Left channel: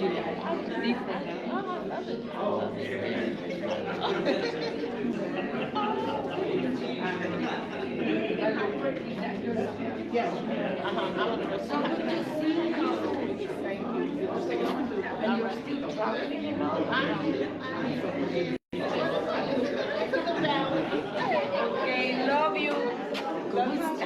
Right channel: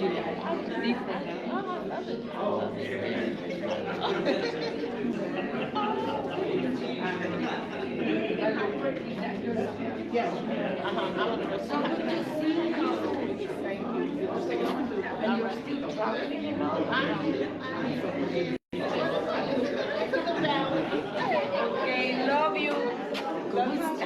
Okay, love you. Love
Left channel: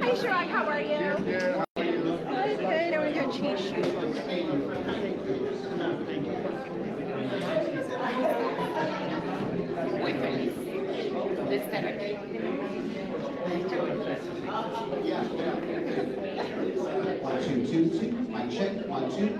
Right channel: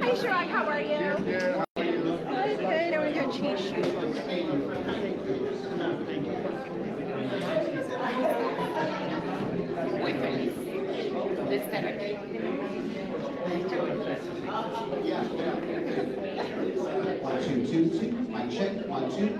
Hi, Sherlock. How are you? Good. Good. I want to do a cheese shoot. One, two, two, two. Mic check. One, two.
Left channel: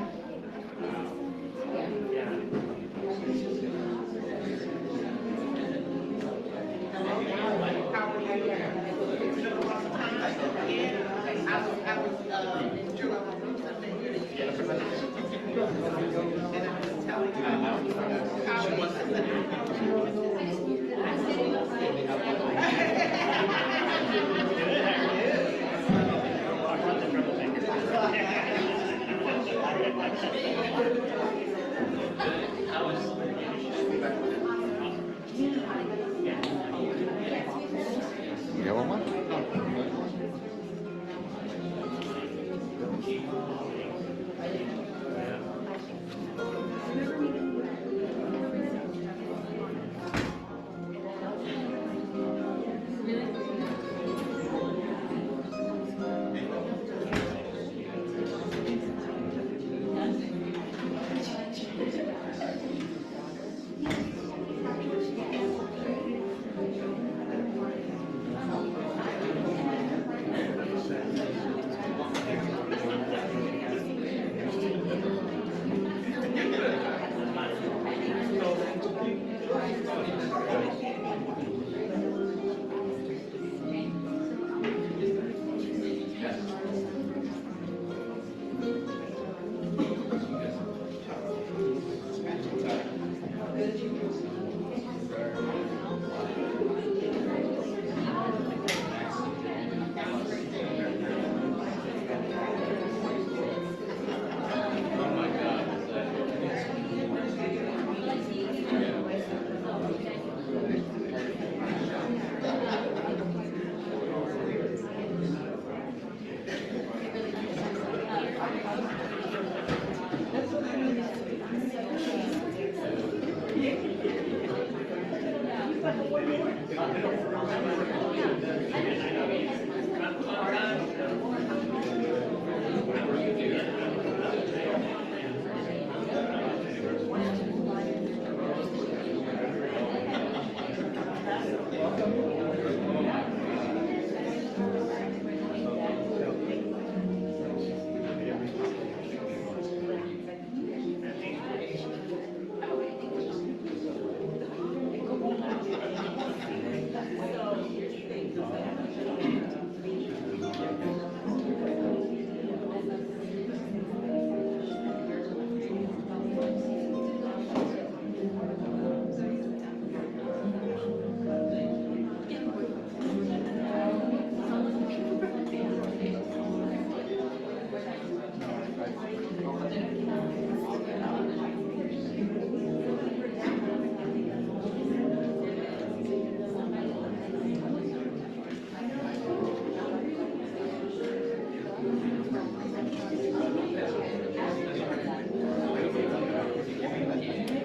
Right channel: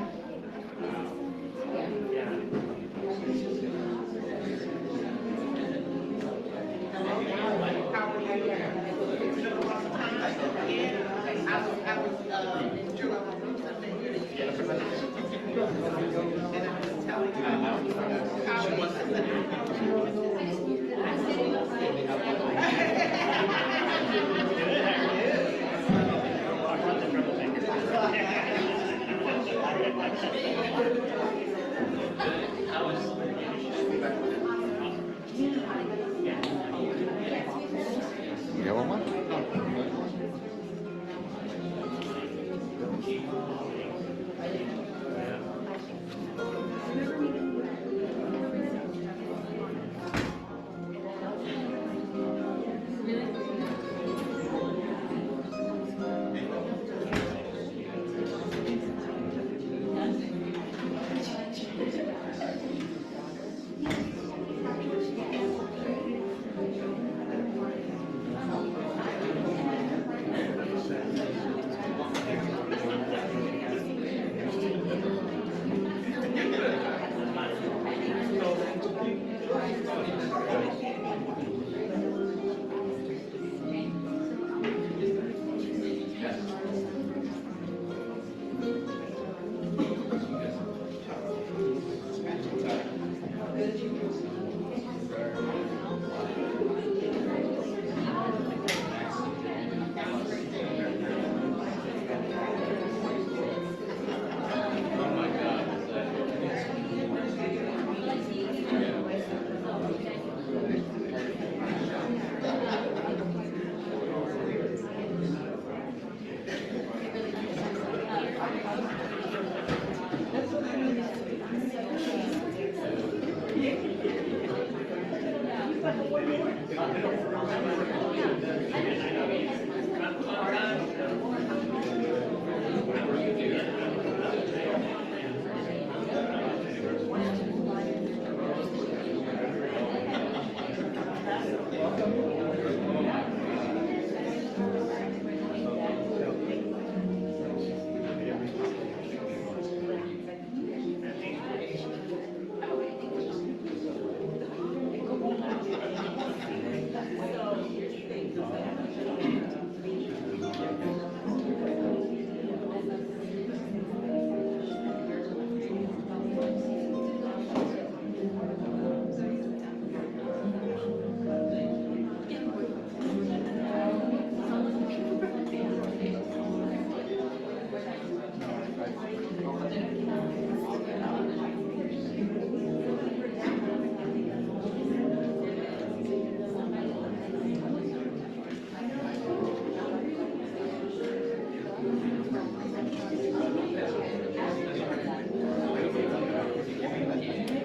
You got one more?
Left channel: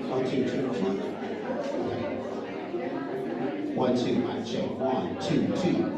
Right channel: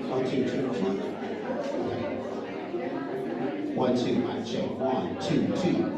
One, two, two, two. One, two, mic check. One, two, two.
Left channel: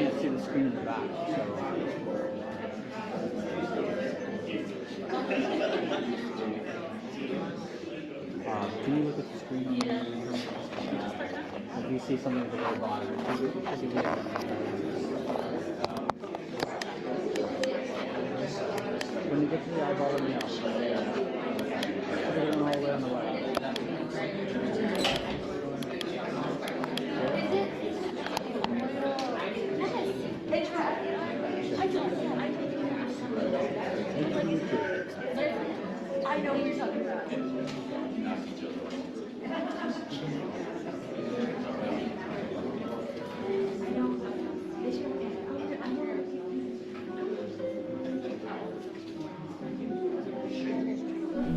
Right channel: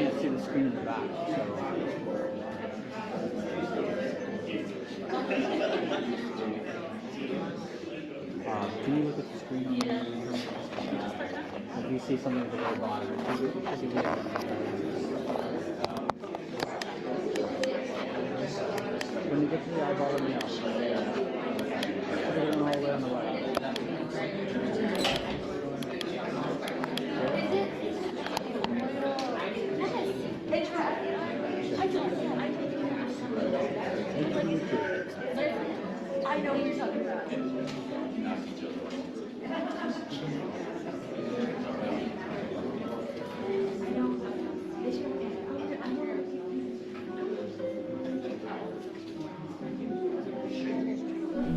Can't see the screen in the back. Can you look at the screen? If you see something at the very bottom, when you get to the eyeball in the outside, put it all the way on the left. I know what you're talking about.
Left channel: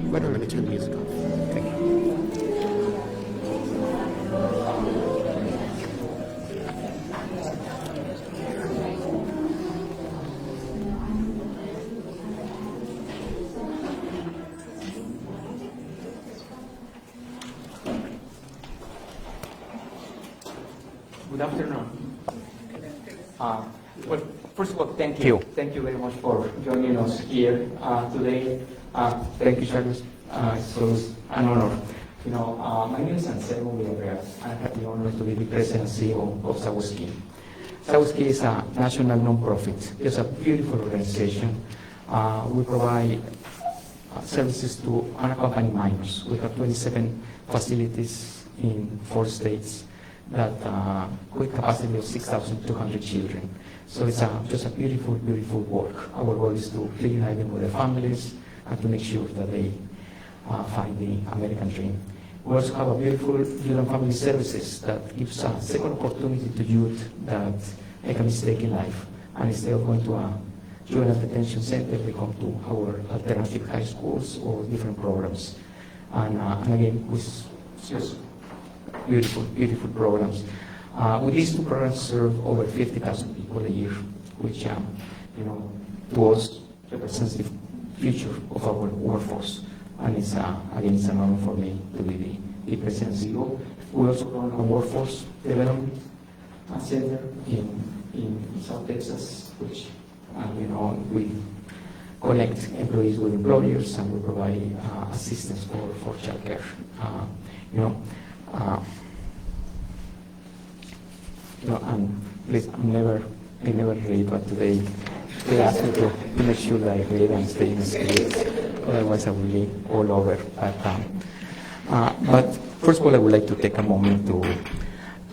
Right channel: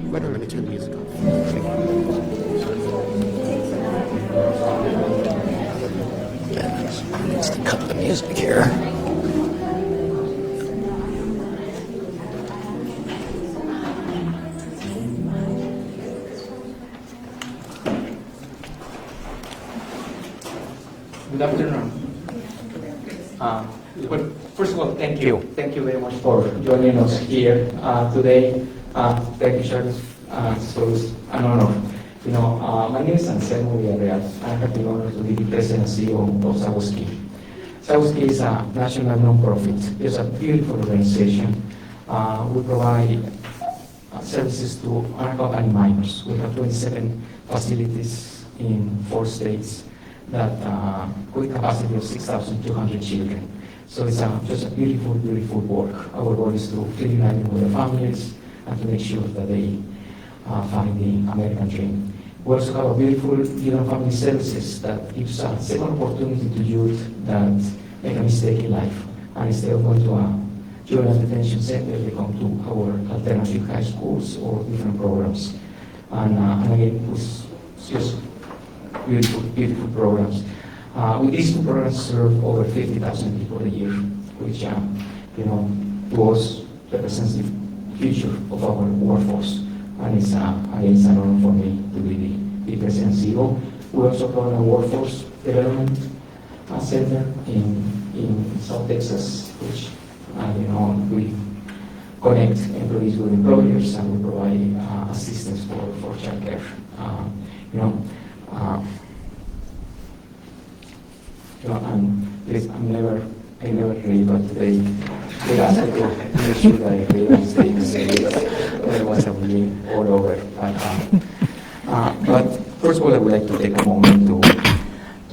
Wait a minute, turn the music off. Thank you. Let's cut the music here. Good afternoon. Well, first of all, thank you. Thank you very much for joining us here today. Thank you, Charles. So it's an honor. My name is Anselmo Villarreal. I have the honor to be the president and CEO of Sawoski. Sawoski is a national non-profit. It's a beautiful organization. We provide services to unaccompanied minors. We have 27 facilities in 4 states that with capacity of 6,200 children. So it's just a beautiful, beautiful work. Our goal is to reunite them with their families and to make sure that they find the American dream. We also have a beautiful youth and family services that gives a second opportunity to youth that make a mistake in life. And instead of going to a juvenile detention center, they come to our alternative high schools or different programs. And again, with just beautiful, beautiful programs. With these 2 programs serve over 50,000 people a year, which, to us represents the future of our workforce. And it's, again, it's an honor for me to be the president and CEO. We also run a workforce development center in South Texas, which, we connect employees with employers and we provide assistance for childcare. And please, I never read, but today they asked me to make sure that I read and stay in the script. Otherwise, I will be all over. But first of all, I would like to take a moment to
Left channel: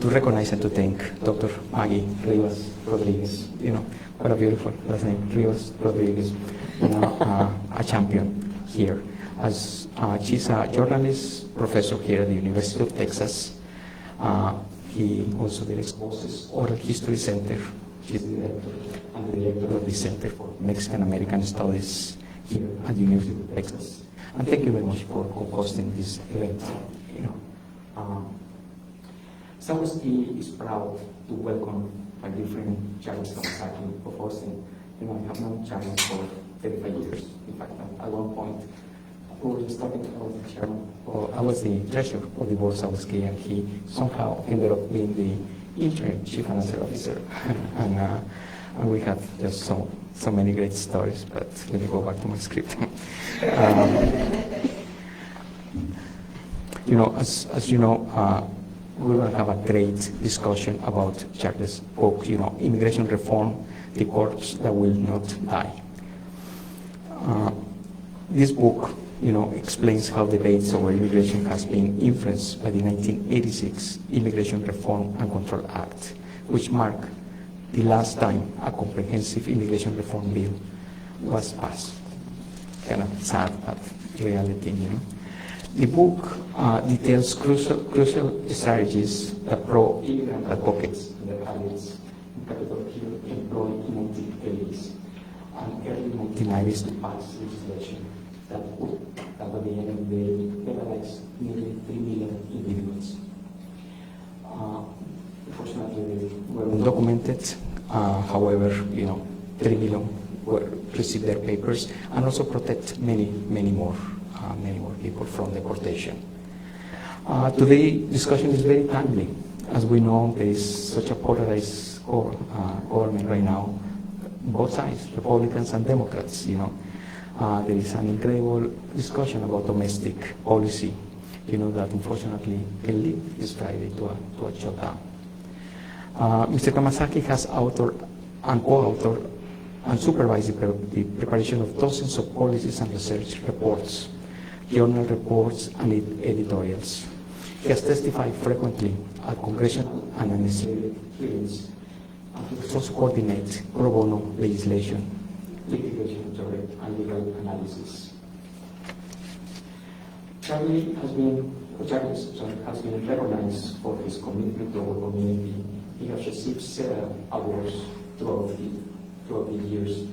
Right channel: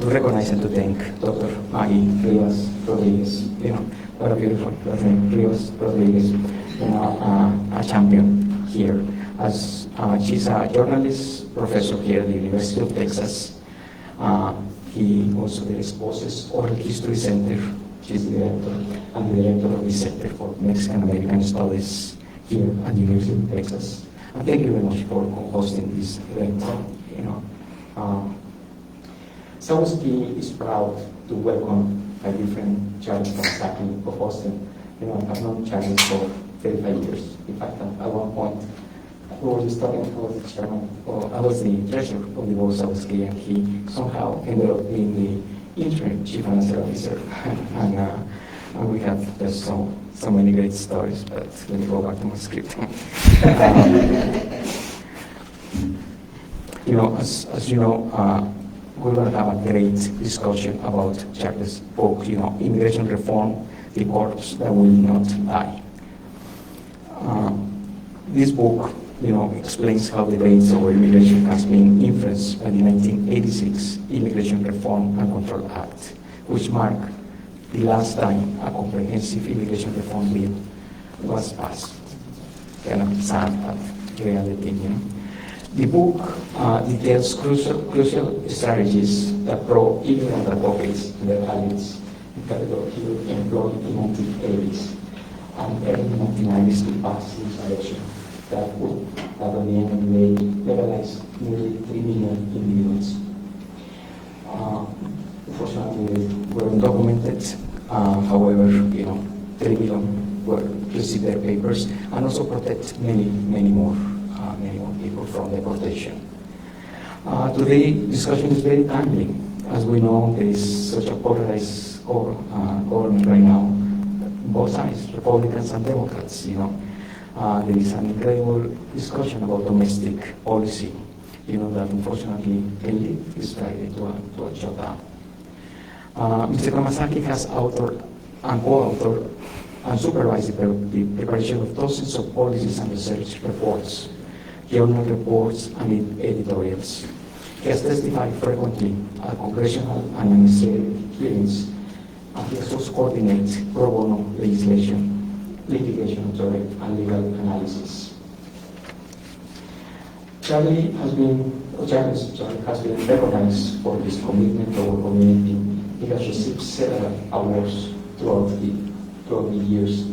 recognize and to thank Dr. Maggie Rivas Rodriguez. What a beautiful last name, Rivas Rodriguez. A champion here. As she's a journalist professor here at the University of Texas. He also directs Voices Oral History Center. She's the director and the director of the Center for Mexican American Studies here at the University of Texas. And thank you very much for co-hosting this event. Sawoski is proud to welcome my dear friend Charles Kamasaki of Austin. I have known Charles for 35 years. In fact, at one point, I was talking to the chairman. I was the treasurer of the board of Sawoski, and he somehow ended up being the interim chief financial officer. And we had just so many great stories, but let me go back to my script. As you know, we're going to have a great discussion about Charles' book, Immigration Reform, The Corpse That Will Not Die. This book, explains how debates over immigration has been influenced by the 1986 Immigration Reform and Control Act, which marked the last time a comprehensive immigration reform bill was passed. Kind of sad, but reality, The book details crucial strategies that pro-immigrant advocates in their allies in Capitol Hill employed in the 1980s and early 1990s to pass legislation that would at the end may legalize nearly 3 million individuals. Unfortunately, were undocumented. However, 3 million received their papers, and also protect many more people from deportation. Today, discussion is very timely. As we know, there is such a polarized government right now, both sides, Republicans and Democrats. There is an incredible discussion about domestic policy, that unfortunately can lead this Friday to a shutdown. Mr. Kamasaki has authored and co-authored and supervised the preparation of dozens of policies and research reports, journal reports, and editorials. He has testified frequently at congressional and administrative hearings, and he has also coordinated pro bono litigation, and legal analysis. Charles has been recognized for his commitment to our community. He has received several awards throughout the years,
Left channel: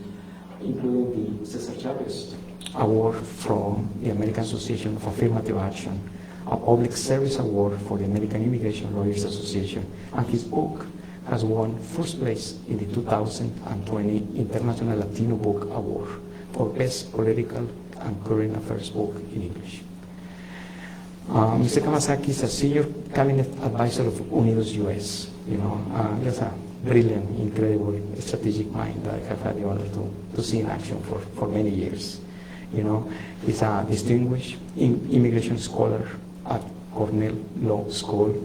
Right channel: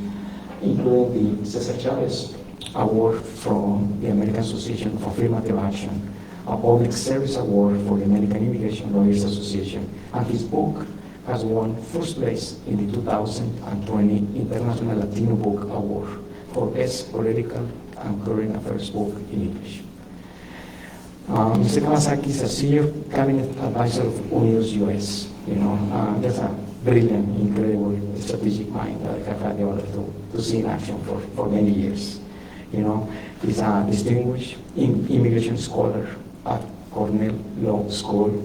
including the Cesar Chavez Award from the American Association of Affirmative Action, a public service award for the American Immigration Lawyers Association, and his book has won first place in the 2020 International Latino Book Award for Best Political and Current Affairs Book in English. Mr. Kamasaki is a senior cabinet advisor of Unidos US. There's a brilliant, incredible strategic mind that I have had the honor to see in action for many years. He's a distinguished immigration scholar at Cornell Law School.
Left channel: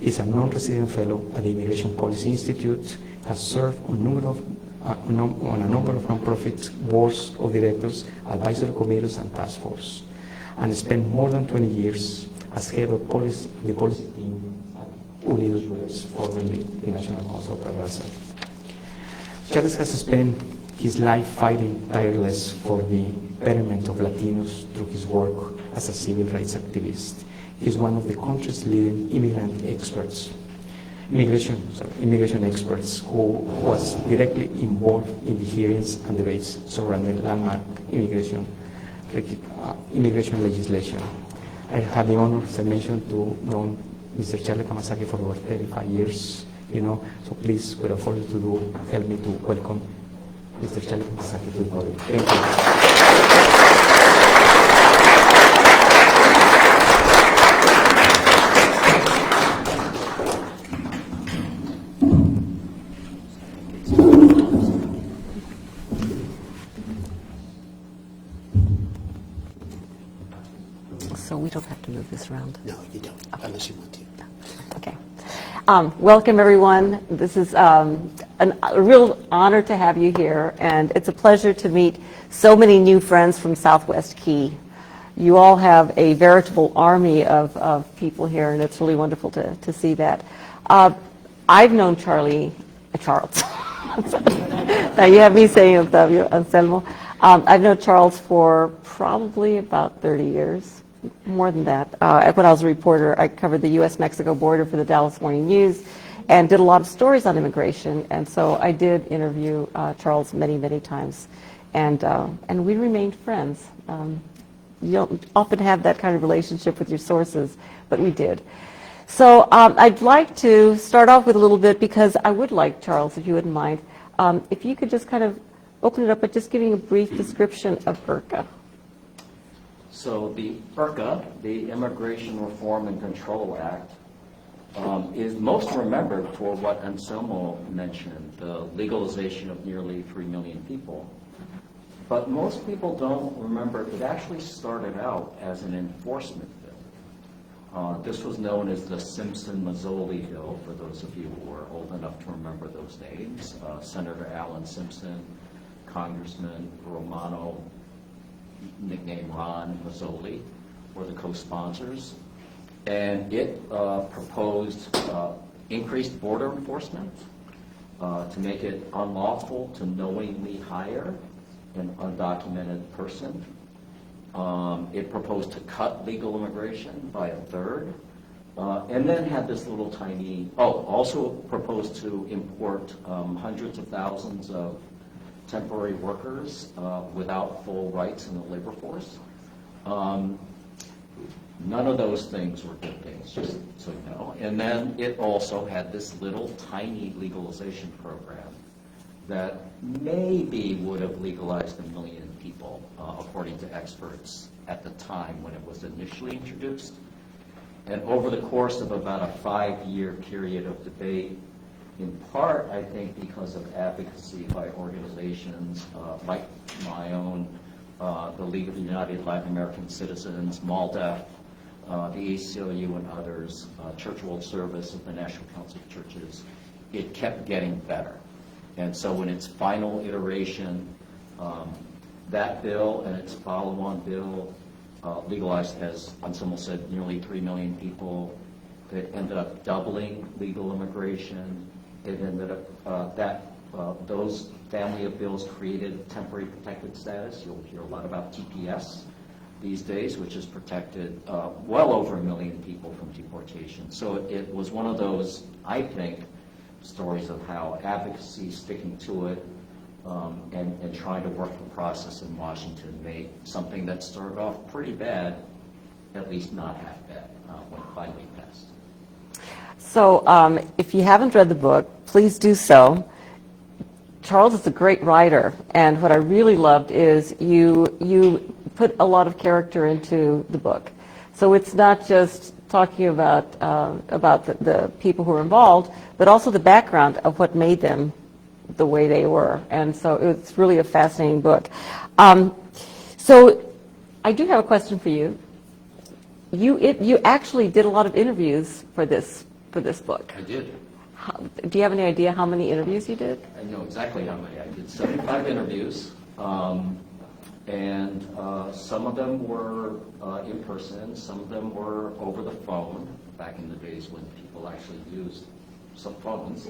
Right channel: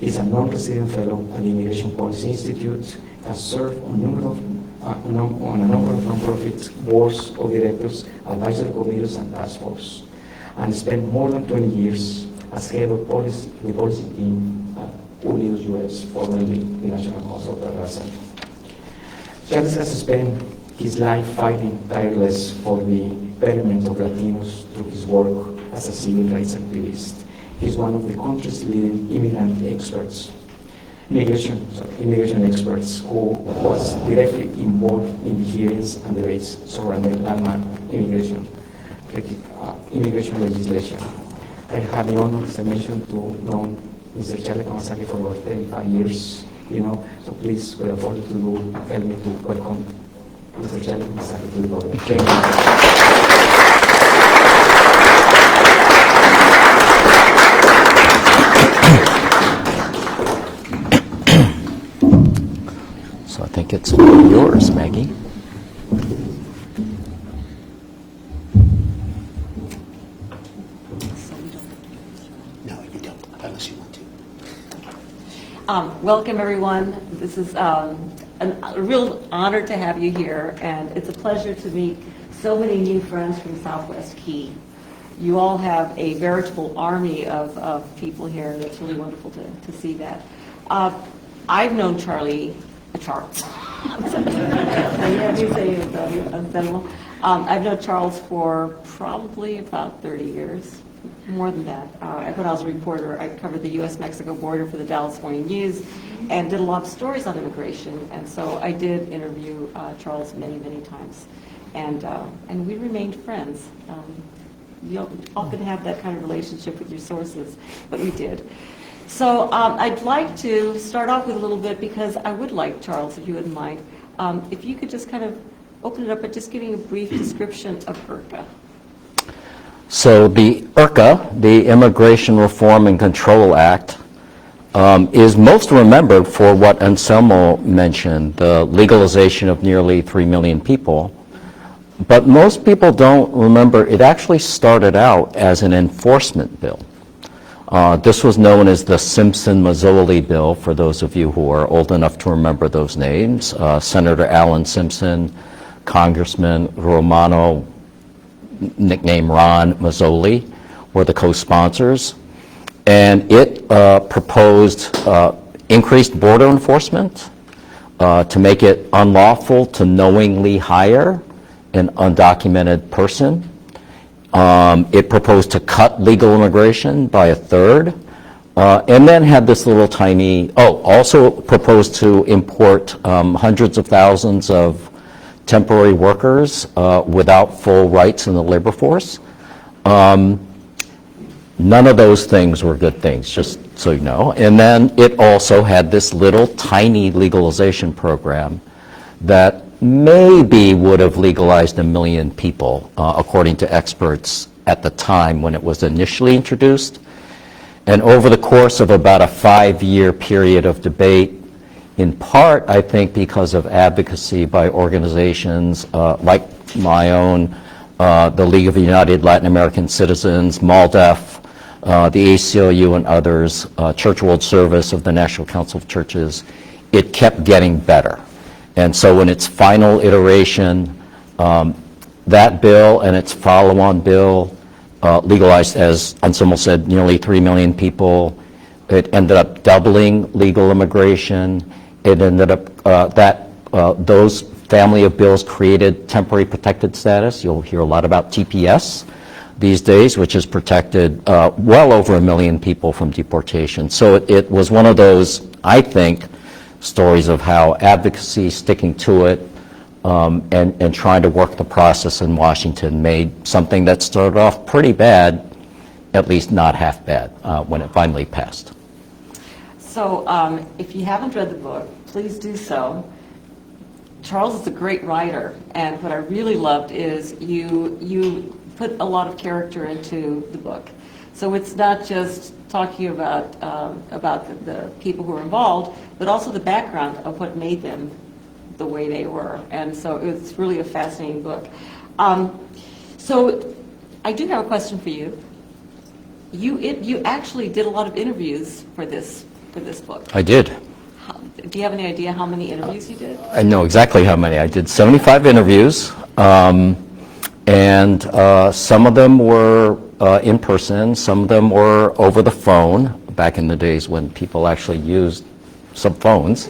He's a non-resident fellow at the Immigration Policy Institute, has served on a number of nonprofit boards of directors, advisory committees, and task force, and spent more than 20 years as head of the policy team at Unidos US, formerly the National Council of Center. Charles has spent his life fighting tireless for the betterment of Latinos through his work as a civil rights activist. He's one of the country's leading immigration experts who was directly involved in the hearings and debates surrounding landmark immigration legislation. I had the honor, as I mentioned, to know Mr. Charles Kamasaki for over 35 years, so please, without further ado, help me to welcome Mr. Charles Kamasaki to the podium. Thank you. So I think it's yours, Maggie. So we don't have to move this around? No, you don't, unless you want to. Okay. Welcome, everyone. This is a real honor to have you here, and it's a pleasure to meet so many new friends from Southwest Key. You all have a veritable army of people here, and it's really wonderful to see that. I've known Charles. Now you have me saying Anselmo. I've known Charles for probably about 30 years, more than that. When I was a reporter, I covered the U.S.-Mexico border for the Dallas Morning News and did a lot of stories on immigration. And so I did interview Charles many times, and we remained friends. You don't often have that kind of relationship with your sources, but we did. So I'd like to start off with a little bit, because I would like, Charles, if you wouldn't mind, if you could just kind of open it up by just giving a brief description of IRCA. So the IRCA, the Immigration Reform and Control Act, is most remembered for what Anselmo mentioned, the legalization of nearly 3 million people. But most people don't remember it actually started out as an enforcement bill. This was known as the Simpson-Mazzoli bill, for those of you who are old enough to remember those names. Senator Alan Simpson, Congressman Romano, nicknamed Ron Mazzoli, were the co-sponsors. And it proposed increased border enforcement to make it unlawful to knowingly hire an undocumented person. It proposed to cut legal immigration by a third, and then had this little tiny, also proposed to import hundreds of thousands of temporary workers without full rights in the labor force. None of those things were good things, just so you know. And then it also had this little tiny legalization program that maybe would have legalized 1 million people, according to experts at the time when it was initially introduced. And over the course of about a 5-year period of debate, in part, I think, because of advocacy by organizations like my own, the League of United Latin American Citizens, MALDEF, the ACLU and others, Church World Service of the National Council of Churches, it kept getting better. And so in its final iteration, that bill and its follow-on bill legalized, as Anselmo said, nearly 3 million people. It ended up doubling legal immigration. It ended up, those family of bills created temporary protected status. You'll hear a lot about TPS these days, which has protected well over 1 million people from deportation. So it was one of those, I think, stories of how advocacy, sticking to it, and trying to work the process in Washington made something that started off pretty bad, at least not half bad, when it finally passed. So if you haven't read the book, please do so. Charles is a great writer, and what I really loved is you put a lot of character into the book. So it's not just talking about the people who are involved, but also the background of what made them the way they were. And so it's really a fascinating book. So I do have a question for you. You actually did a lot of interviews for this book. I did. Do you have any idea how many interviews you did? I know exactly how many. I did 75 interviews, and some of them were in person, some of them were over the phone, back in the days when people actually used some phones.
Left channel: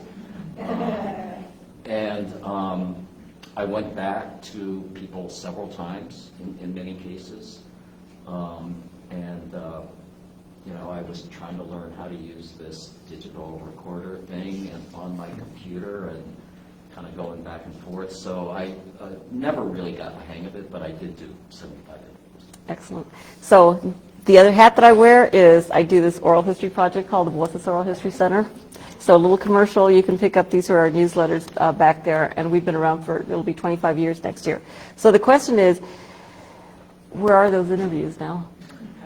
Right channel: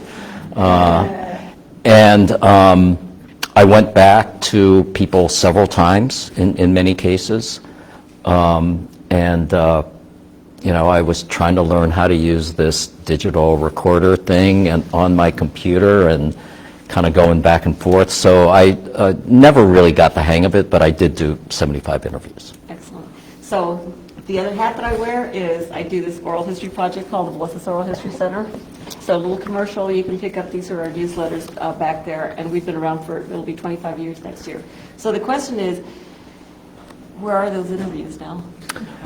And I went back to people several times in many cases, you know, I was trying to learn how to use this digital recorder thing and on my computer and kind of going back and forth. So I never really got the hang of it, but I did do 75 interviews. Excellent. So the other hat that I wear is I do this oral history project called the Voices Oral History Center. So a little commercial, you can pick up, these are our newsletters back there, and we've been around for, it'll be 25 years next year. So the question is, where are those interviews now?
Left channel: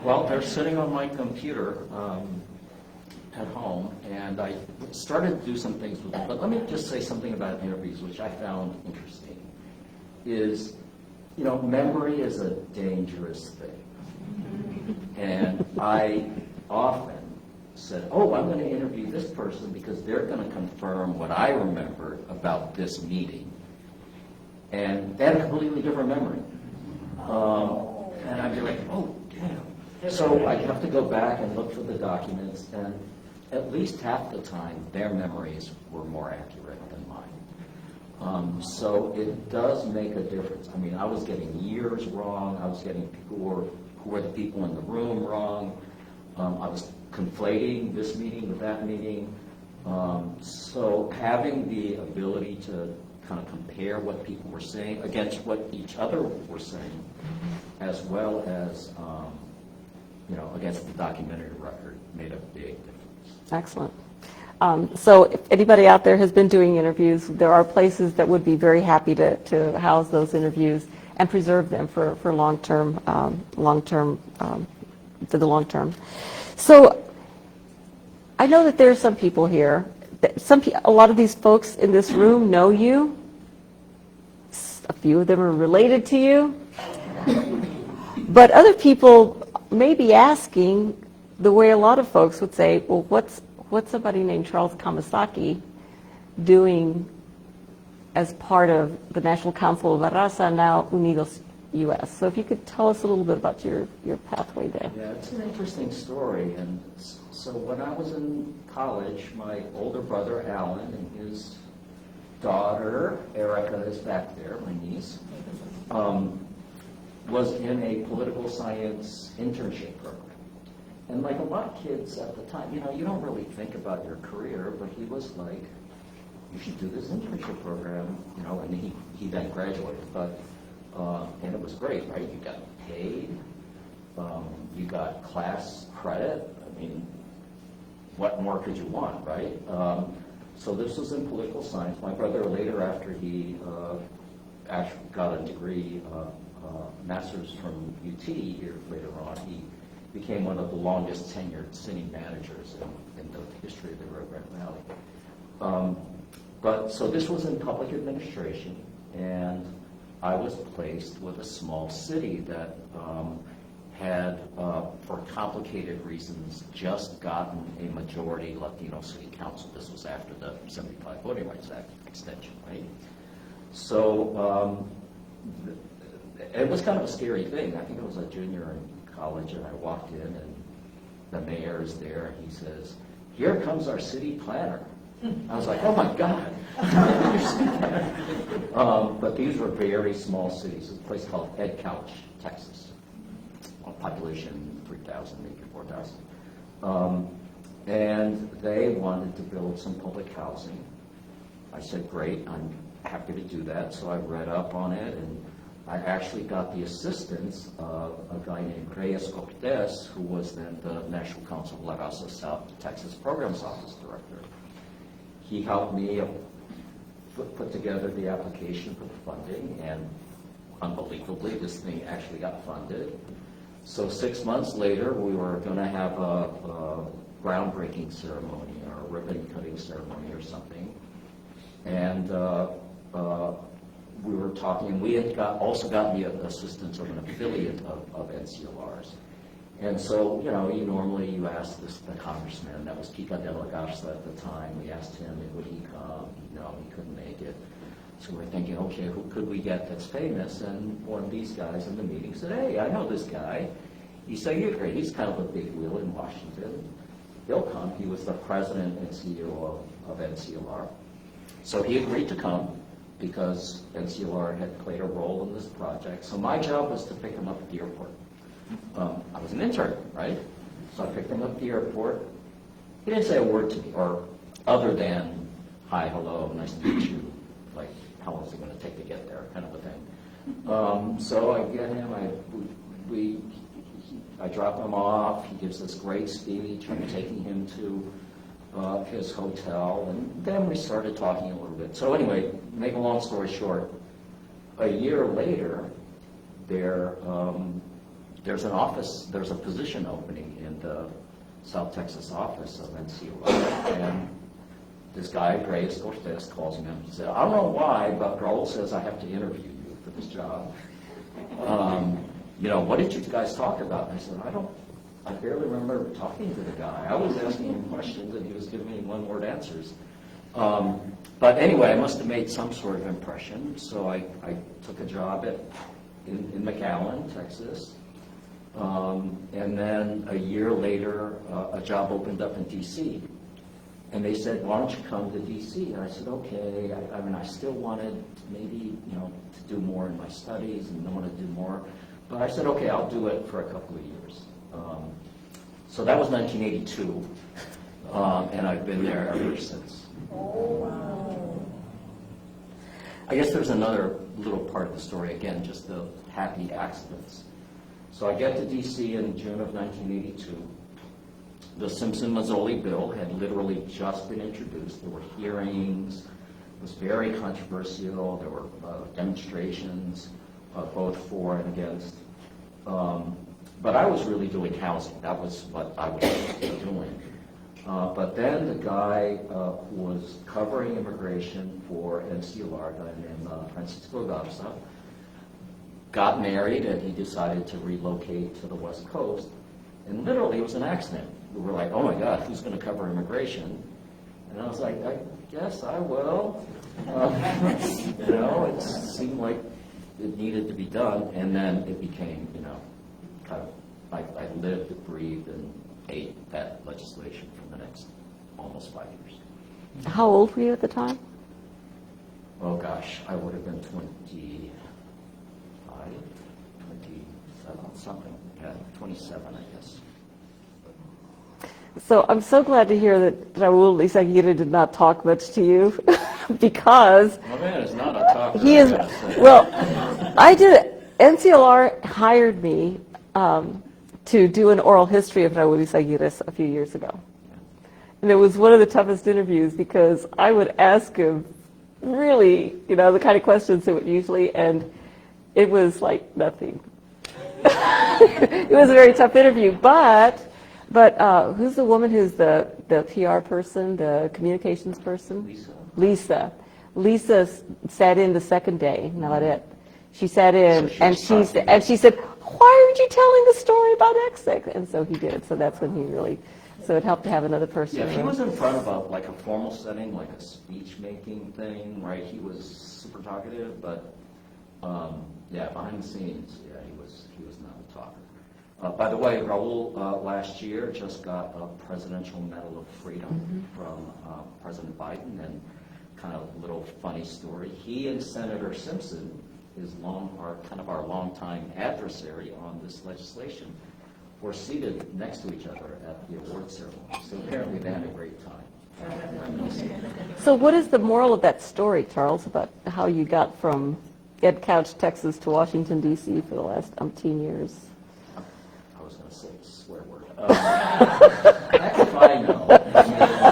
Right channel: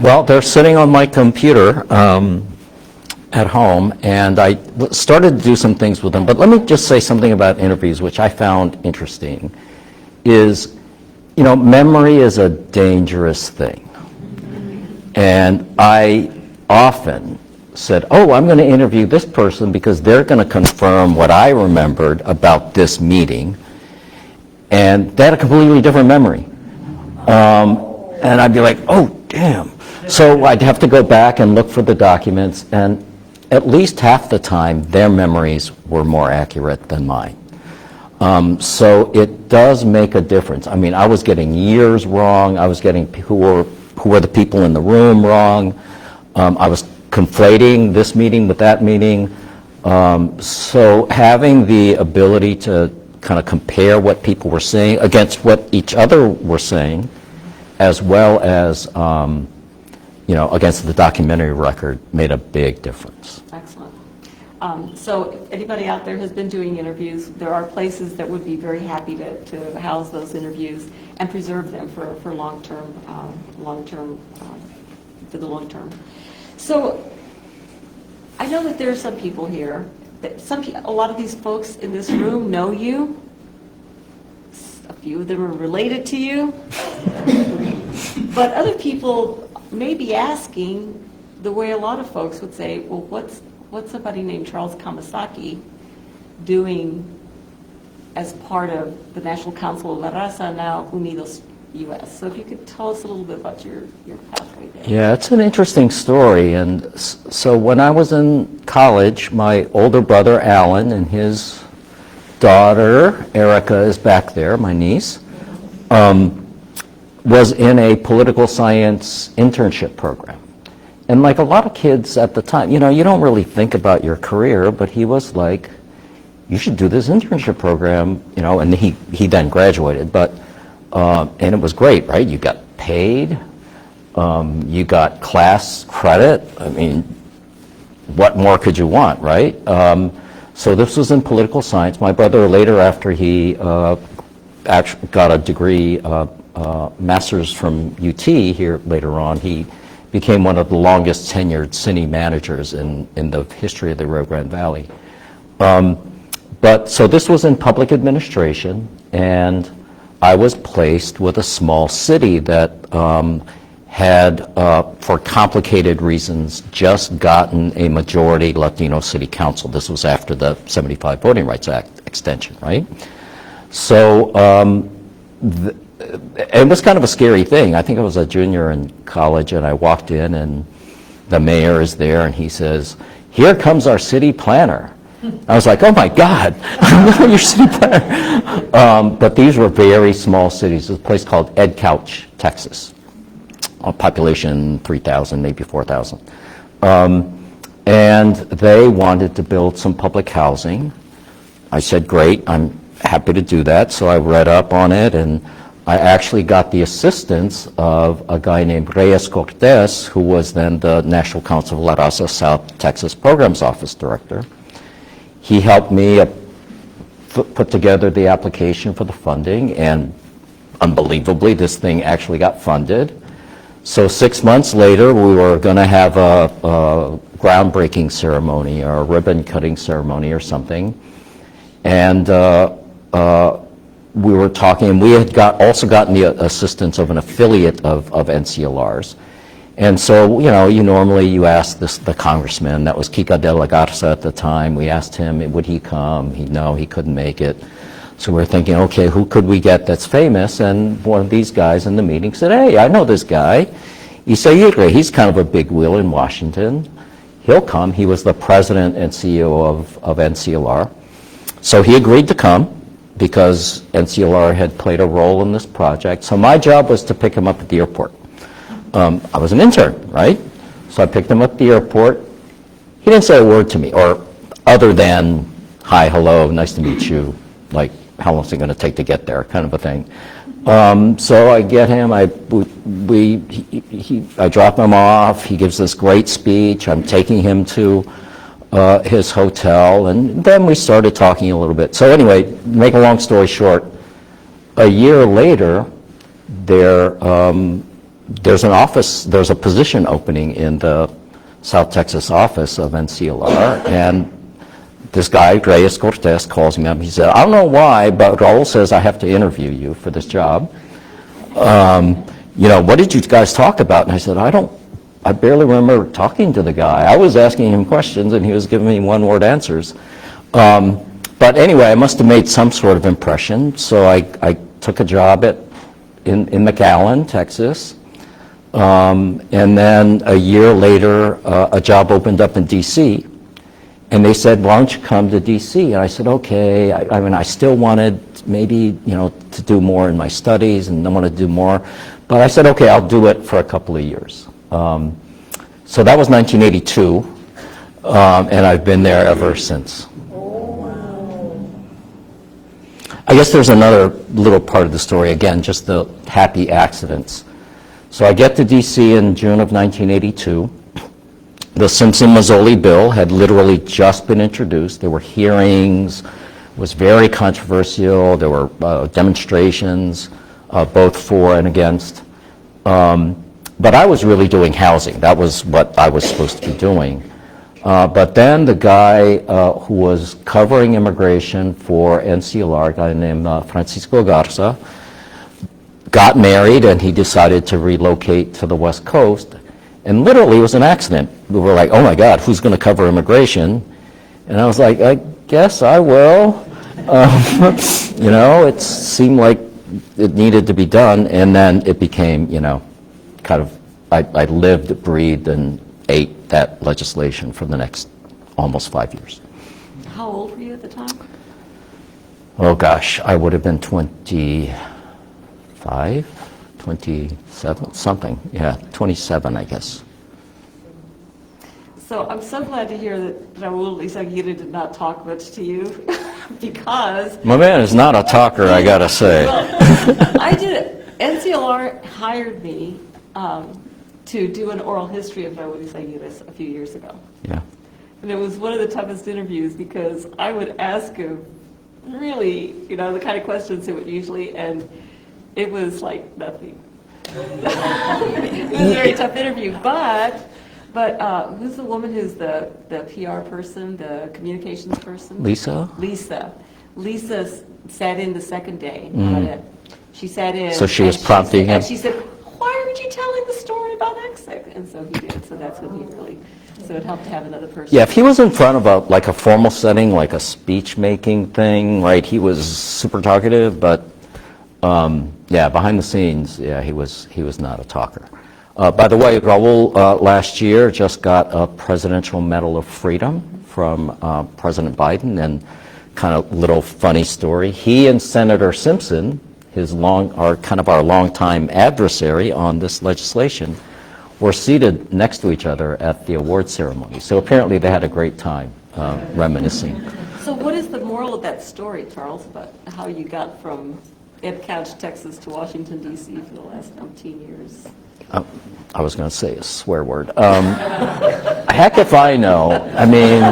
Well, they're sitting on my computer at home, and I started to do some things with them. But let me just say something about interviews, which I found interesting, is, you know, memory is a dangerous thing. And I often said, oh, I'm going to interview this person because they're going to confirm what I remembered about this meeting. And they had a completely different memory. And I'd be like, oh, damn. So I'd have to go back and look for the documents, and at least half the time, their memories were more accurate than mine. So it does make a difference. I mean, I was getting years wrong. I was getting who were the people in the room wrong. I was conflating this meeting with that meeting. So having the ability to kind of compare what people were saying against what each other were saying, as well as, you know, against the documentary record, made a big difference. Excellent. So if anybody out there has been doing interviews, there are places that would be very happy to house those interviews and preserve them for long-term, for the long term. So I know that there are some people here, a lot of these folks in this room know you. A few of them are related to you. But other people may be asking, the way a lot of folks would say, well, what's somebody named Charles Kamasaki doing as part of the National Council of La Raza, now Unidos US? So if you could tell us a little bit about your pathway there. Yeah, it's an interesting story. And so when I was in college, my older brother, Alan, and his daughter, Erica, is back there, my niece, was in a political science internship program. And like a lot of kids at the time, you don't really think about your career, but he was like, you should do this internship program, and he then graduated, but, and it was great, right? You got paid, you got class credit. I mean, what more could you want, right? So this was in political science. My brother later, after he actually got a degree, master's from UT here later on, he became one of the longest tenured city managers in the history of the Rio Grande Valley. But so this was in public administration, and I was placed with a small city that had, for complicated reasons, just gotten a majority Latino city council. This was after the 75 Voting Rights Act extension, right? So it was kind of a scary thing. I think I was a junior in college, and I walked in, and the mayor is there, and he says, "Here comes our city planner." I was like, oh my God, your city planner. But these were very small cities. There's a place called Ed Couch, Texas. Population 3,000, maybe 4,000. And they wanted to build some public housing. I said, great, I'm happy to do that. So I read up on it, and I actually got the assistance of a guy named Reyes Cortez, who was then the National Council of La Raza South Texas Programs Office Director. He helped me put together the application for the funding, and unbelievably, this thing actually got funded. So 6 months later, we were going to have a groundbreaking ceremony or a ribbon cutting ceremony or something. And we were talking, and we had also gotten the assistance of an affiliate of NCLR's. And so, you normally ask the congressman, that was Kika de la Garza at the time. We asked him, would he come? No, he couldn't make it. So we're thinking, okay, who could we get that's famous? And one of these guys in the meeting said, hey, I know this guy. Isaire, he's kind of a big wheel in Washington. He'll come. He was the president and CEO of NCLR. So he agreed to come because NCLR had played a role in this project. So my job was to pick him up at the airport. I was an intern, right? So I picked him up at the airport. He didn't say a word to me, or other than, hi, hello, nice to meet you, like, how long is it going to take to get there, kind of a thing. So I get him, I drop him off, he gives this great speech, I'm taking him to his hotel, and then we started talking a little bit. So anyway, make a long story short, a year later, there's a position opening in the South Texas office of NCLR, and this guy, Reyes Cortez, calls me up. He said, I don't know why, but Raul says I have to interview you for this job. What did you guys talk about? And I said, I barely remember talking to the guy. I was asking him questions, and he was giving me one-word answers. But anyway, I must have made some sort of impression, so I took a job in McAllen, Texas. And then a year later, a job opened up in D.C., and they said, why don't you come to D.C.? And I said, okay. I mean, I still wanted maybe, to do more in my studies, and I want to do more. But I said, okay, I'll do it for a couple of years. So that was 1982, and I've been there ever since. I guess there's another little part of the story, again, just the happy accidents. So I get to D.C. in June of 1982. The Simpson-Mazzoli bill had literally just been introduced. There were hearings. It was very controversial. There were demonstrations, both for and against. But I was really doing housing. That was what I was supposed to be doing. But then the guy who was covering immigration for NCLR, a guy named Francisco Garza, got married, and he decided to relocate to the West Coast. And literally, it was an accident. We were like, oh my God, who's going to cover immigration? And I was like, I guess I will. You know, it seemed like it needed to be done, and then it became, you know, kind of, I lived, breathed, and ate that legislation for the next almost 5 years. How old were you at the time? Oh gosh, I would have been 25, 27, something. Yeah, 27, I guess. So I'm so glad to hear that Raul Isaguirre did not talk much to you, because... My man is not a talker, I gotta say. Well, NCLR hired me to do an oral history of Raul Isaguirre a few years ago. Yeah. And it was one of the toughest interviews because I would ask him really, you know, the kind of questions that would usually, and it was like nothing. It was a very tough interview, but who's the woman who's the PR person, the communications person? Lisa? Lisa sat in the second day. She sat in. So she was prompting him. And she said, why aren't you telling the story about X? And so he did. So that's when he really, so it helped to have another person. Yeah, if he was in front of a formal setting, like a speech-making thing, right, he was super talkative, but yeah, behind the scenes, yeah, he was not a talker. By the way, Raul last year just got a Presidential Medal of Freedom from President Biden, and kind of little funny story. He and Senator Simpson, our longtime adversary on this legislation, were seated next to each other at the award ceremony. So apparently they had a great time reminiscing. So what is the moral of that story, Charles, about how you got from Ed Couch, Texas to Washington, D.C. for the last umpteen years? I was going to say a swear word. Heck if I know. I mean,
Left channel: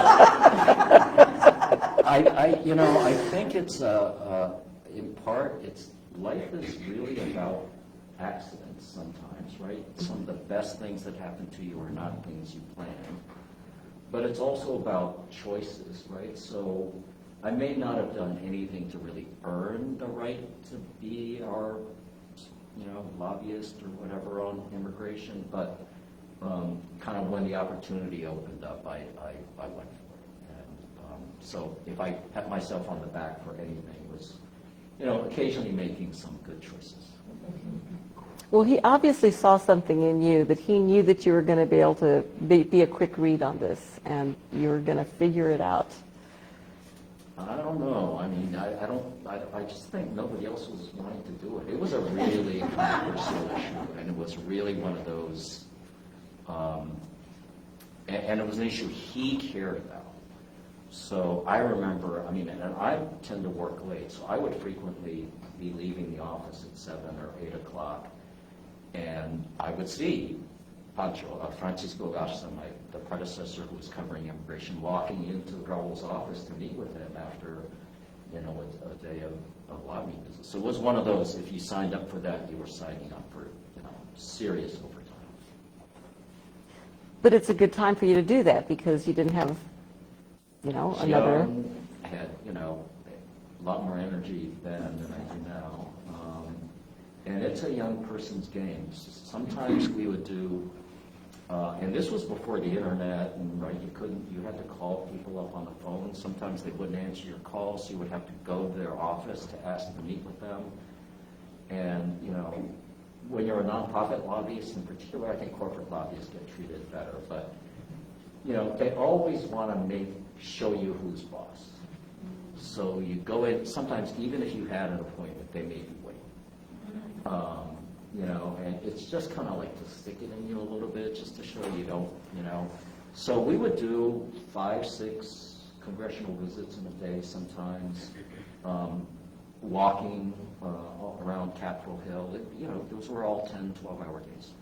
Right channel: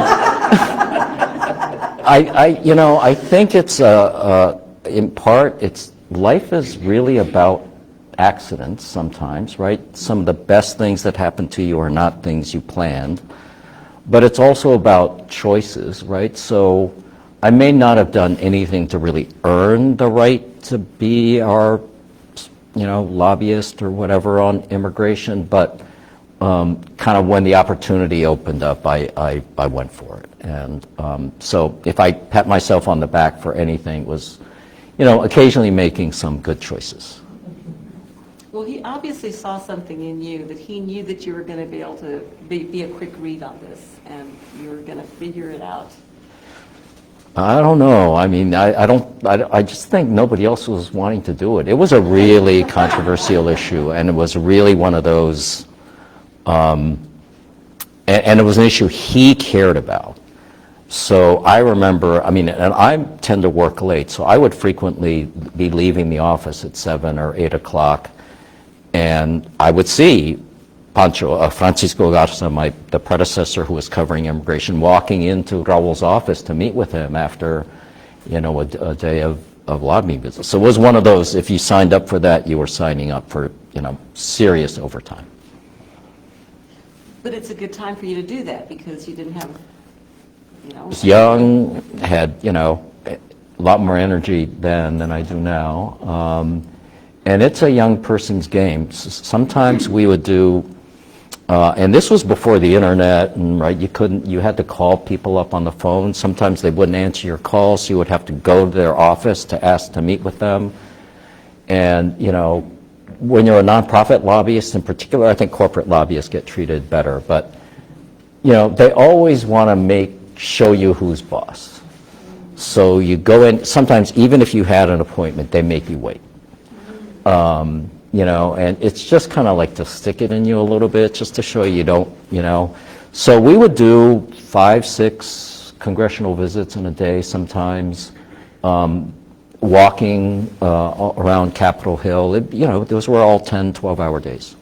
I think it's in part, life is really about accidents sometimes, right? Some of the best things that happen to you are not things you planned, but it's also about choices, right? So I may not have done anything to really earn the right to be our, lobbyist or whatever on immigration, but kind of when the opportunity opened up, I went for it. And so if I pat myself on the back for anything, it was, occasionally making some good choices. Well, he obviously saw something in you, that he knew that you were going to be able to be a quick read on this, and you were going to figure it out. I don't know. I mean, I just think nobody else was wanting to do it. It was a really controversial issue, and it was really one of those, and it was an issue he cared about. So I remember, and I tend to work late, so I would frequently be leaving the office at 7 or 8 o'clock, and I would see Francisco Garza, the predecessor who was covering immigration, walking into Raul's office to meet with him after, a day of lobbying business. So it was one of those, if you signed up for that, you were signing up for, serious overtime. But it's a good time for you to do that because you didn't have, I was young, had, a lot more energy then than I do now. And it's a young person's game. Sometimes we would do, and this was before the internet, and right, you had to call people up on the phone. Sometimes they wouldn't answer your calls, so you would have to go to their office to ask to meet with them. And, when you're a nonprofit lobbyist in particular, I think corporate lobbyists get treated better, but, they always want to show you who's boss. So you go in, sometimes even if you had an appointment, they make you wait. And it's just kind of like to stick it in you a little bit, just to show you don't, So we would do 5, 6 congressional visits in a day sometimes, walking around Capitol Hill. Those were all 10, 12-hour days.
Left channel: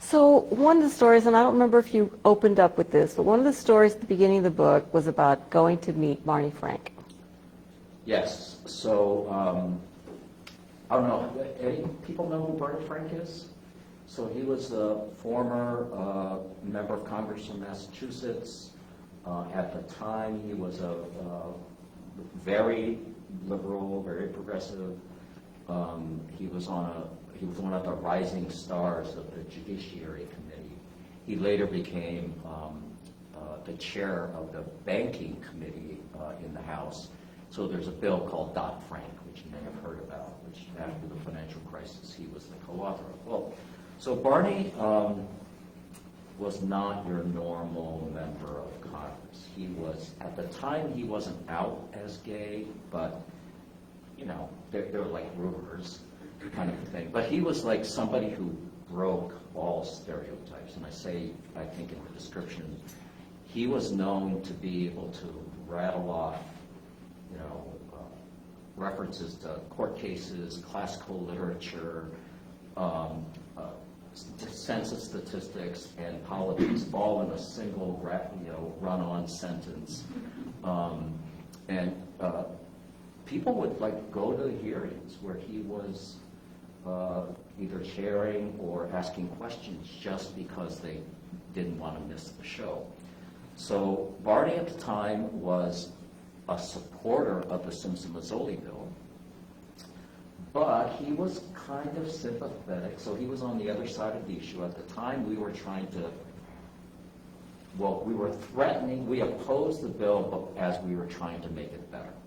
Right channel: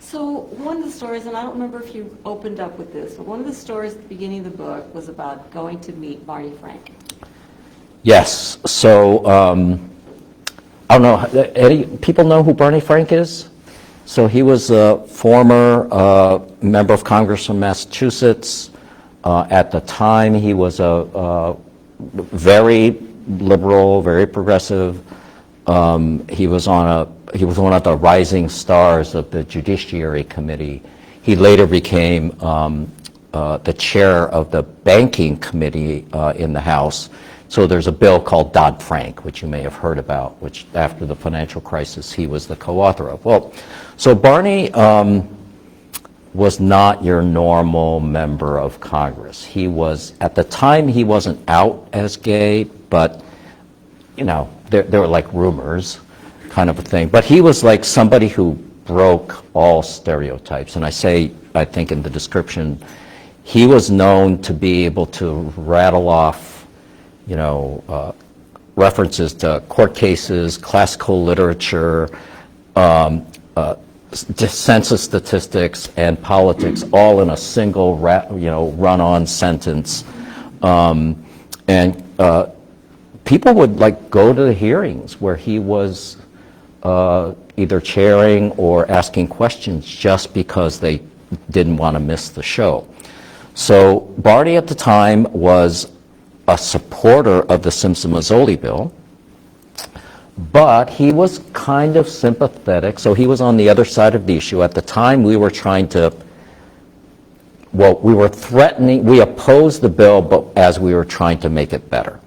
So one of the stories, and I don't remember if you opened up with this, but one of the stories at the beginning of the book was about going to meet Barney Frank. Yes. So I don't know, Eddie, people know who Barney Frank is? So he was a former member of Congress from Massachusetts. At the time, he was a very liberal, very progressive. He was one of the rising stars of the Judiciary Committee. He later became the chair of the banking committee in the House. So there's a bill called Dodd-Frank, which you may have heard about, which after the financial crisis he was the co-author of. Well, so Barney was not your normal member of Congress. He was, at the time, he wasn't out as gay, but, you know, there were like rumors kind of a thing. But he was like somebody who broke all stereotypes. And I say, I think in the description, he was known to be able to rattle off, you know, references to court cases, classical literature, census statistics, and politics, all in a single, run-on sentence. And people would like go to the hearings where he was either chairing or asking questions just because they didn't want to miss the show. So Barney at the time was a supporter of the Simpson-Mazzoli bill, but he was kind of sympathetic, so he was on the other side of the issue. At the time, we were trying to, well, we were threatening, we opposed the bill, but as we were trying to make it better.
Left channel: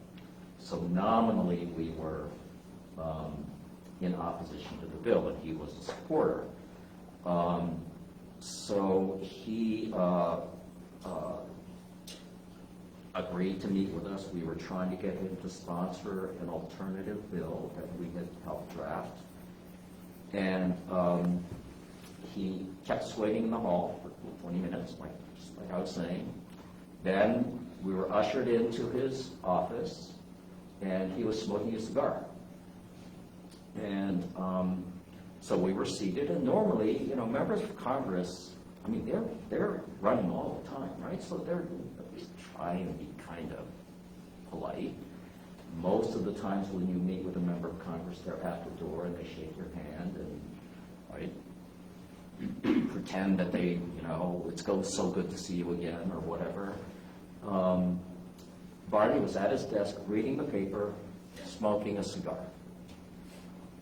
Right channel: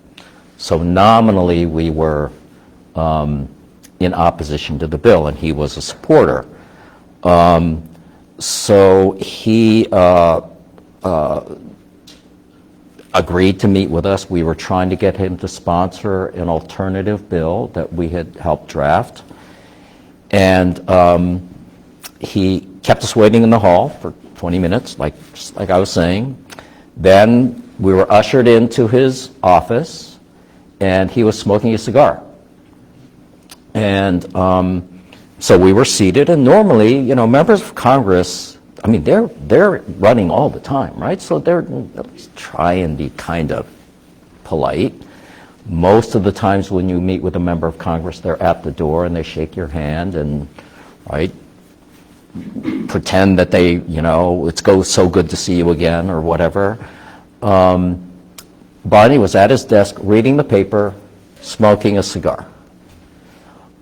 So nominally, we were in opposition to the bill, and he was a supporter. So he agreed to meet with us. We were trying to get him to sponsor an alternative bill that we had helped draft. And he kept us waiting in the hall for 20 minutes, like I was saying. Then we were ushered into his office, and he was smoking a cigar. And so we were seated, and normally, you know, members of Congress, I mean, they're running all the time, right? So they're at least try and be kind of polite. Most of the times when you meet with a member of Congress, they're at the door and they shake your hand and, right, pretend that they, you know, it's so good to see you again or whatever. Barney was at his desk reading the paper, smoking a cigar.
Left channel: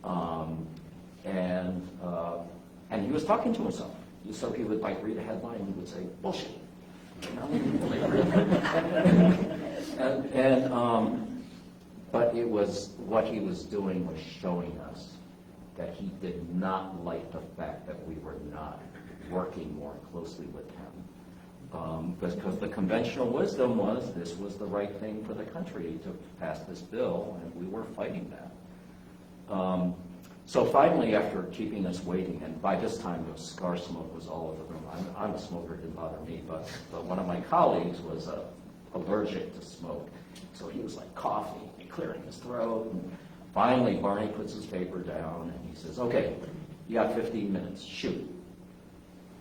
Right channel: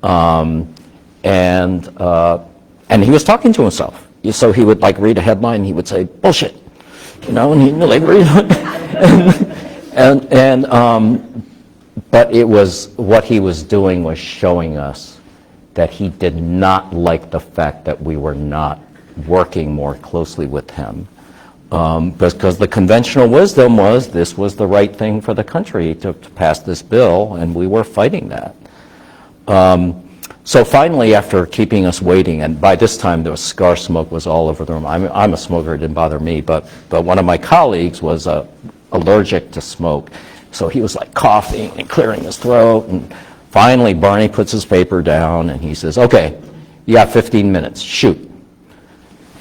And he was talking to himself. So he would like read a headline and he would say, bullshit, you know, and he'd like read but it was, what he was doing was showing us that he did not like the fact that we were not working more closely with him. Because the conventional wisdom was this was the right thing for the country to pass this bill, and we were fighting that. So finally, after keeping us waiting, and by this time the cigar smoke was all over the room. I'm a smoker, it didn't bother me, but one of my colleagues was allergic to smoke. So he was like coughing and clearing his throat, and finally Barney puts his paper down and he says, okay, you got 15 minutes, shoot.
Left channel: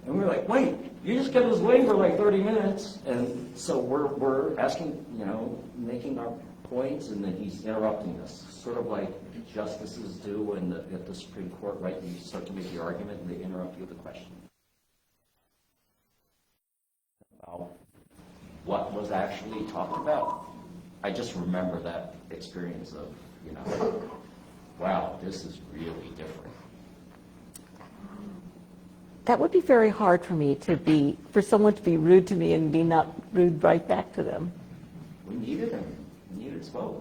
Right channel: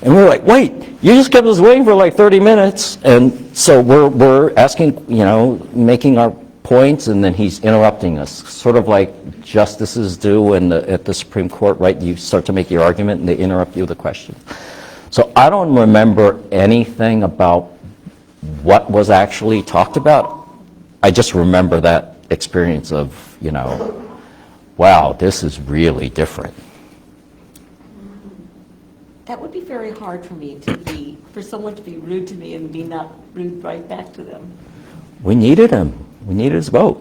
And we're like, wait, you just kept us waiting for like 30 minutes. And so we're asking, you know, making our points, and then he's interrupting us, sort of like justices do at the Supreme Court, right? You start to make your argument and they interrupt you with a question. So I don't remember anything about what was actually talked about. I just remember that experience of, you know, wow, this is really different. That would be very hard for me for someone to be rude to me and be not rude right back to them. We needed him. We needed his vote.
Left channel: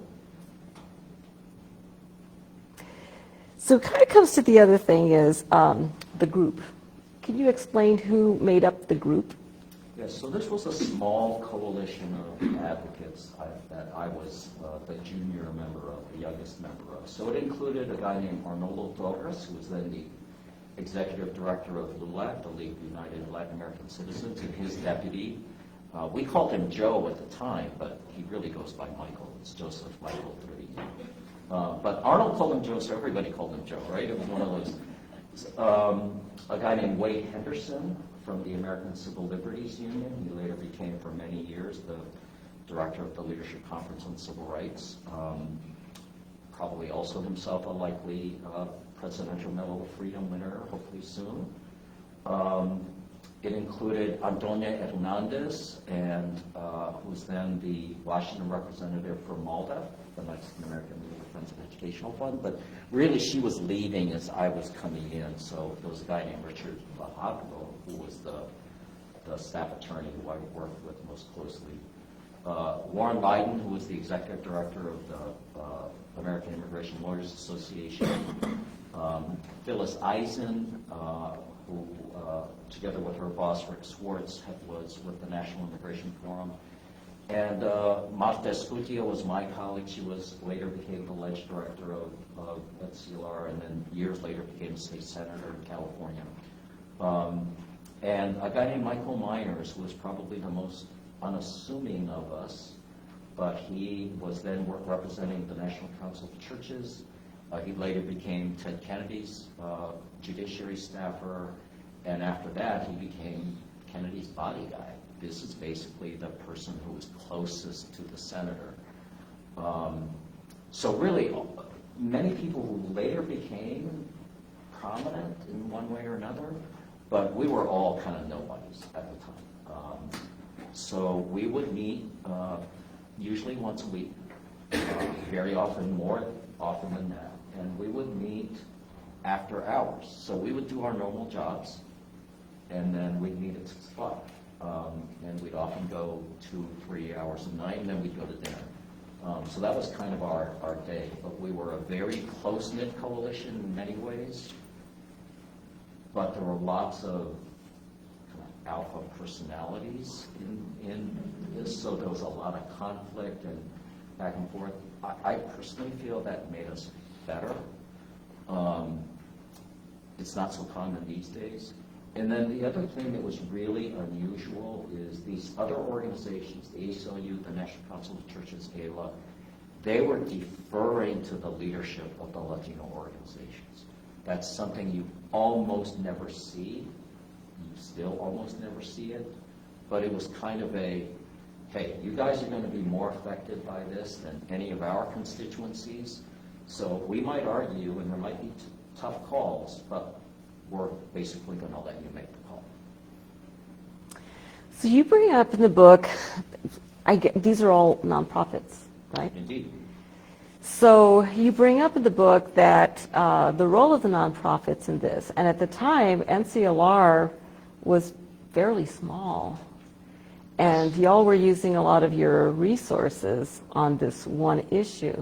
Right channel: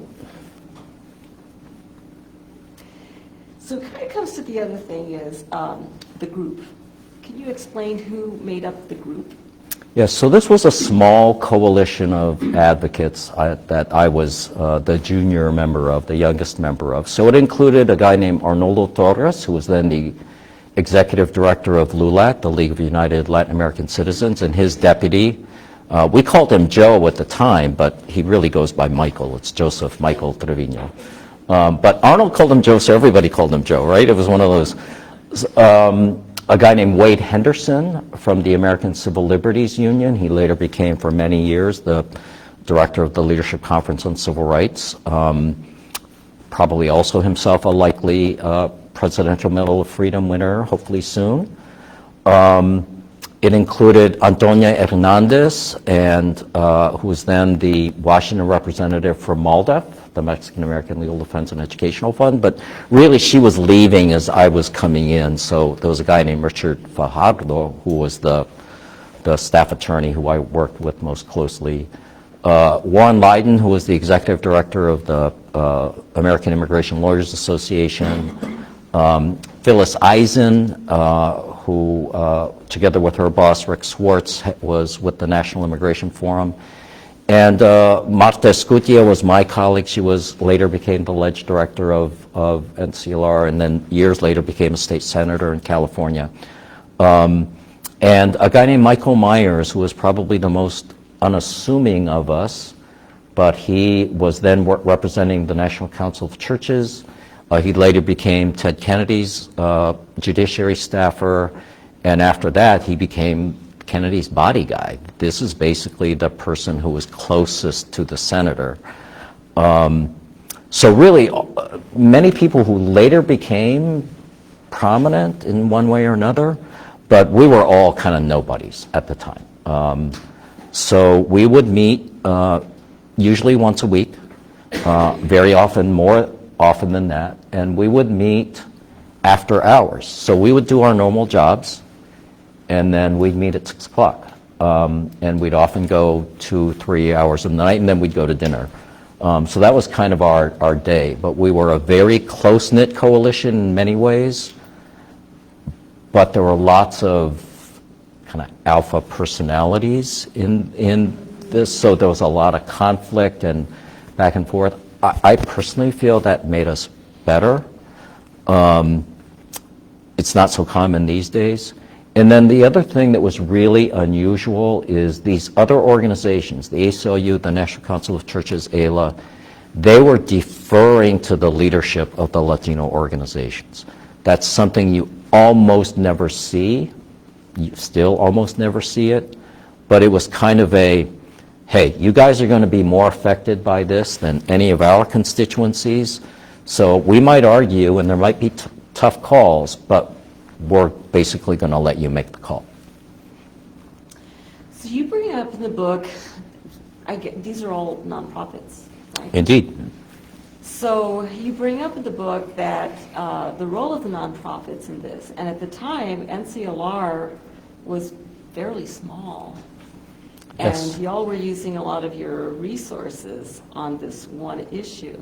So it kind of comes to the other thing is the group. Can you explain who made up the group? Yes, so this was a small coalition of advocates that I was the junior member of, the youngest member of. So it included a guy named Arnoldo Torres, who was then the executive director of LULAC, the League of United Latin American Citizens, and his deputy. We called him Joe at the time, but he really goes by Michael. It's Joseph Michael Trevino. But Arnold called him Joe, so everybody called him Joe, right? It was one of those. A guy named Wade Henderson from the American Civil Liberties Union. He later became, for many years, the director of the Leadership Conference on Civil Rights. Probably also himself a likely Presidential Medal of Freedom winner, hopefully soon. It included Antonia Hernandez, and who was then the Washington representative for MALDEF, the Mexican American Legal Defense and Educational Fund, but really she was leaving as I was coming in. So there was a guy named Richard Fajardo who was the staff attorney who I worked with most closely. Warren Lydon, who was the executive director of the American Immigration Lawyers Association. Phyllis Eisen, who, together with her boss, Rick Swartz, was with the National Immigration Forum. And Marta Escutia was my colleague. She later became the alleged director of NCLR, and then years later became a state senator in California. And a guy named Michael Myers, who was probably the most unassuming of us, but he was then representing the National Council of Churches. He later became Ted Kennedy's judiciary staffer, and after that he became Kennedy's body guy. This is basically the person who was closest to the senator. So really, many people who later became prominent in one way or another, but we were all kind of nobodies at the time. So we would meet usually once a week, very often, more often than that, and we would meet after hours. So we would do our normal jobs, and then we'd meet at 6 o'clock. And we'd often go 2-3 hours of the night, and then we'd go to dinner. So that was kind of our day. But we were a very close-knit coalition in many ways, but there were lots of kind of alpha personalities in this, so there was a lot of conflict and back and forth. I personally feel that made us better. It's not so common these days. And then the other thing that was really unusual is these other organizations, the ACLU, the National Council of Churches, ALA, they were deferring to the leadership of the Latino organizations. That's something you almost never see. You still almost never see it. But it was kind of a, hey, you guys are going to be more affected by this than any of our constituencies. So we might argue, and there might be tough calls, but we're basically going to let you make the call. So you bring up in the book, these are all nonprofits, right? Indeed. So you bring up in the book that the role of the nonprofits in this, and at the time, NCLR was fairly small. And Yes. y'all were using a lot of your resources on this one issue.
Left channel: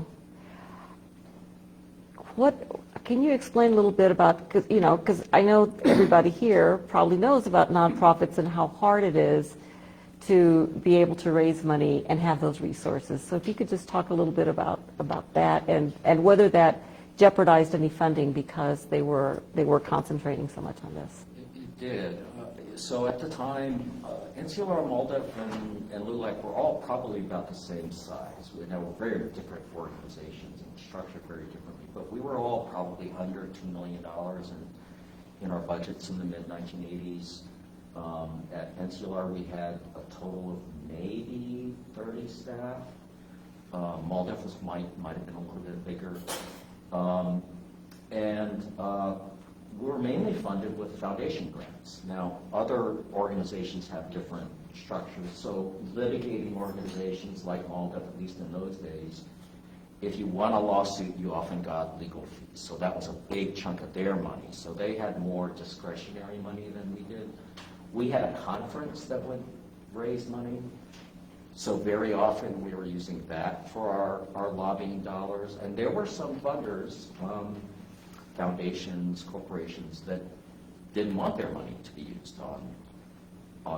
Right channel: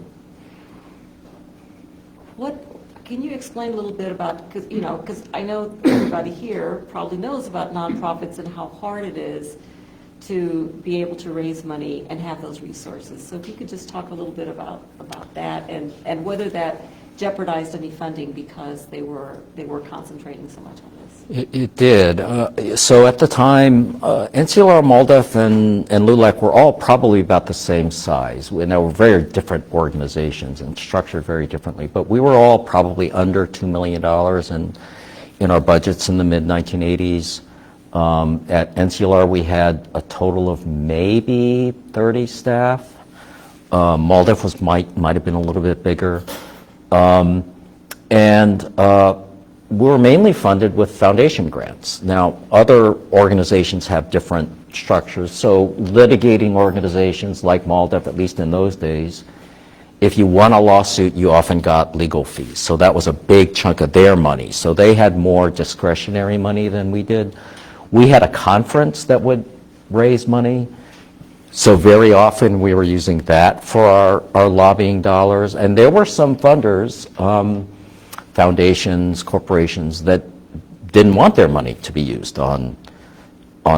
Can you explain a little bit about, because I know everybody here probably knows about nonprofits and how hard it is to be able to raise money and have those resources. So if you could just talk a little bit about that and whether that jeopardized any funding because they were concentrating so much on this. It did. So at the time, NCLR, MALDEF, and LULAC were all probably about the same size. And they were very different organizations and structured very differently. But we were all probably under $2 million in our budgets in the mid-1980s. At NCLR, we had a total of maybe 30 staff. MALDEF might have been a little bit bigger. We were mainly funded with foundation grants. Now, other organizations have different structures. So litigating organizations like MALDEF, at least in those days, if you won a lawsuit, you often got legal fees. So that was a big chunk of their money. So they had more discretionary money than we did. We had a conference that would raise money. So very often we were using that for our lobbying dollars. And there were some funders, foundations, corporations, that didn't want their money to be used on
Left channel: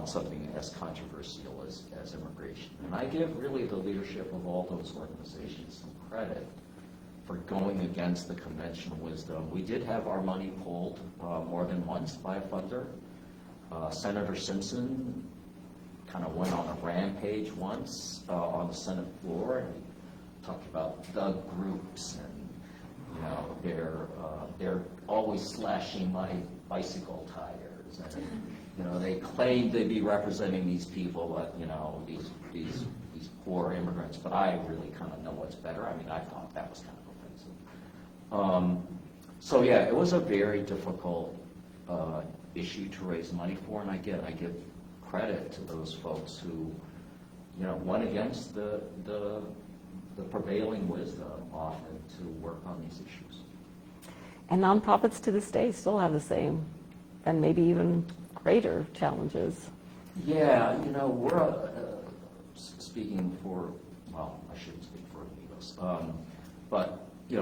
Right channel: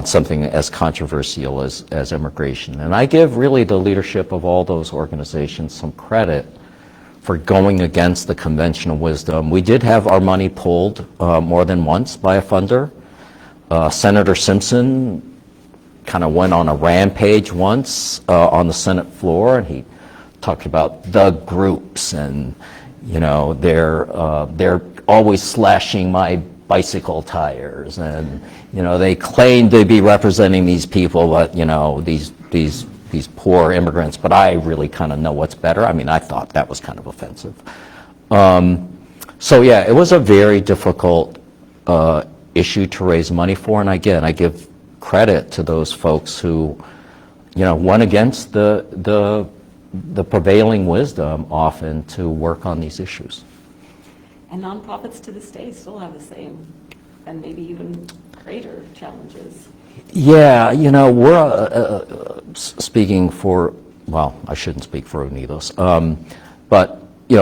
something as controversial as immigration. And I give really the leadership of all those organizations some credit for going against the conventional wisdom. We did have our money pulled more than once by a funder. Senator Simpson kind of went on a rampage once on the Senate floor, and he talked about the groups, and they're always slashing my bicycle tires, and they claim to be representing these people, but these poor immigrants. But I really kind of know what's better. I mean, I thought that was kind of offensive. So yeah, it was a very difficult issue to raise money for, and again, I give credit to those folks who, went against the the prevailing wisdom often to work on these issues. And nonprofits to this day still have the same, and maybe even greater challenges. Yeah, we're speaking for, well, I shouldn't speak for Unidos, but,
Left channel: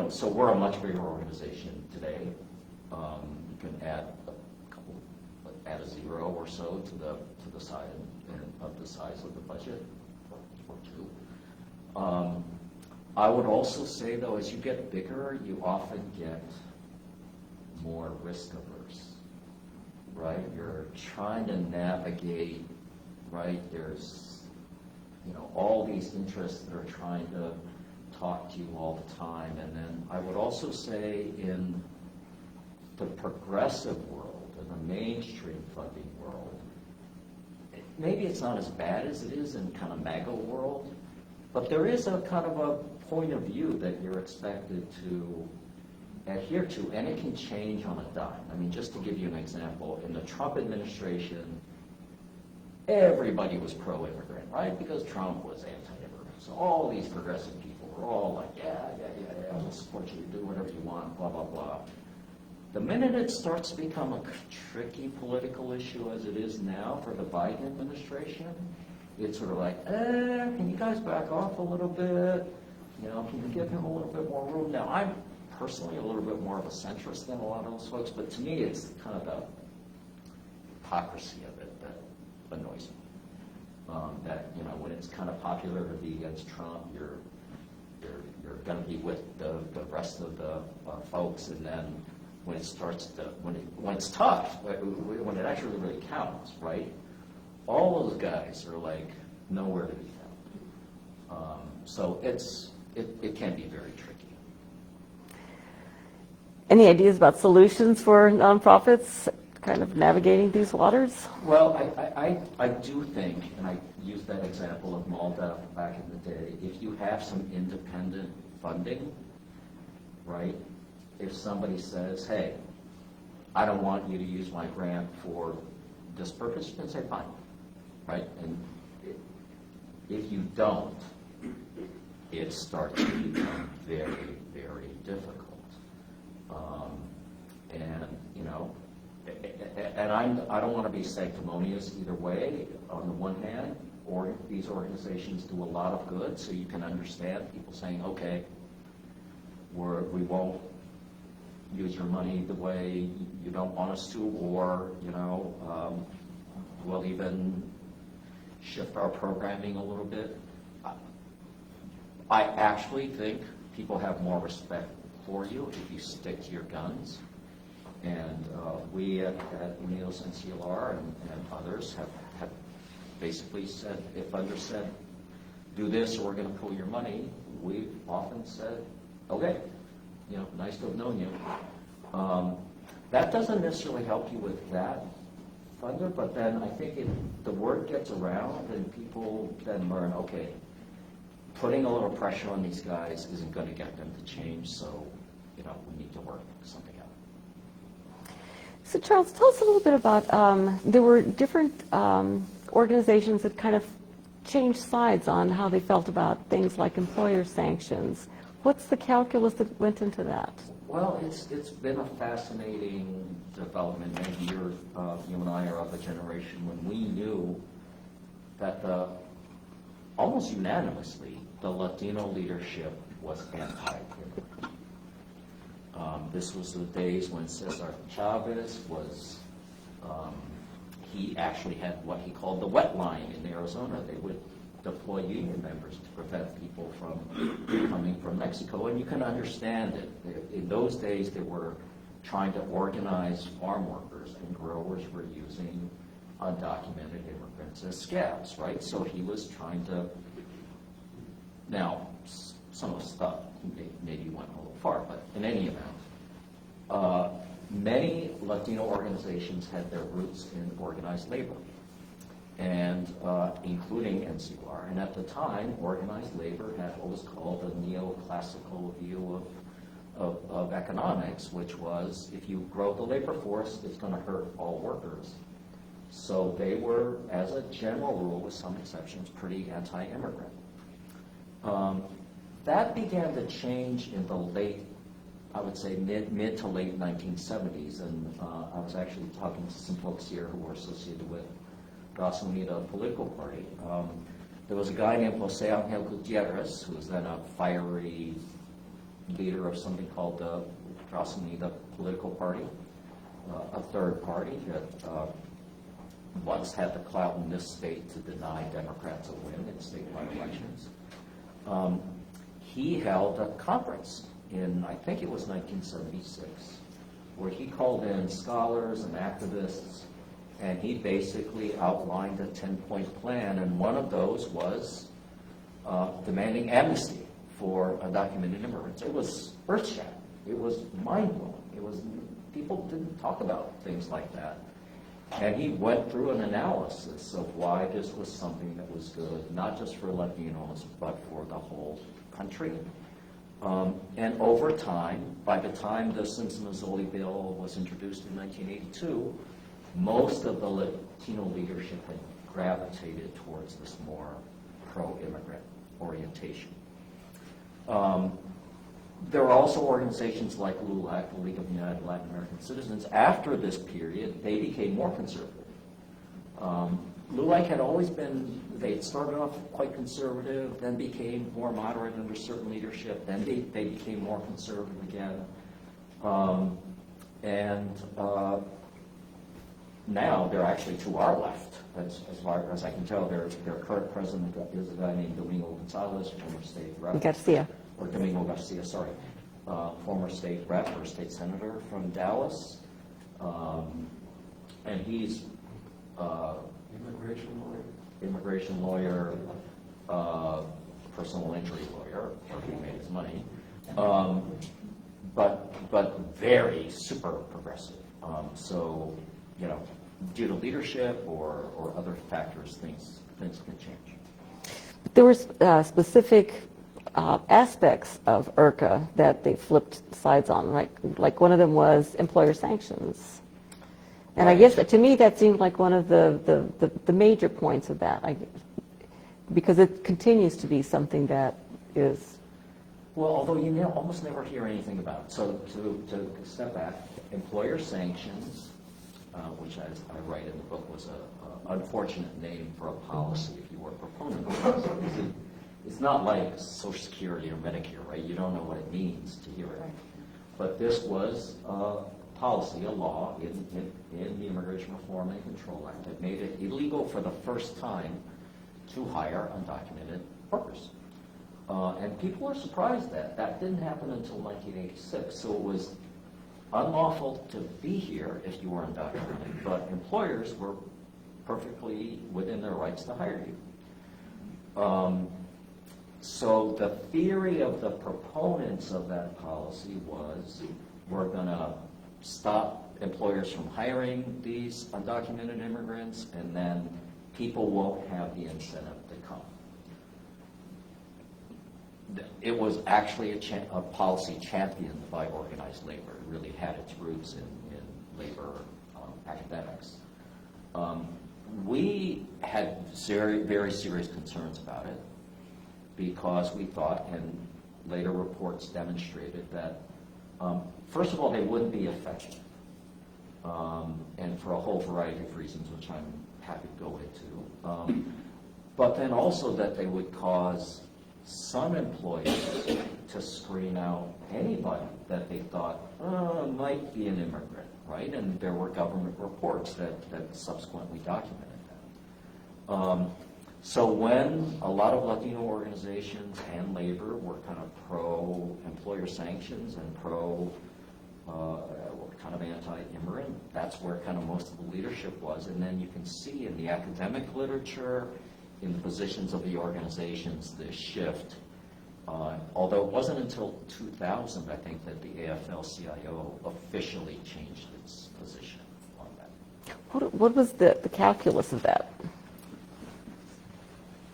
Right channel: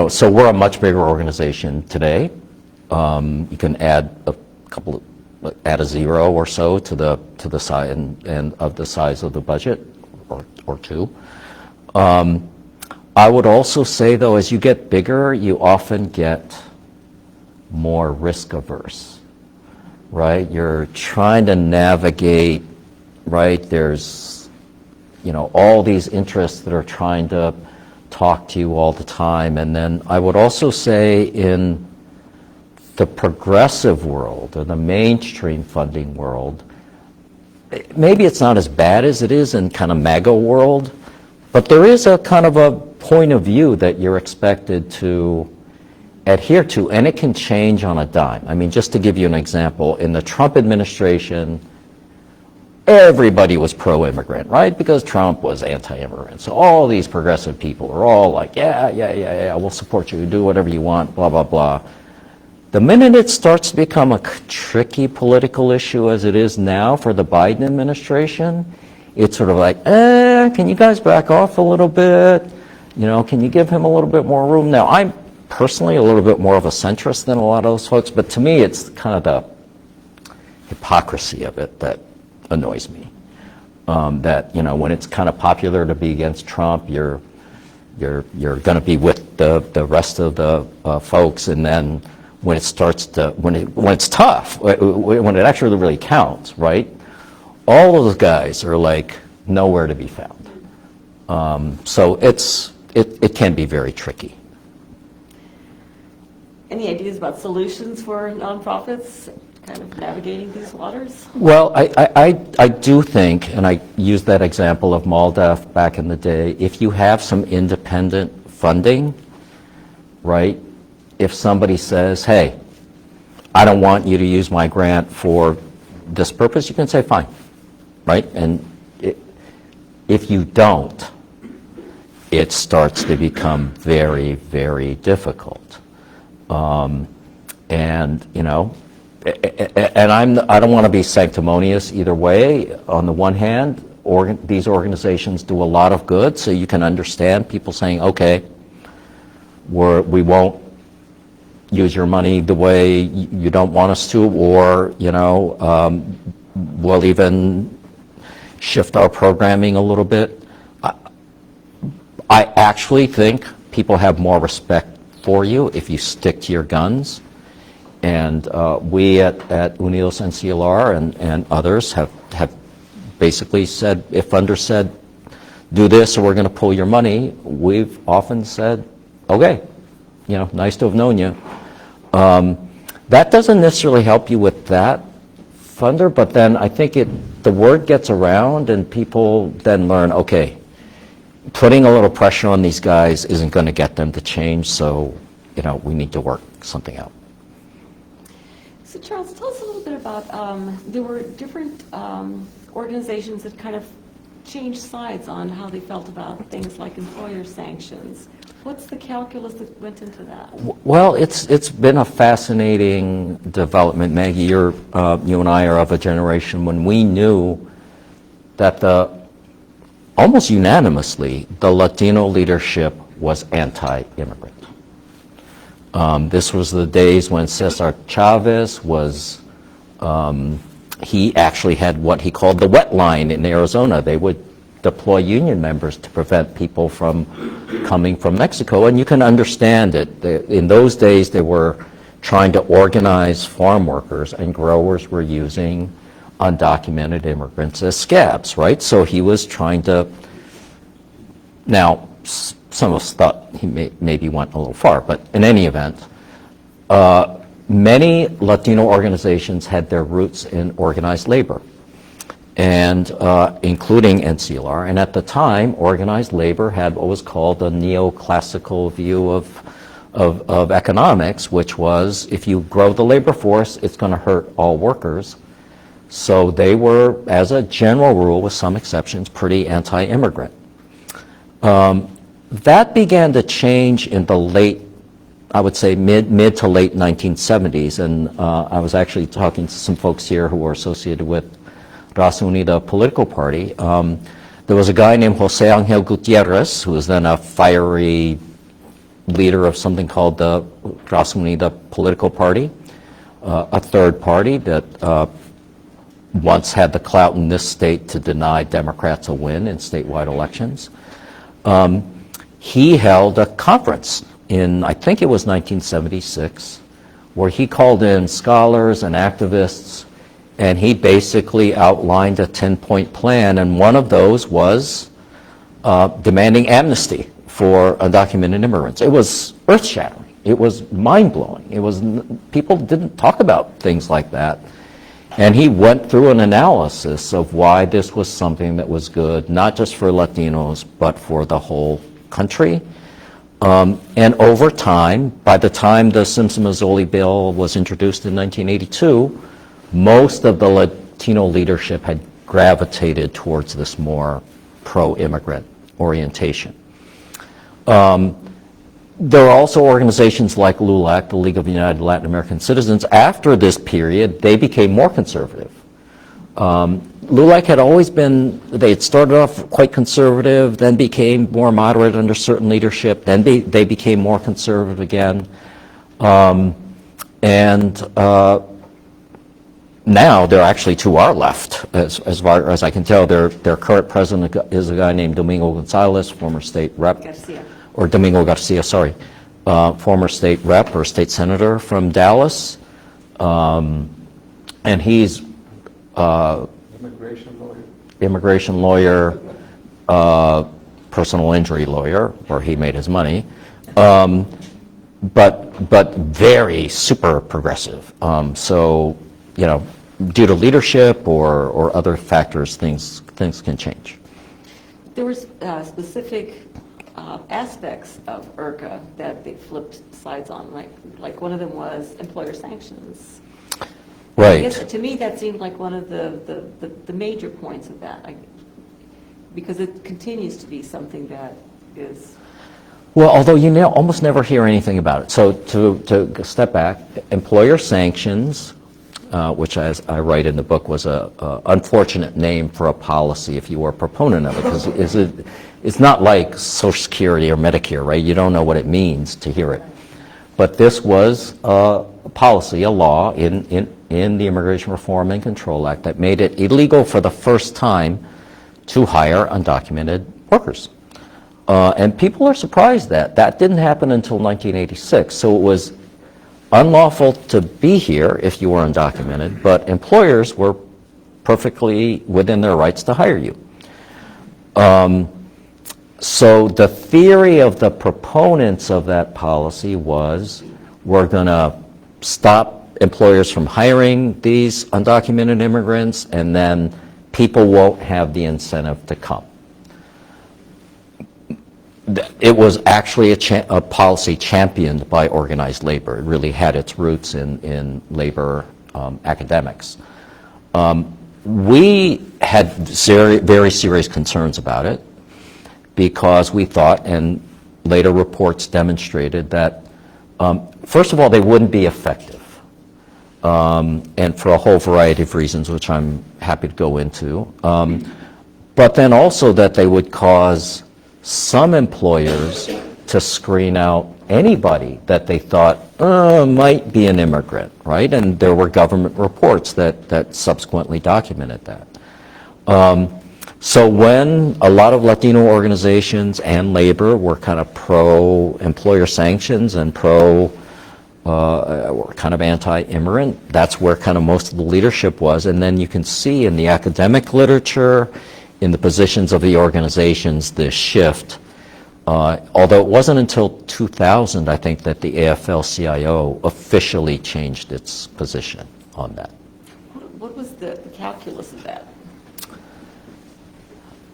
so we're a much bigger organization today. You can add add a zero or so to the size and of the size of the budget, or two. I would also say, though, as you get bigger, you often get more risk averse, right? You're trying to navigate, right? There's, all these interests that are trying to talk to you all the time. And then I would also say in the progressive world, or the mainstream funding world, maybe it's not as bad as it is in kind of MAGA world, but there is a kind of a point of view that you're expected to adhere to, and it can change on a dime. I mean, just to give you an example, in the Trump administration, everybody was pro-immigrant, right? Because Trump was anti-immigrant. So all these progressive people are all like, yeah, we'll support you, do whatever you want, blah, blah, blah. The minute it starts to become a tricky political issue as it is now for the Biden administration, it's sort of like, can you guys back off a little bit? Can you give him a little bit more room? Now, I'm personally a little bit more of a centrist than a lot of those folks, but to me, it's kind of the hypocrisy of it that annoys me. That, when it's kind of popular to be against Trump, you're going to be with the rest of the folks, and then when it starts to, when it's tough, when it actually really counts, right? All of those guys are like nowhere to be found. So it can be very tricky. Any ideas about solutions for nonprofits kind of navigating these waters? Well, I do think, and I used that example of MALDEF back in the day, if you have some independent funding, right? If somebody says, hey, I don't want you to use my grant for this purpose, you can say, fine, right? And if you don't, it starts to become very, very difficult. And I don't want to be sanctimonious either way. On the one hand, these organizations do a lot of good, so you can understand people saying, okay, we won't use your money the way you don't want us to, or we'll even shift our programming a little bit. I actually think people have more respect for you if you stick to your guns. And we at Unidos NCLR and others have basically said, if funders said, do this or we're going to pull your money, we've often said, okay, nice to have known you. That doesn't necessarily help you with that funder, but then I think the word gets around and people then learn, okay, putting a little pressure on these guys isn't going to get them to change, so we need to work something out. So Charles, tell us a little bit about, there were different organizations that kind of changed sides on how they felt about things like employer sanctions. What's the calculus that went into that? Well, it's been a fascinating development. Maggie, you and I are of a generation when we knew that almost unanimously, the Latino leadership was anti-immigrant. This was the days when Cesar Chavez was, he actually had what he called the wet line in Arizona. They would deploy union members to prevent people from coming from Mexico, and you can understand it. In those days, they were trying to organize farm workers, and growers were using undocumented immigrants as scabs, right? So he was trying to, now, some of us thought he maybe went a little far, but in any event, many Latino organizations had their roots in organized labor, and including NCLR. And at the time, organized labor had what was called a neoclassical view of economics, which was if you grow the labor force, it's going to hurt all workers. So they were, as a general rule, with some exceptions, pretty anti-immigrant. That began to change in the late, I would say mid to late 1970s, and I was actually talking to some folks here who were associated with Raza Unida political party. There was a guy named Jose Angel Gutierrez, who was then a fiery leader of something called the Raza Unida political party, a third party that once had the clout in this state to deny Democrats a win in statewide elections. He held a conference in, I think it was 1976, where he called in scholars and activists, and he basically outlined a 10-point plan, and one of those was demanding amnesty for undocumented immigrants. It was earth-shattering. It was mind-blowing. It was, people didn't talk about things like that. And he went through an analysis of why this was something that was good, not just for Latinos, but for the whole country. And over time, by the time the Simpson-Mazzoli bill was introduced in 1982, most of the Latino leadership had gravitated towards this more pro-immigrant orientation. There are also organizations like LULAC, the League of United Latin American Citizens. After this period, they became more conservative. LULAC had always been, they had started off quite conservative, then became more moderate under certain leadership, then they became more conservative again. Now they're actually to our left, as far as I can tell. Their current president is a guy named Domingo Gonzalez, former state rep. Garcia. Or Domingo Garcia, sorry, former state rep or state senator from Dallas. And he's immigration lawyer, personal injury lawyer, where he made his money, but very super progressive. So, you know, due to leadership or other factors, things can change. There were specific aspects of IRCA that they flipped sides on, right? Like one of them was employer sanctions. And Right. I guess to me that seemed like one of the major points of that, because it continues to be something that is. Well, although you almost never hear anything about it. So to step back, employer sanctions, which as I write in the book was a unfortunate name for a policy if you were a proponent of it, because it's not like Social Security or Medicare, right? You don't know what it means to hear it. But this was a policy, a law in the Immigration Reform and Control Act that made it illegal for the first time to hire undocumented workers. And people are surprised that didn't happen until 1986. So it was unlawful to be here if you were undocumented, but employers were perfectly within their rights to hire you. So the theory of the proponents of that policy was, we're going to stop employers from hiring these undocumented immigrants, and then people won't have the incentive to come. It was actually a policy championed by organized labor. It really had its roots in labor academics. We had very serious concerns about it, because we thought, and later reports demonstrated, that first of all, they wouldn't be effective, and for a whole variety of reasons, which I'm happy to go into, but then also that they would cause some employers to screen out anybody that they thought might be an immigrant, right? And there were government reports that subsequently documented that. So when a lot of Latino organizations and labor were kind of pro-employer sanctions and or kind of anti-immigrant, that's where kind of most of the leadership was. And then you can see in the academic literature, in the positions of the organizations, this shift. Although it wasn't until 2000, I think, that the AFL-CIO officially changed its position on that. What was the calculus of that?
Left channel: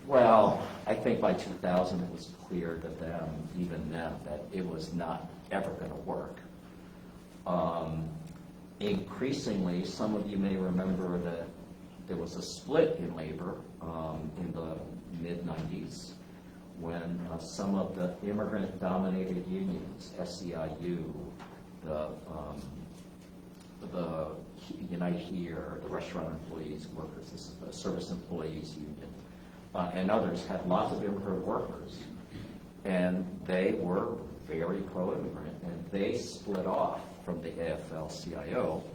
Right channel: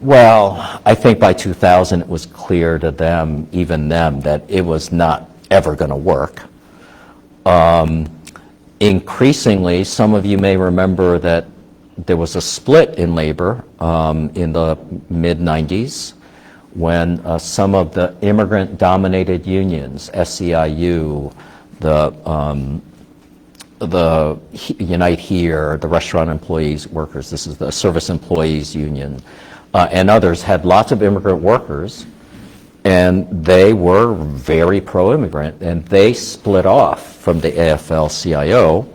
Well, I think by 2000 it was clear to them, even them, that it was not ever going to work. Increasingly, some of you may remember that there was a split in labor in the mid-90s, when some of the immigrant-dominated unions, SEIU, the Unite Here, the restaurant employees, workers, this is the service employees union, and others had lots of immigrant workers, and they were very pro-immigrant, and they split off from the AFL-CIO,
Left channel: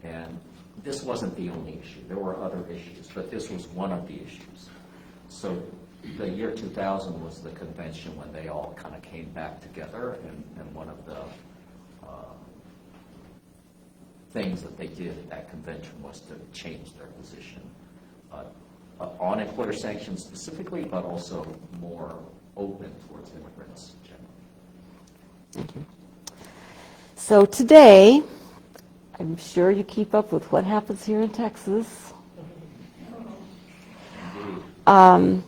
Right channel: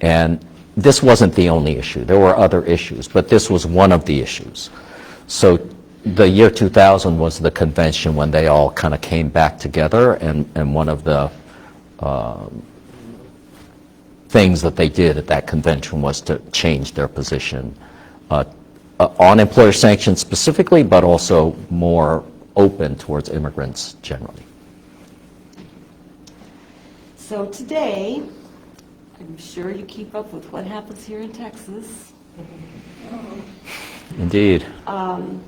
and this wasn't the only issue. There were other issues, but this was one of the issues. So the year 2000 was the convention when they all kind of came back together, and one of the things that they did at that convention was to change their position on employer sanctions specifically, but also more open towards immigrants generally. So today, I'm sure you keep up with what happens here in Texas. Indeed. I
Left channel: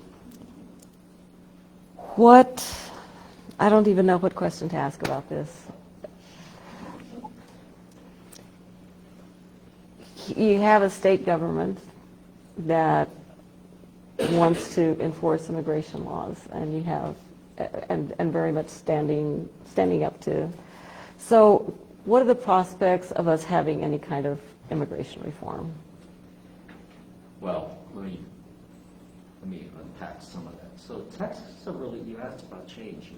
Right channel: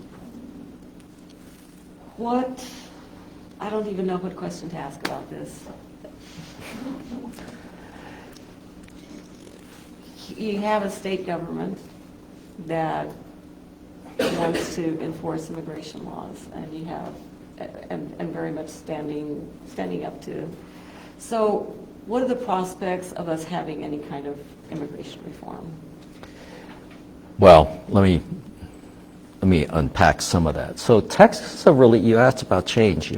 don't even know what question to ask about this. You have a state government that wants to enforce immigration laws, and you have, and very much standing up to. So what are the prospects of us having any kind of immigration reform? Well, let me unpack some of that. So Texas is you asked about change,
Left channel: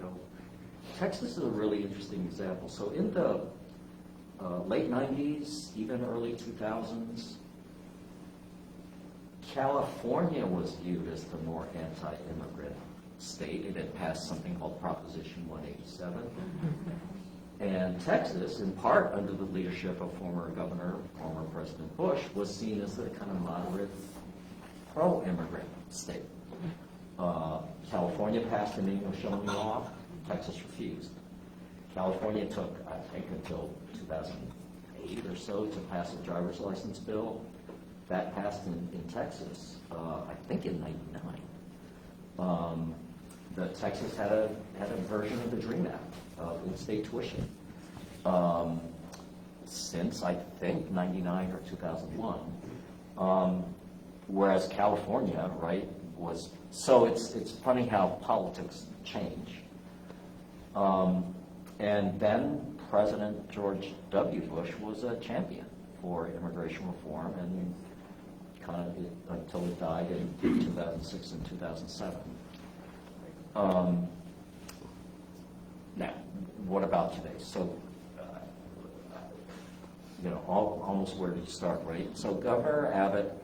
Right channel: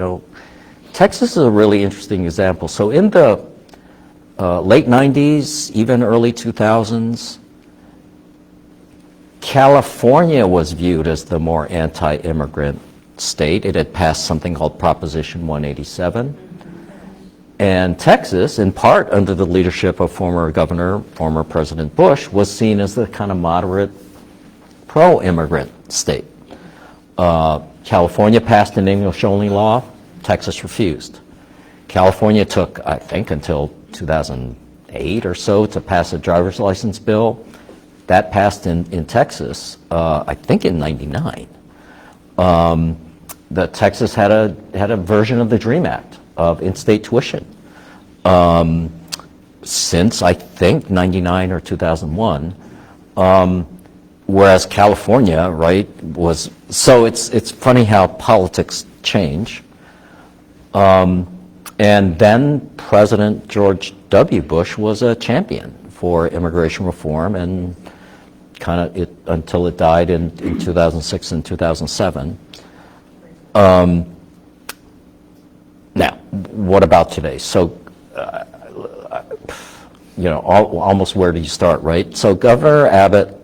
Texas is a really interesting example. So in the late 90s, even early 2000s, California was viewed as the more anti-immigrant state. It had passed something called Proposition 187. And Texas, in part under the leadership of former President Bush, was seen as the kind of moderate pro-immigrant state. California passed an English-only law. Texas refused. California took, I think, until 2008 or so to pass a driver's license bill. That passed in Texas, I think in '99. Texas had a version of the DREAM Act of in-state tuition since, I think, '99 or 2001. Whereas California, right, was, so it's funny how politics change. And then President George W. Bush was a champion for immigration reform, and kind of until it died in 2006 and 2007. Now, what about today? So, almost where do you start, right? So Governor Abbott,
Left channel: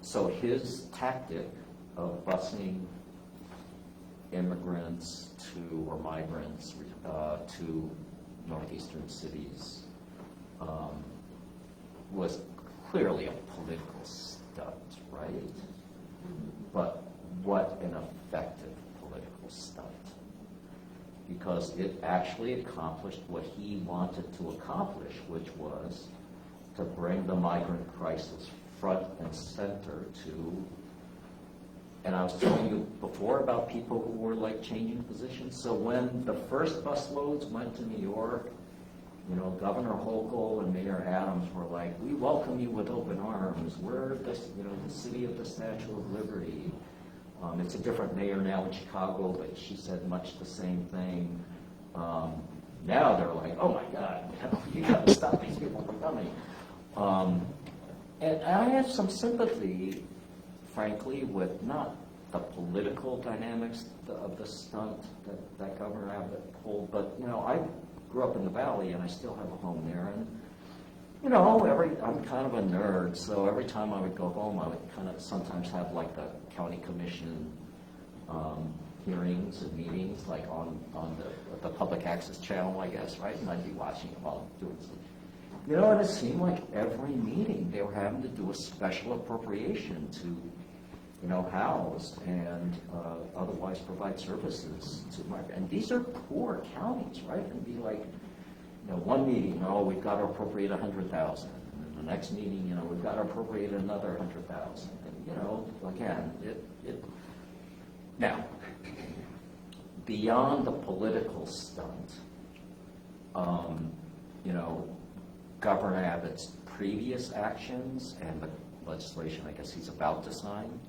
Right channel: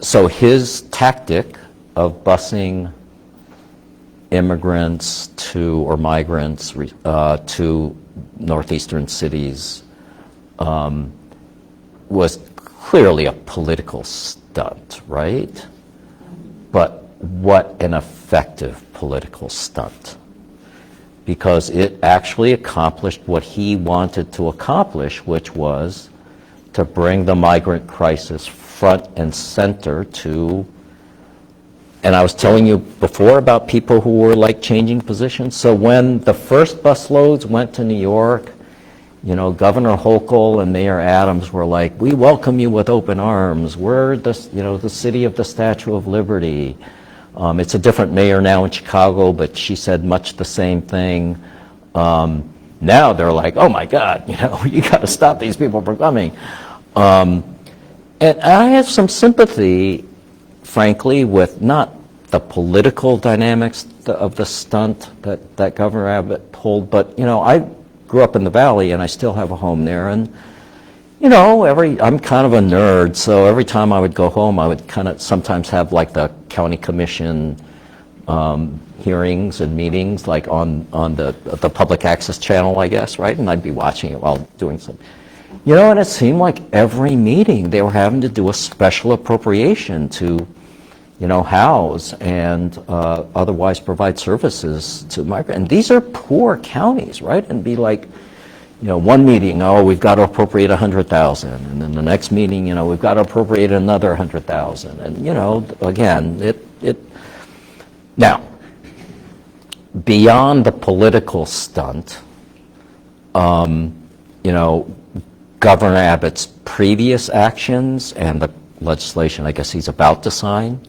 so his tactic of busing immigrants or migrants to northeastern cities was clearly a political stunt, right? But what an effective political stunt, because it actually accomplished what he wanted to accomplish, which was to bring the migrant crisis front and center to, and I was telling you before about people who were like changing positions. So when the first busloads went to New York, Governor Hochul and Mayor Adams were like, "We welcome you with open arms. We're the city of the Statue of Liberty." It's a different mayor now in Chicago, but she said much the same thing. Now they're like, "Oh my God, you got to stop these people from coming." And I have some sympathy, frankly, with not the political dynamics of the stunt that Governor Abbott pulled, but I grew up in the Valley, and I still have a home there. And, I'm kind of a nerd, so every time I would go home, I would kind of sometimes have like the county commission hearings and meetings, like on the public access channel, I guess, right? And I'd be watching it while doing something. And it seemed like every meeting they were having to do a special appropriation to, house and otherwise provide services to migrants. And these are poor counties, right? And be like, one meeting, we've got to appropriate $100,000, and then the next meeting, we've got to appropriate another $100,000, and again, now, beyond the political stunt, Governor Abbott's previous actions and legislation I guess he's about to sign,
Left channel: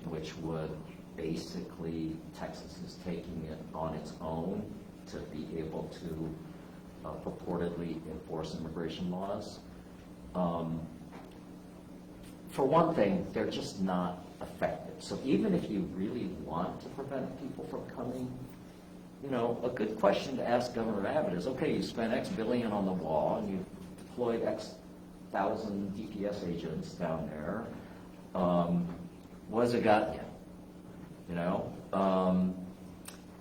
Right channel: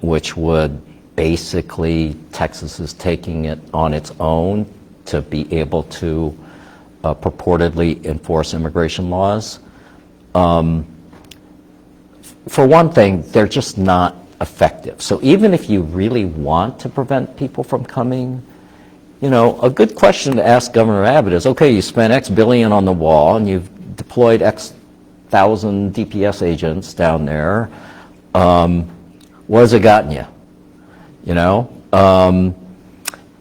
which would basically, Texas is taking it on its own to be able to purportedly enforce immigration laws. For one thing, they're just not effective. So even if you really want to prevent people from coming, you know, a good question to ask Governor Abbott is, okay, you spent X billion on the wall and you've deployed X thousand DPS agents down there. What has it gotten you? You know?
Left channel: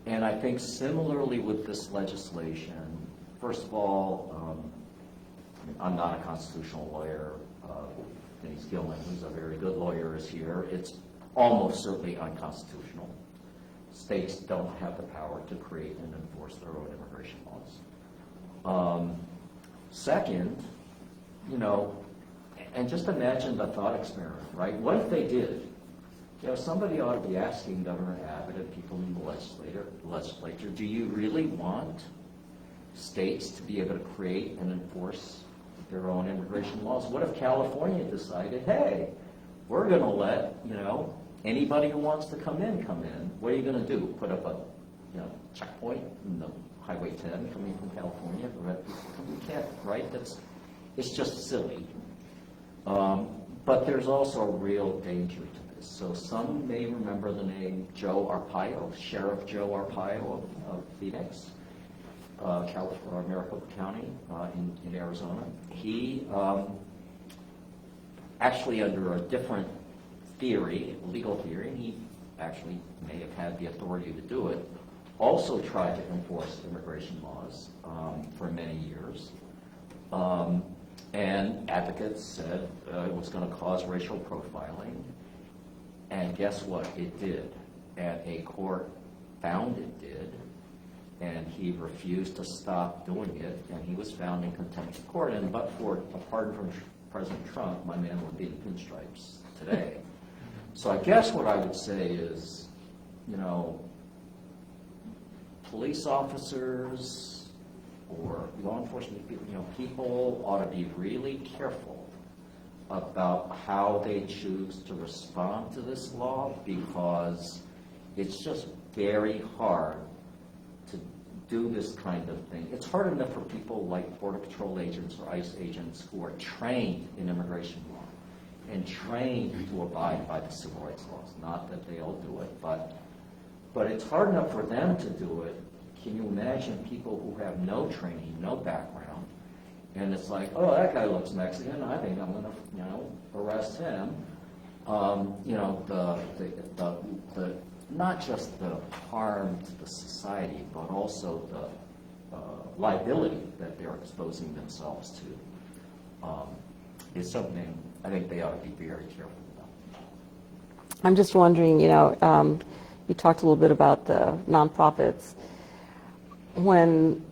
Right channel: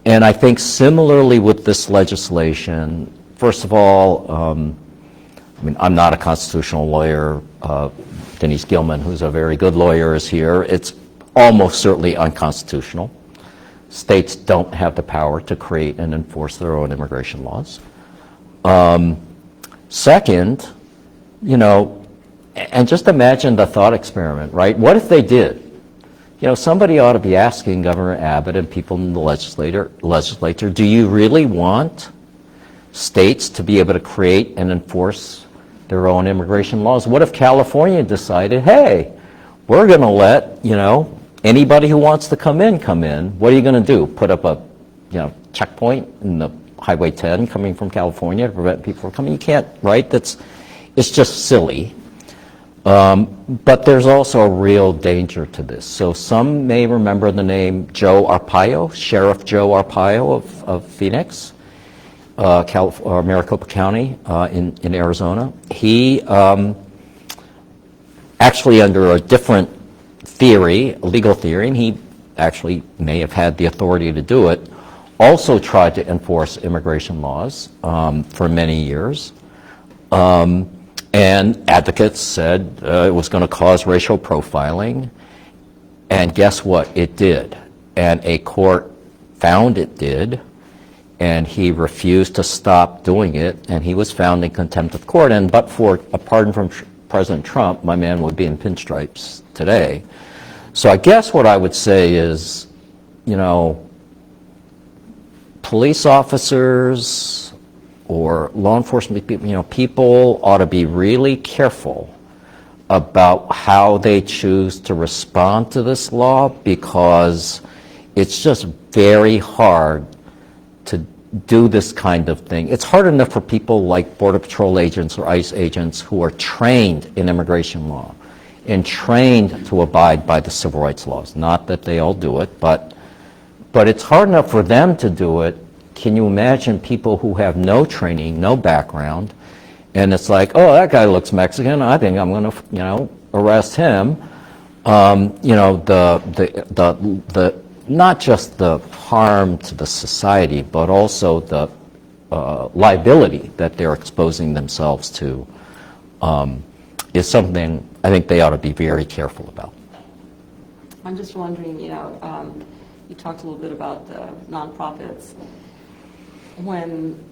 And I think similarly with this legislation, first of all, I mean, I'm not a constitutional lawyer. Denise Gilman, who's a very good lawyer, is here. It's almost certainly unconstitutional. States don't have the power to create and enforce their own immigration laws. Second, you know, and just imagine the thought experiment, right? What if they did? You know, somebody ought to be asking Governor Abbott and people in the legislature, do you really want states to be able to create and enforce their own immigration laws? What if California decided, hey, we're going to let, you know, anybody who wants to come in, come in. What are you going to do? Put up a, you know, checkpoint in the Highway 10 coming from California to prevent people from coming? You can't, right? It's just silly. But there's also a real danger to this. So some may remember the name Joe Arpaio, Sheriff Joe Arpaio of Phoenix, Maricopa County in Arizona. He actually, under a different theory, a legal theory, and he actually may have had the authority to do it, also tried to enforce immigration laws for many years. And advocates said it was going to cause racial profiling. And guess what? It did. And a court found it did. And he refused to stop doing it. And he was found in contempt of court. And but for a pardon from President Trump, my man would be in pinstripes today. So I guess what I would say is, you know, police officers or law enforcement people, you know, people ought to be really careful about how they choose to respond to this law, because it's just very hard to do this kind of thing. It's hard enough for people like Border Patrol agents or ICE agents who are trained in immigration law and trained to abide by the civil rights laws. Not that they all do it, but it's hard enough for them to do it. Can you imagine people who have no training, no background, and it's like, oh, that guy looks Mexican, I think I'm going to, you know, arrest him. You know, the not just the harm to the society, but also the liability that they're exposing themselves to is something I think they ought to be very careful about. I'm just wondering, you know, you talked a little bit about the nonprofits. When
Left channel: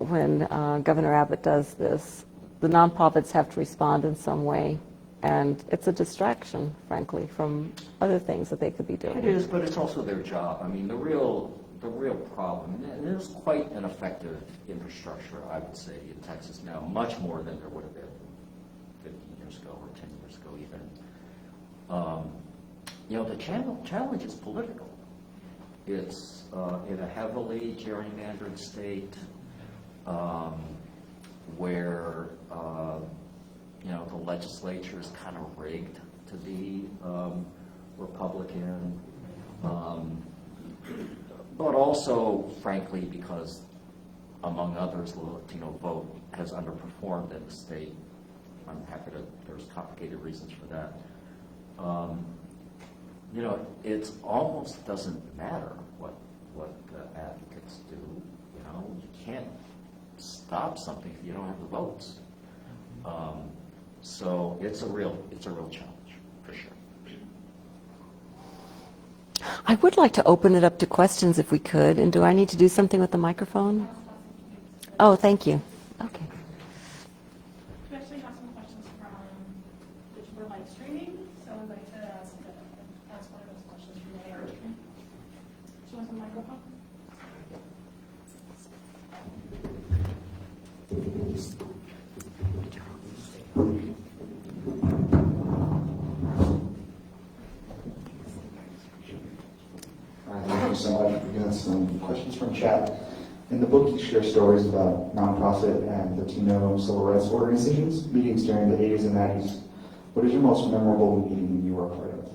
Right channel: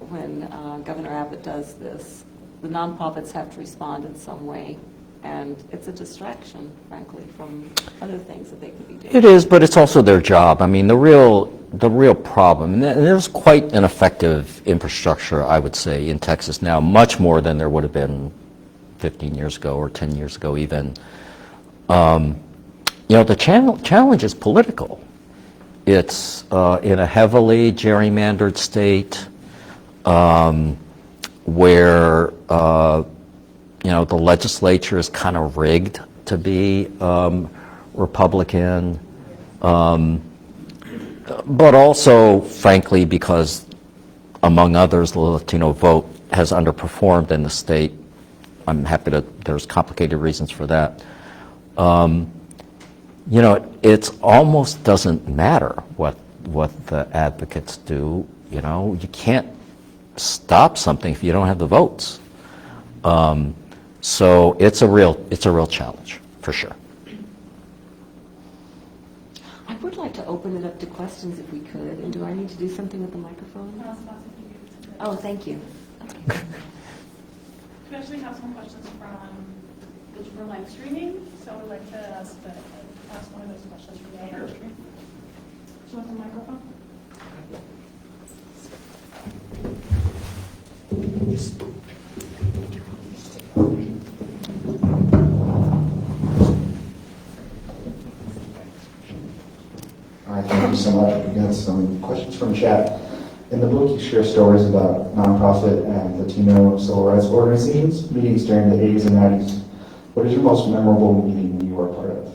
Governor Abbott does this, the nonprofits have to respond in some way, and it's a distraction, frankly, from other things that they could be doing. It is, but it's also their job. I mean, the real problem, and there's quite an effective infrastructure, I would say, in Texas now, much more than there would have been 15 years ago or 10 years ago even. You know, the challenge is political. It's in a heavily gerrymandered state where you know, the legislature is kind of rigged to be Republican, but also, frankly, because, among others, the Latino vote has underperformed in the state. I'm happy to, there's complicated reasons for that. You know, it almost doesn't matter what the advocates do. You know, you can't stop something if you don't have the votes. So it's a real challenge, for sure. I would like to open it up to questions if we could, and do I need to do something with the microphone? Oh, thank you. Okay. We actually have some questions from live streaming, so I'd like to ask one of those questions from the live stream. Do you want the microphone? Hi, thank you so much. We got some questions from chat. In the book, you share stories about nonprofit and Latino civil rights organizations, meetings during the 80s and 90s. What is your most memorable meeting you were a part of?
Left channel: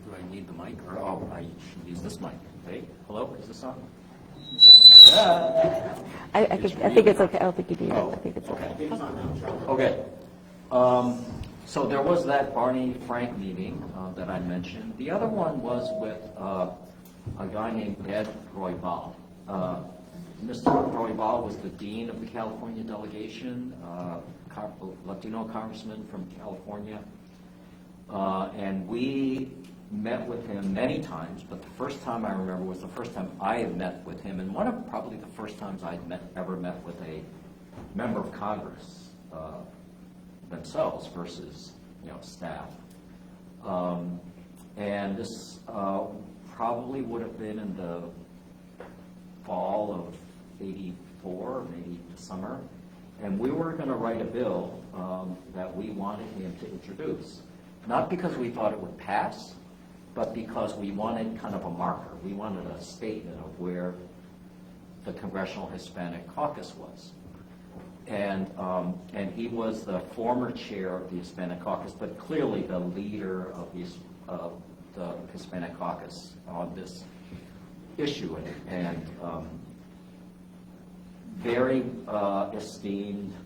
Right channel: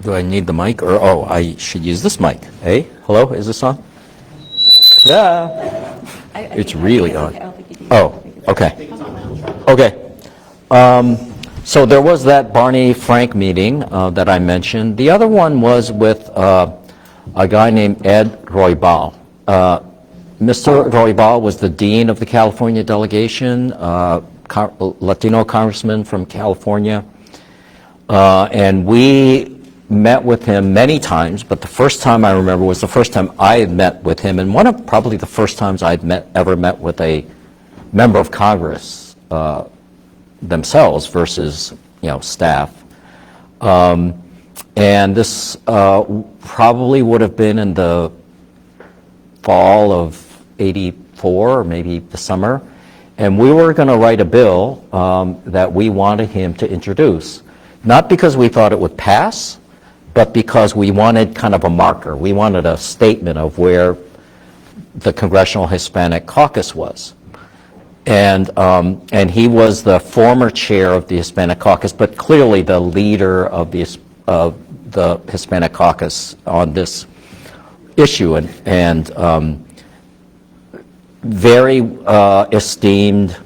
Do I need the mic, or, oh, I should use this mic. Hey, hello, is this on? Yeah. It's really on. I don't think you do. Oh, okay. Okay. So there was that Barney Frank meeting that I mentioned. The other one was with a guy named Ed Roybal. Mr. Roybal was the dean of the California delegation, Latino congressman from California. And we met with him many times, but the first time I remember was the first time I had met with him, and one of probably the first times I'd ever met with a member of Congress themselves versus, staff. And this probably would have been in the fall of '84, or maybe the summer, and we were going to write a bill that we wanted him to introduce, not because we thought it would pass, but because we wanted kind of a marker. We wanted a statement of where the Congressional Hispanic Caucus was. And he was the former chair of the Hispanic Caucus, but clearly the leader of the Hispanic Caucus on this issue, and very esteemed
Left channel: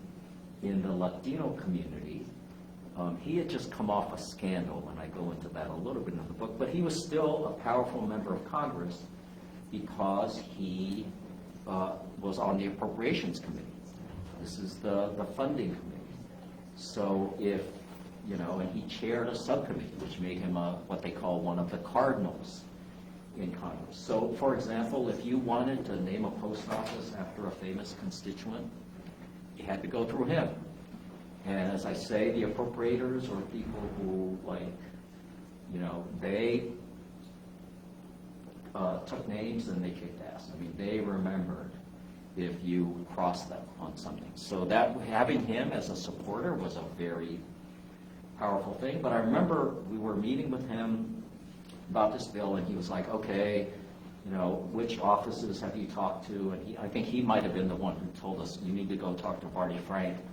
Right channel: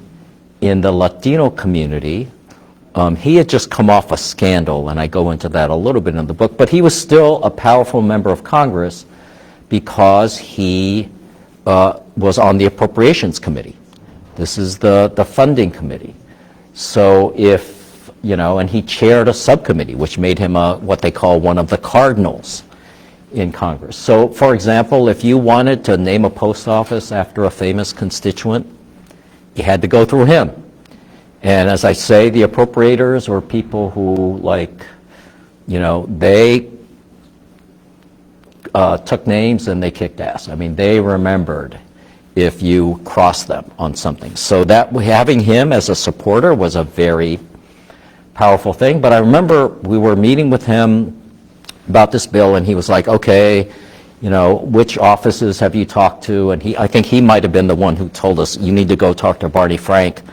in the Latino community. He had just come off a scandal, and I go into that a little bit in the book, but he was still a powerful member of Congress because he was on the Appropriations Committee. This is the funding committee. So if, and he chaired a subcommittee, which made him what they call one of the cardinals in Congress. So, for example, if you wanted to name a post office after a famous constituent, you had to go through him. And as I say, the appropriators were people who, they took names and they kicked ass. I mean, they remembered if you crossed them on something. So that having him as a supporter was a very powerful thing. But I remember we were meeting with him about this bill, and he was like, okay, which offices have you talked to? And I think he might have been the one who told us, you need to go talk to Barney Frank.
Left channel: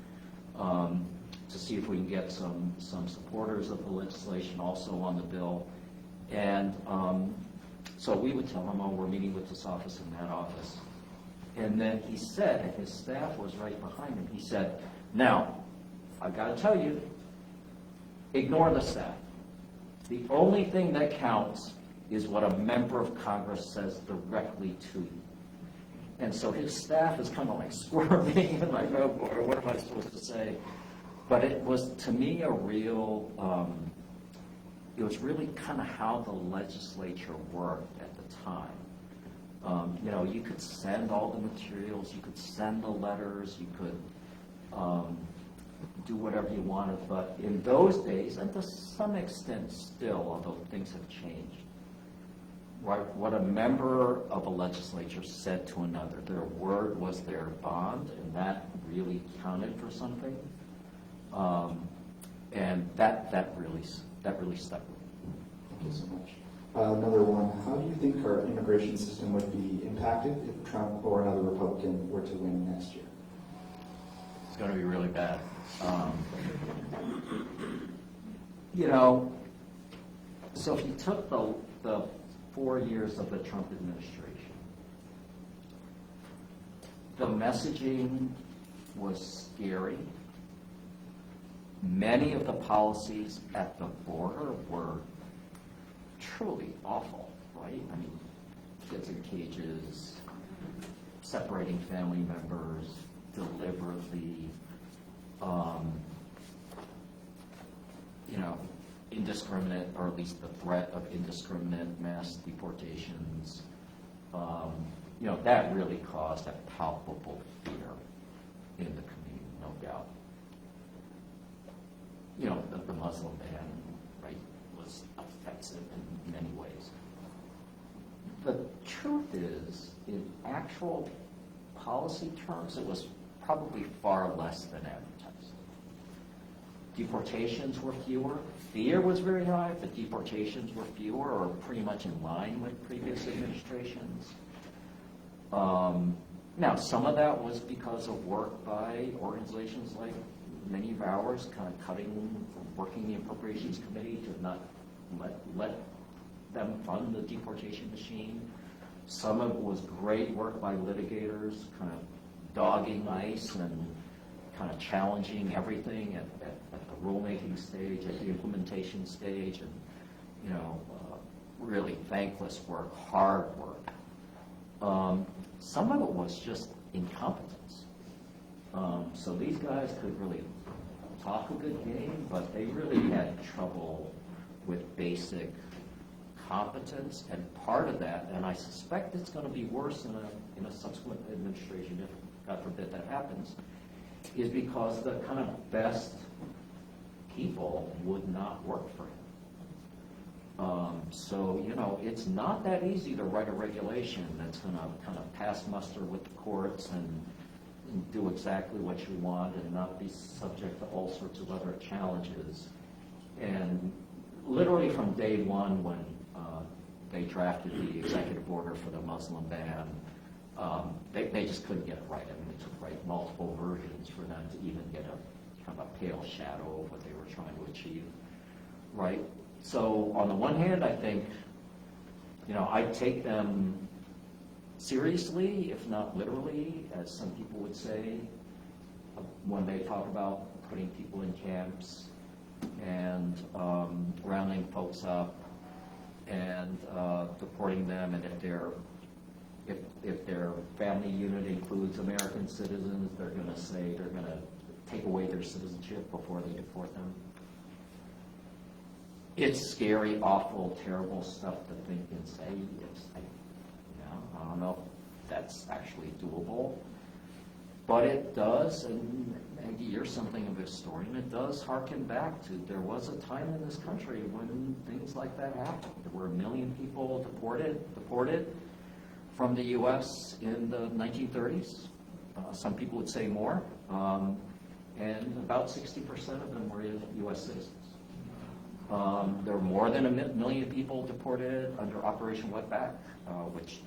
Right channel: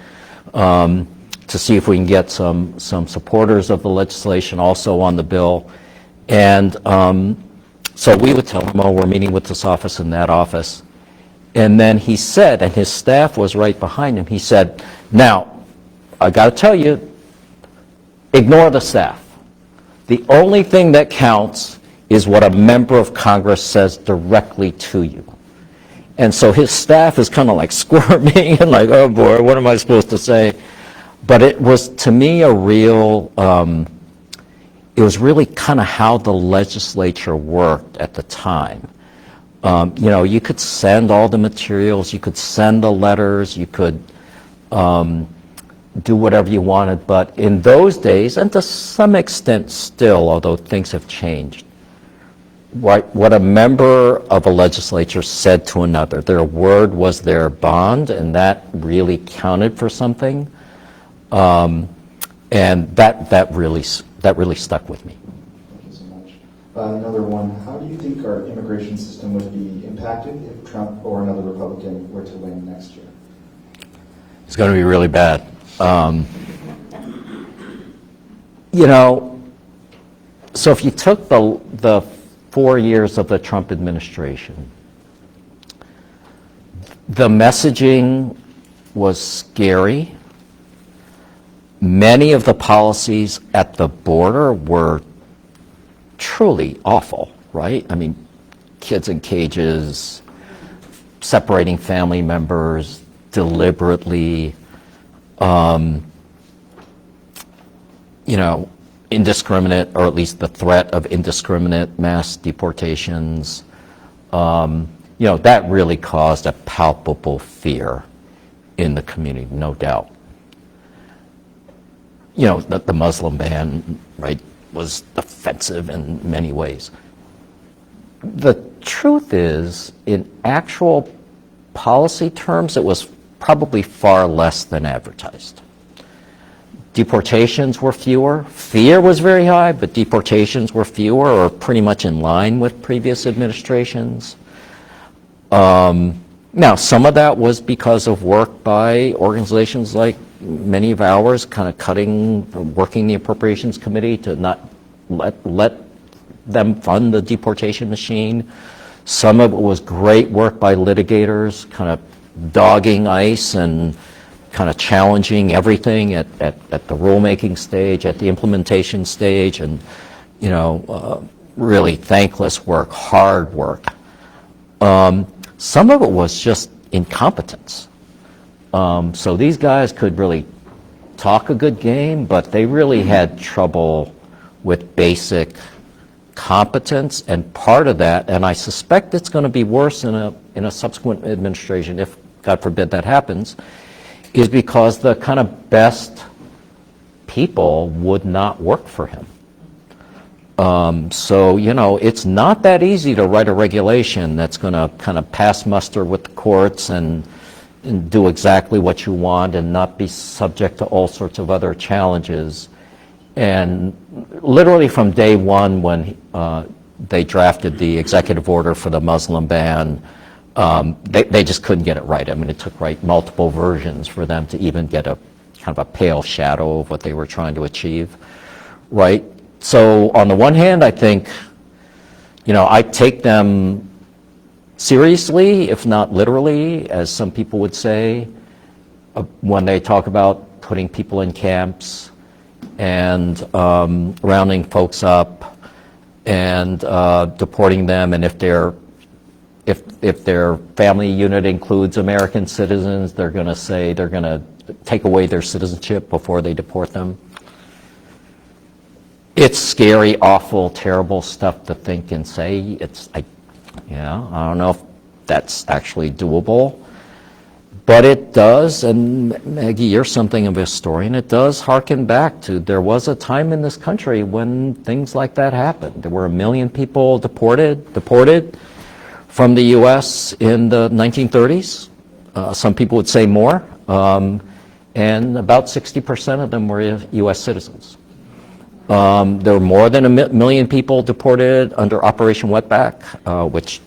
To see if we can get some supporters of the legislation also on the bill. And so we would tell him, oh, we're meeting with this office and that office. And then he said, and his staff was right behind him, he said, now, I got to tell you, ignore the staff. The only thing that counts is what a member of Congress says directly to you. And so his staff is kind of like squirming and like, oh boy, what am I supposed to say? But it was, to me, a real, it was really kind of how the legislature worked at the time. You could send all the materials, you could send the letters, you could do whatever you wanted, but in those days, and to some extent still, although things have changed, what a member of a legislature said to another, their word was their bond, and that really counted for something. And that really stuck with me. Thank you so much. Another one, how do you think our immigration system would be impacted if Trump or another Republican were to win next year? It's going to be really bad. So if you took the 4 years of the Trump administration, the messaging was scary. Many of the policies at the border were truly awful, right? I mean, kids in cages, separating family members deliberately, indiscriminate, or at least the threat of indiscriminate mass deportations. That really caused a palpable fear in the community, no doubt. The Muslim ban, right, was offensive in many ways. The truth is, in actual policy terms, it was probably far less than advertised. Deportations were fewer. Fear was very high, but deportations were fewer or pretty much in line with previous administrations. Now, some of that was because of work by organizations like many of ours, kind of working the Appropriations Committee to not let them fund the deportation machine. Some of it was great work by litigators, kind of dogging ICE and kind of challenging everything at the rulemaking stage, at the implementation stage, and, really thankless work, hard work. Some of it was just incompetence. So these guys could really talk a good game, but they really had trouble with basic competence, and part of that, and I suspect it's going to be worse in a subsequent administration, if God forbid that happens, is because the kind of best people would not work for him. So, it's not that easy to write a regulation that's going to kind of pass muster with the courts and do exactly what you want and not be subject to all sorts of other challenges. And literally from day one when they drafted the executive order for the Muslim ban, they just couldn't get it right. I mean, it took multiple versions for them to even get a kind of a pale shadow of what they were trying to achieve, right? So on the one hand, I think, I take them seriously, if not literally, as some people would say, when they talk about putting people in camps and rounding folks up and deporting them, and if their family unit includes American citizens, they're going to say they're going to take away their citizenship before they deport them. It's scary, awful, terrible stuff to think and say. I don't know if that's actually doable, but it does, and Maggie, you're something of a historian, it does harken back to, there was a time in this country when things like that happened. There were 1 million people deported from the U.S. in the 1930s. Some people would say more, and about 60% of them were U.S. citizens. There were more than 1 million people deported under Operation Wetback, which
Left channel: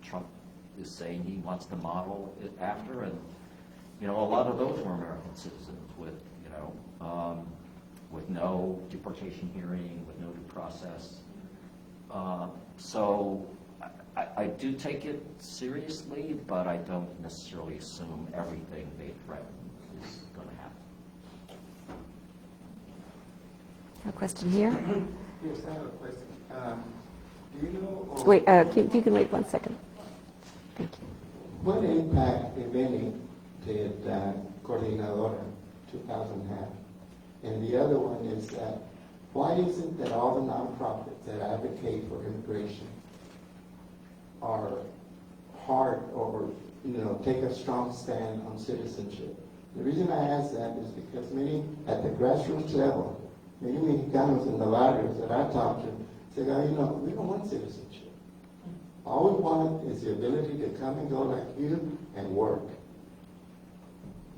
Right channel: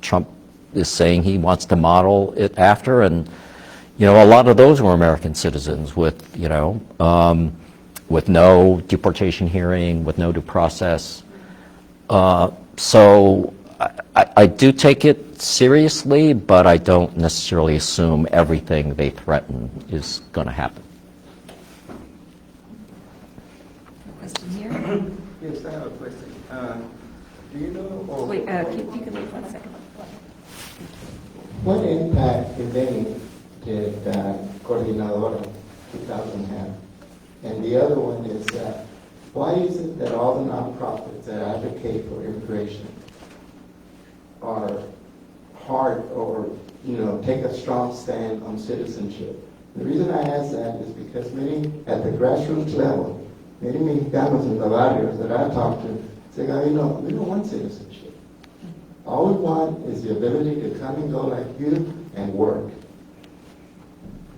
Trump is saying he wants to model it after, and a lot of those were American citizens with no deportation hearing, with no due process. So I do take it seriously, but I don't necessarily assume everything they threaten is going to happen. Question here? Yes, I have a question. Do you know? Wait, you can wait 1 second. What impact, if any, did Coordinadora 2000 have? And the other one is, why is it that all the nonprofits that advocate for immigration are hard or, take a strong stand on citizenship? The reason I ask that is because many, at the grassroots level, many Mexicanos in the barrios that I talk to say, we don't want citizenship. All we want is the ability to come and go like you and work.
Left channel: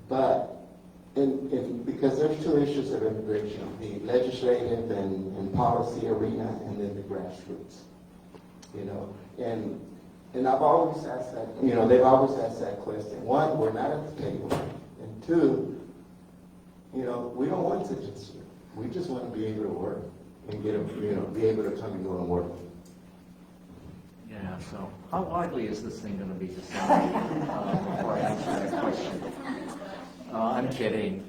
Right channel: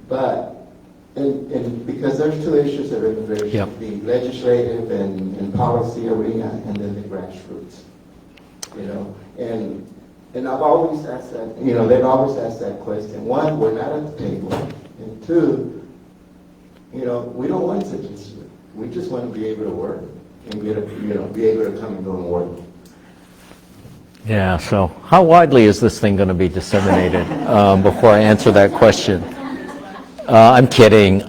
But, because there's two issues of immigration, Yep. the legislative and policy arena, and then the grassroots. And I've always asked that, they've always asked that question. One, we're not at the table. And two, we don't want citizenship. We just want to be able to work and be able to come and go and work. Yeah, so how widely is this thing going to be disseminated before I answer that question? I'm kidding.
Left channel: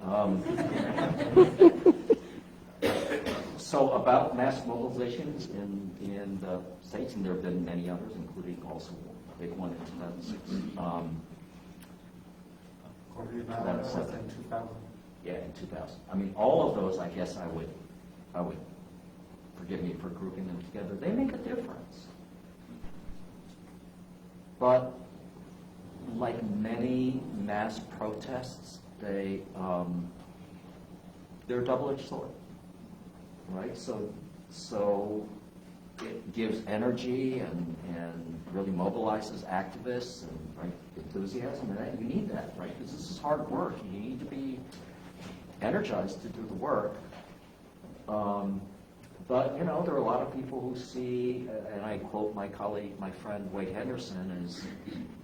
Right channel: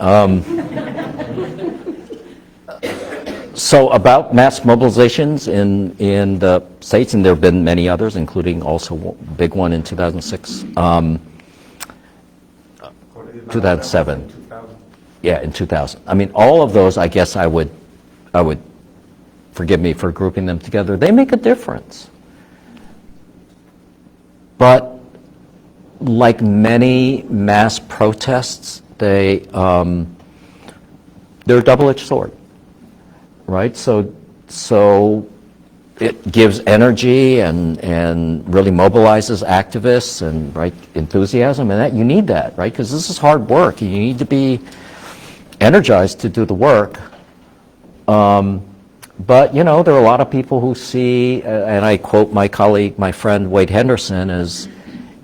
So about mass mobilizations in the states, and there have been many others, including also a big one in 2006, 2007. Yeah, in 2000. I mean, all of those, I guess I would, forgive me for grouping them together, they make a difference. But like many mass protests, they're a double-edged sword, right? So it gives energy and really mobilizes activists and enthusiasm, and that you need that, right? Because this is hard work. You need to be energized to do the work. But, you know, there are a lot of people who see, and I quote my colleague, my friend Wade Henderson, as,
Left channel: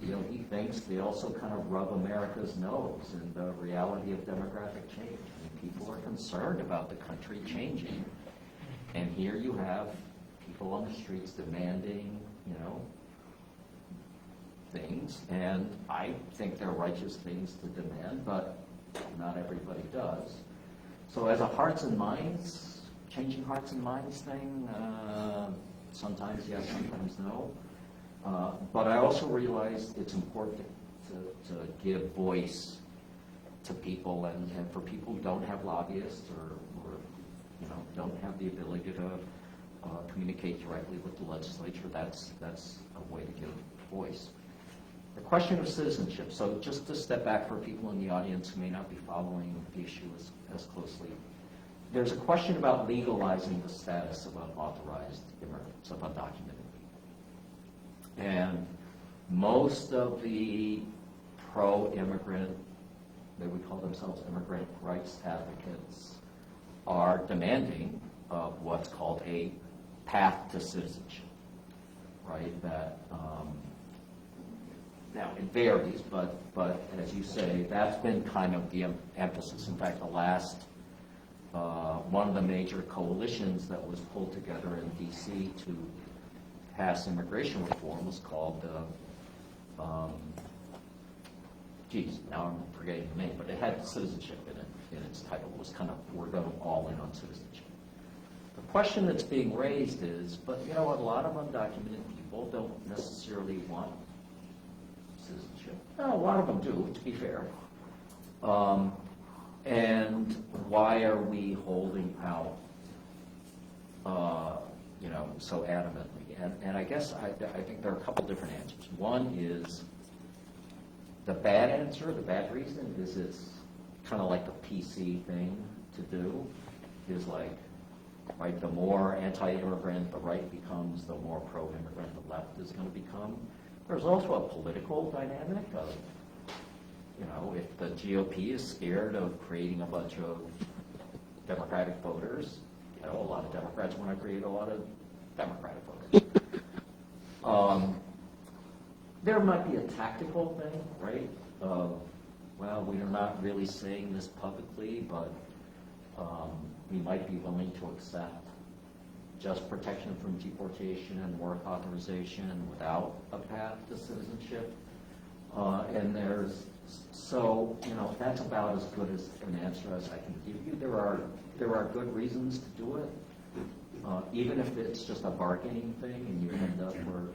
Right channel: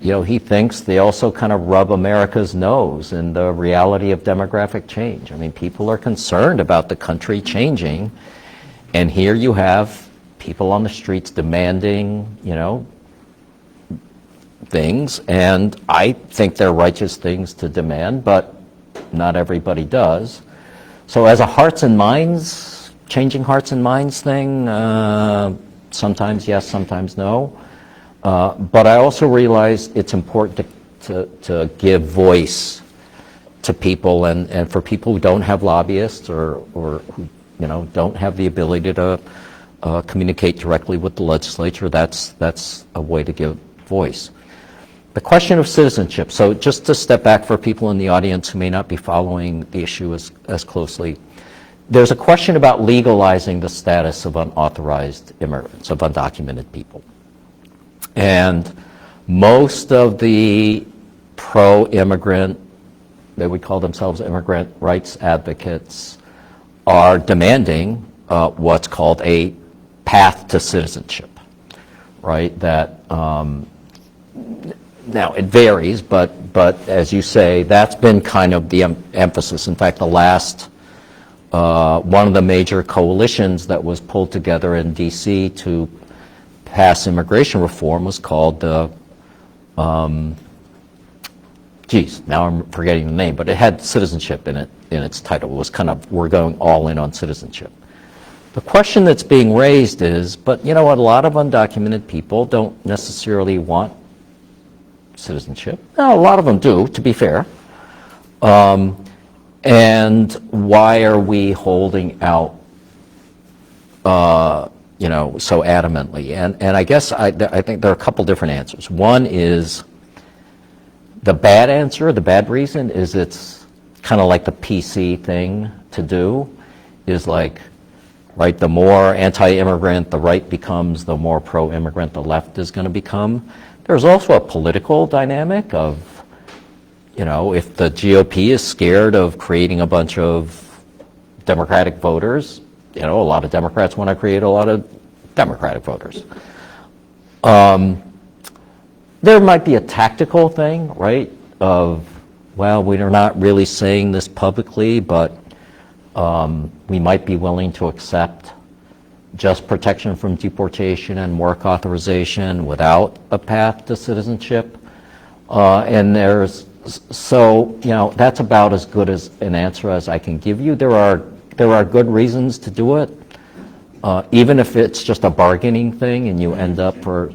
you know, he thinks they also kind of rub America's nose in the reality of demographic change. I mean, people are concerned about the country changing, and here you have people on the streets demanding, you know, things, and I think they're righteous things to demand, but not everybody does. So as a hearts and minds, changing hearts and minds thing, sometimes yes, sometimes no. But I also realize it's important to give voice to people, and for people who don't have lobbyists or who, you know, don't have the ability to communicate directly with the legislature, that's a way to give voice. The question of citizenship. So just to step back for people in the audience who may not be following the issue as closely, there's a question about legalizing the status of unauthorized immigrants, of undocumented people. And most of the pro-immigrant, they would call themselves immigrant rights advocates, are demanding what's called a path to citizenship, right? That now it varies, but as you say, that's been kind of the emphasis. In fact, the last one of the major coalitions that was pulled together in D.C. to pass immigration reform was called the, now I'm forgetting the name, but it had citizenship in it, in its title. It was kind of, we're going all in on citizenship. The question that's being raised is, but you know what, a lot of undocumented people don't necessarily want citizenship. Now, a lot of them do, to be fair. And why are we holding out, you know, so adamantly? And I guess I think there are a couple different answers. One is the bad answer, the bad reason is it's kind of like the PC thing to do, is like, right, the more anti-immigrant the right becomes, the more pro-immigrant the left is going to become. There's also a political dynamic of, you know, if the GOP is scared of creating a bunch of Democratic voters, you know, a lot of Democrats want to create a lot of Democratic voters. There might be a tactical thing, right, of, well, we're not really saying this publicly, but we might be willing to accept just protection from deportation and work authorization without a path to citizenship. And there's, so, you know, that's about as good as an answer as I can give you. There are good reasons to do it, even if it's just a bargaining thing and you end up for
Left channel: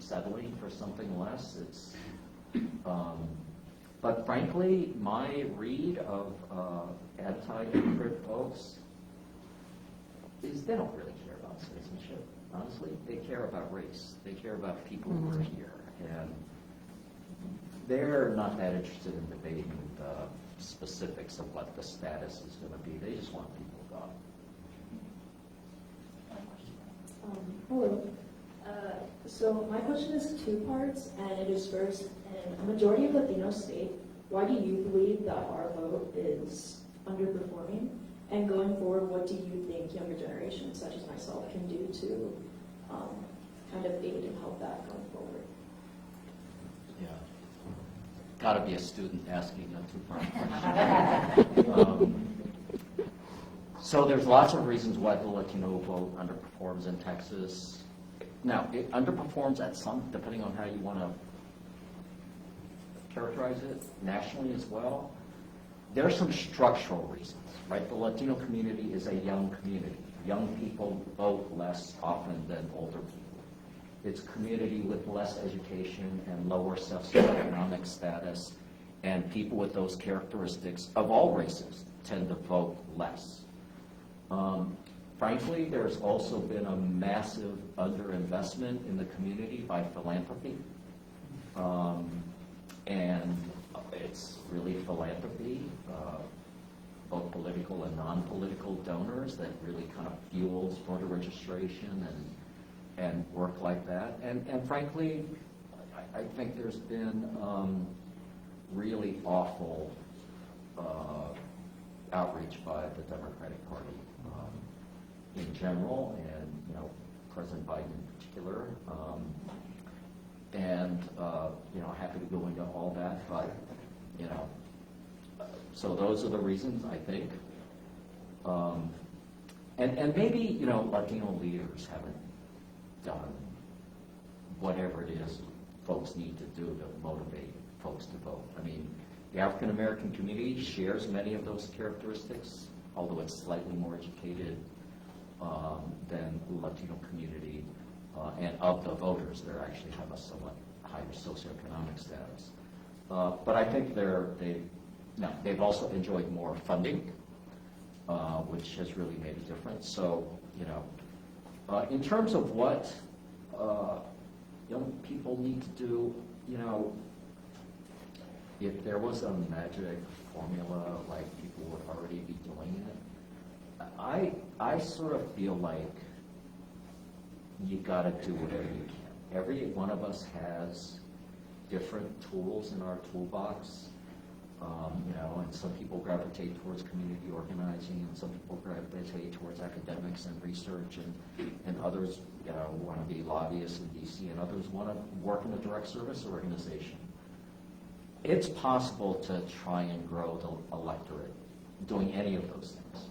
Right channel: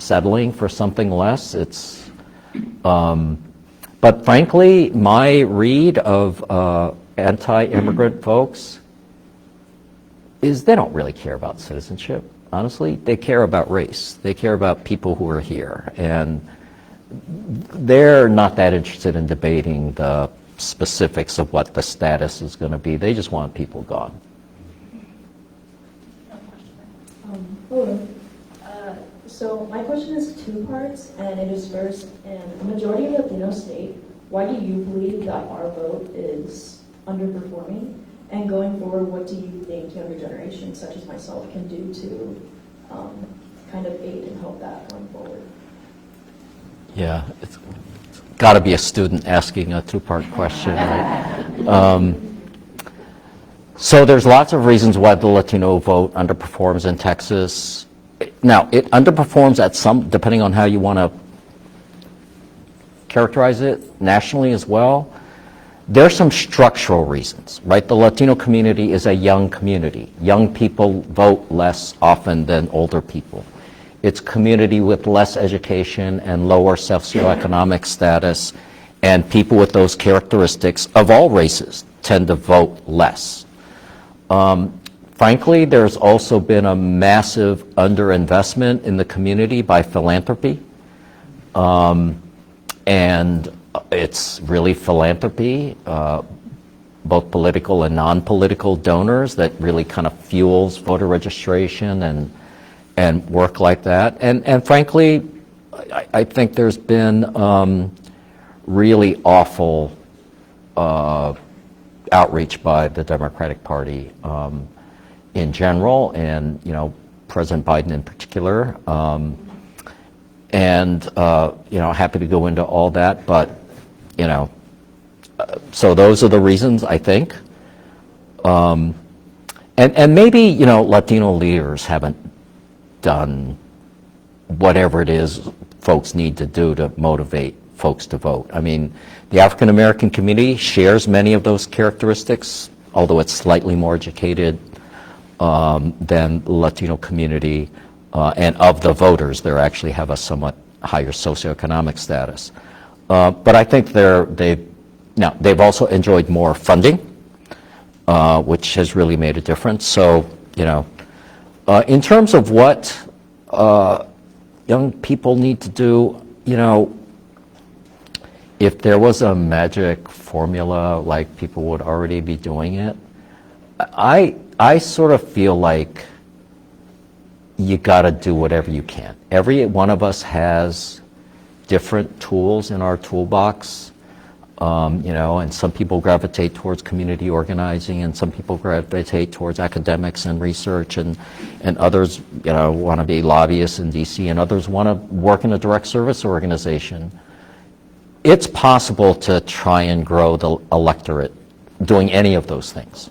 settling for something less. It's, but frankly, my read of anti-immigrant folks is they don't really care about citizenship, honestly. They care about race. They care about people who are here. And they're not that interested in debating the specifics of what the status is going to be. They just want people gone. Hello. So my question is two parts, and it is first, in a majority of Latino state, why do you believe that our vote is underperforming? And going forward, what do you think younger generations such as myself can do to kind of aid and help that going forward? Yeah, it's got to be a student asking a two-part question, right? So there's lots of reasons why the Latino vote underperforms in Texas. Now, it underperforms at some, depending on how you want to characterize it, nationally as well. There's some structural reasons, right? The Latino community is a young community. Young people vote less often than older people. It's a community with less education and lower socioeconomic status, and people with those characteristics of all races tend to vote less. Frankly, there's also been a massive underinvestment in the community by philanthropy. And it's really philanthropy, both political and non-political donors, that really kind of fuels voter registration and work like that. And frankly, I think there's been really awful outreach by the Democratic Party in general, and President Biden in particular. Happy to go into all that, but so those are the reasons, I think. And maybe Latino leaders haven't done whatever it is folks need to do to motivate folks to vote. I mean, the African American community shares many of those characteristics, although it's slightly more educated than the Latino community. And of the voters, they actually have a somewhat higher socioeconomic status. But I think they've also enjoyed more funding, which has really made a difference. So, in terms of what young people need to do, if there was a magic formula, like people would already be doing it, I sort of feel like you got to do whatever you can. Every one of us has different tools in our toolbox, and some people gravitate towards community organizing, and some people gravitate towards academics and research, and others, want to be lobbyists in DC, and others want to work in a direct service organization. It's possible to try and grow the electorate doing any of those things.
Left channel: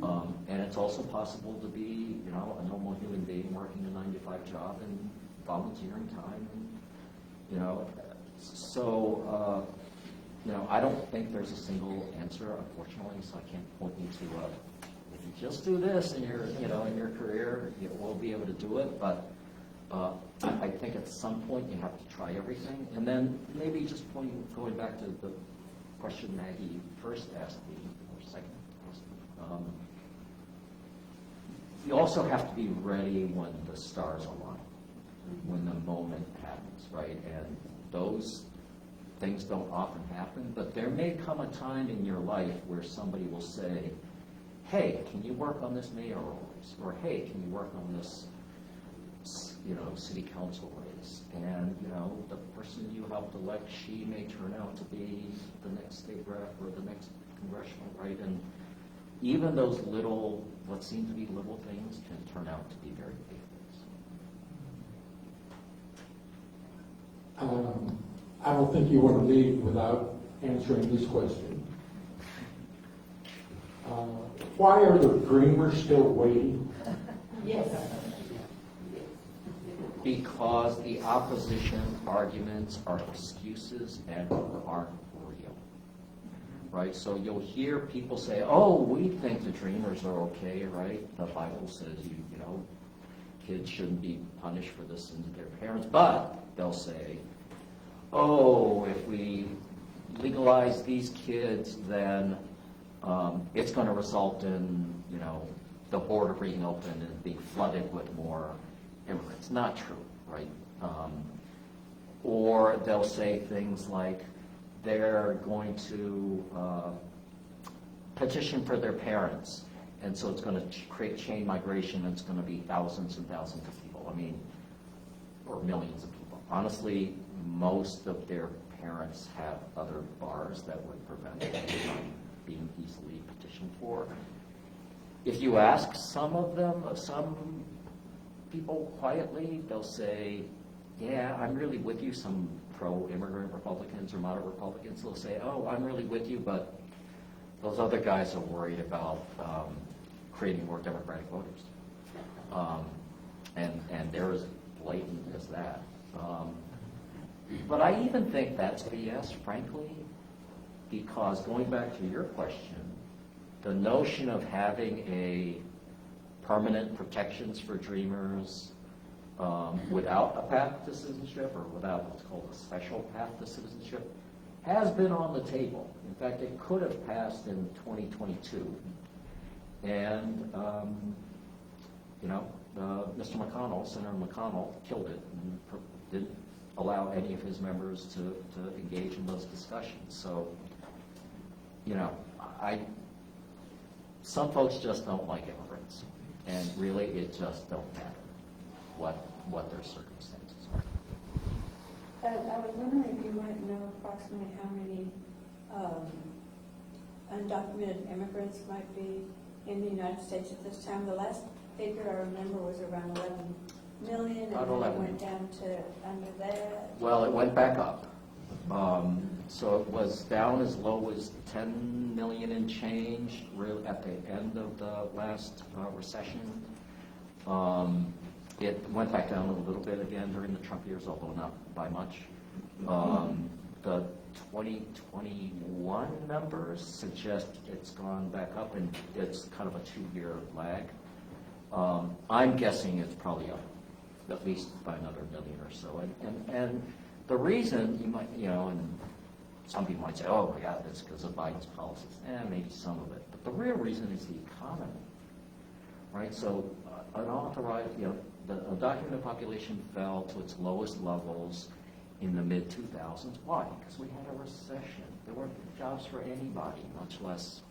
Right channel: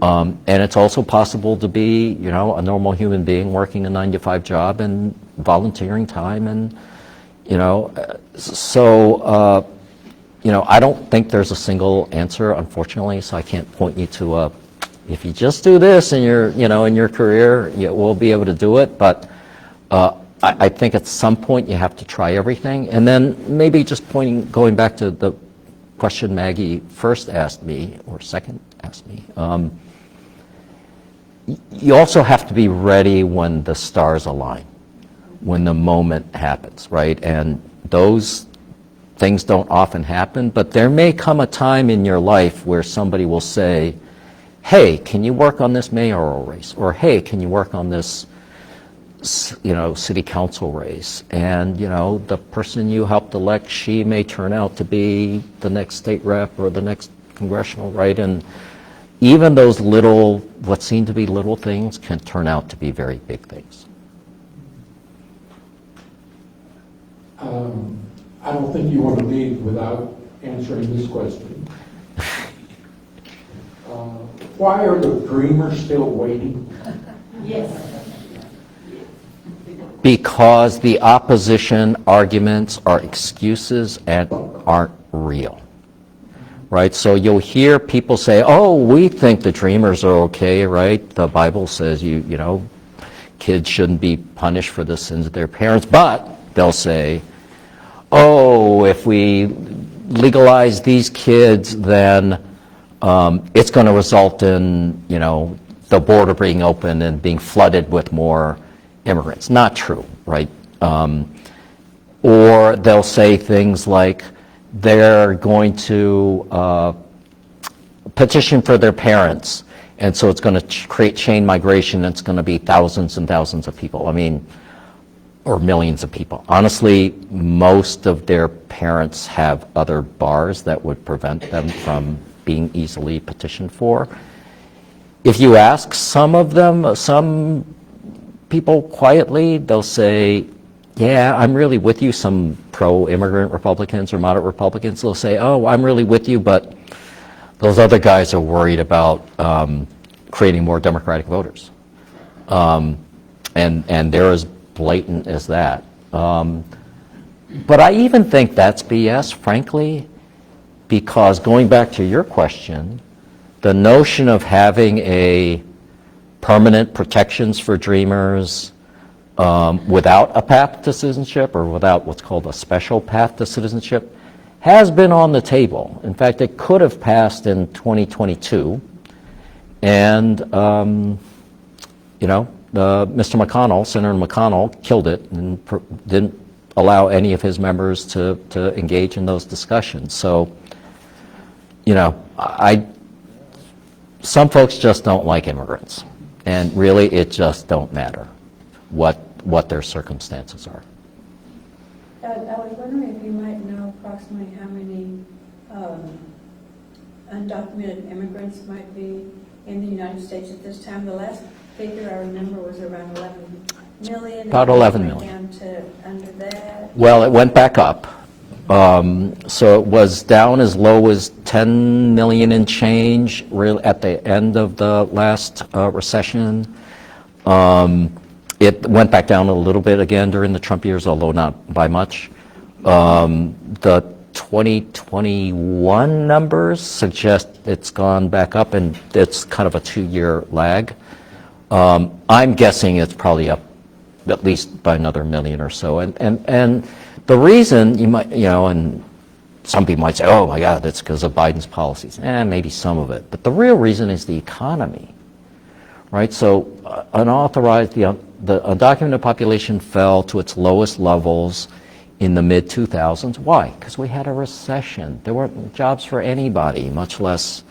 And it's also possible to be, a normal human being working a 9-to-5 job and volunteering time, and, I don't think there's a single answer, unfortunately, so I can't point you to if you just do this in your, in your career, you will be able to do it, but I think at some point you have to try everything. And then maybe just going back to the question Maggie first asked me, or second asked me, you also have to be ready when the stars align, when the moment happens, right? And those things don't often happen, but there may come a time in your life where somebody will say, hey, can you work on this mayoral race? Or hey, can you work on this city council race? And the person you helped elect, she may turn out to be the next state rep or the next congressional, right? And even those what seem to be little things can turn out to be very big things. I don't think you want to leave without answering this question. Why are the dreamers still waiting? Yes. Because the opposition arguments are excuses and aren't real, right? So you'll hear people say, oh, we think the dreamers are okay, right? The Bible says, kids shouldn't be punished for the sins of their parents, but they'll say, oh, if we legalize these kids, then it's going to result in, the border being open and being flooded with more immigrants. Not true, right? Or they'll say things like they're going to petition for their parents, and so it's going to create chain migration. It's going to be thousands and thousands of people. Or millions of people. Honestly, most of their parents have other bars that would prevent them from being easily petitioned for. If you ask some people quietly, they'll say, yeah, I'm really with you. Some pro-immigrant Republicans or moderate Republicans, they'll say, oh, I'm really with you, but those other guys are worried about creating more Democratic voters. And they're as blatant as that. But I even think that's BS, frankly, because going back to your question, the notion of having a permanent protections for dreamers without a path to citizenship, or without what's called a special path to citizenship, has been on the table. In fact, it could have passed in 2022, and Mr. McConnell, Senator McConnell, killed it and didn't allow any of his members to engage in those discussions. So, some folks just don't like immigrants, and really it just don't matter what their circumstances are. I was wondering if you might know approximately how many undocumented immigrants might be in the United States at this time. The last figure I remember was around 11 million. About 11 It went million. down to under that. Well, it went back up. So it was down as low as 10 million and change at the end of the last recession. It went back down a little bit again during the Trump years, although not by much. The 2021 numbers suggest it's gone back up, and it's kind of a 2-year lag. I'm guessing it's probably up at least by another million or so. And the reason you might, and some people might say, oh my God, that's because of Biden's policies. Maybe some of it. But the real reason is the economy, right? So unauthorized, the undocumented population fell to its lowest levels in the mid-2000s. Why? Because we had a recession. There weren't jobs for anybody, much less,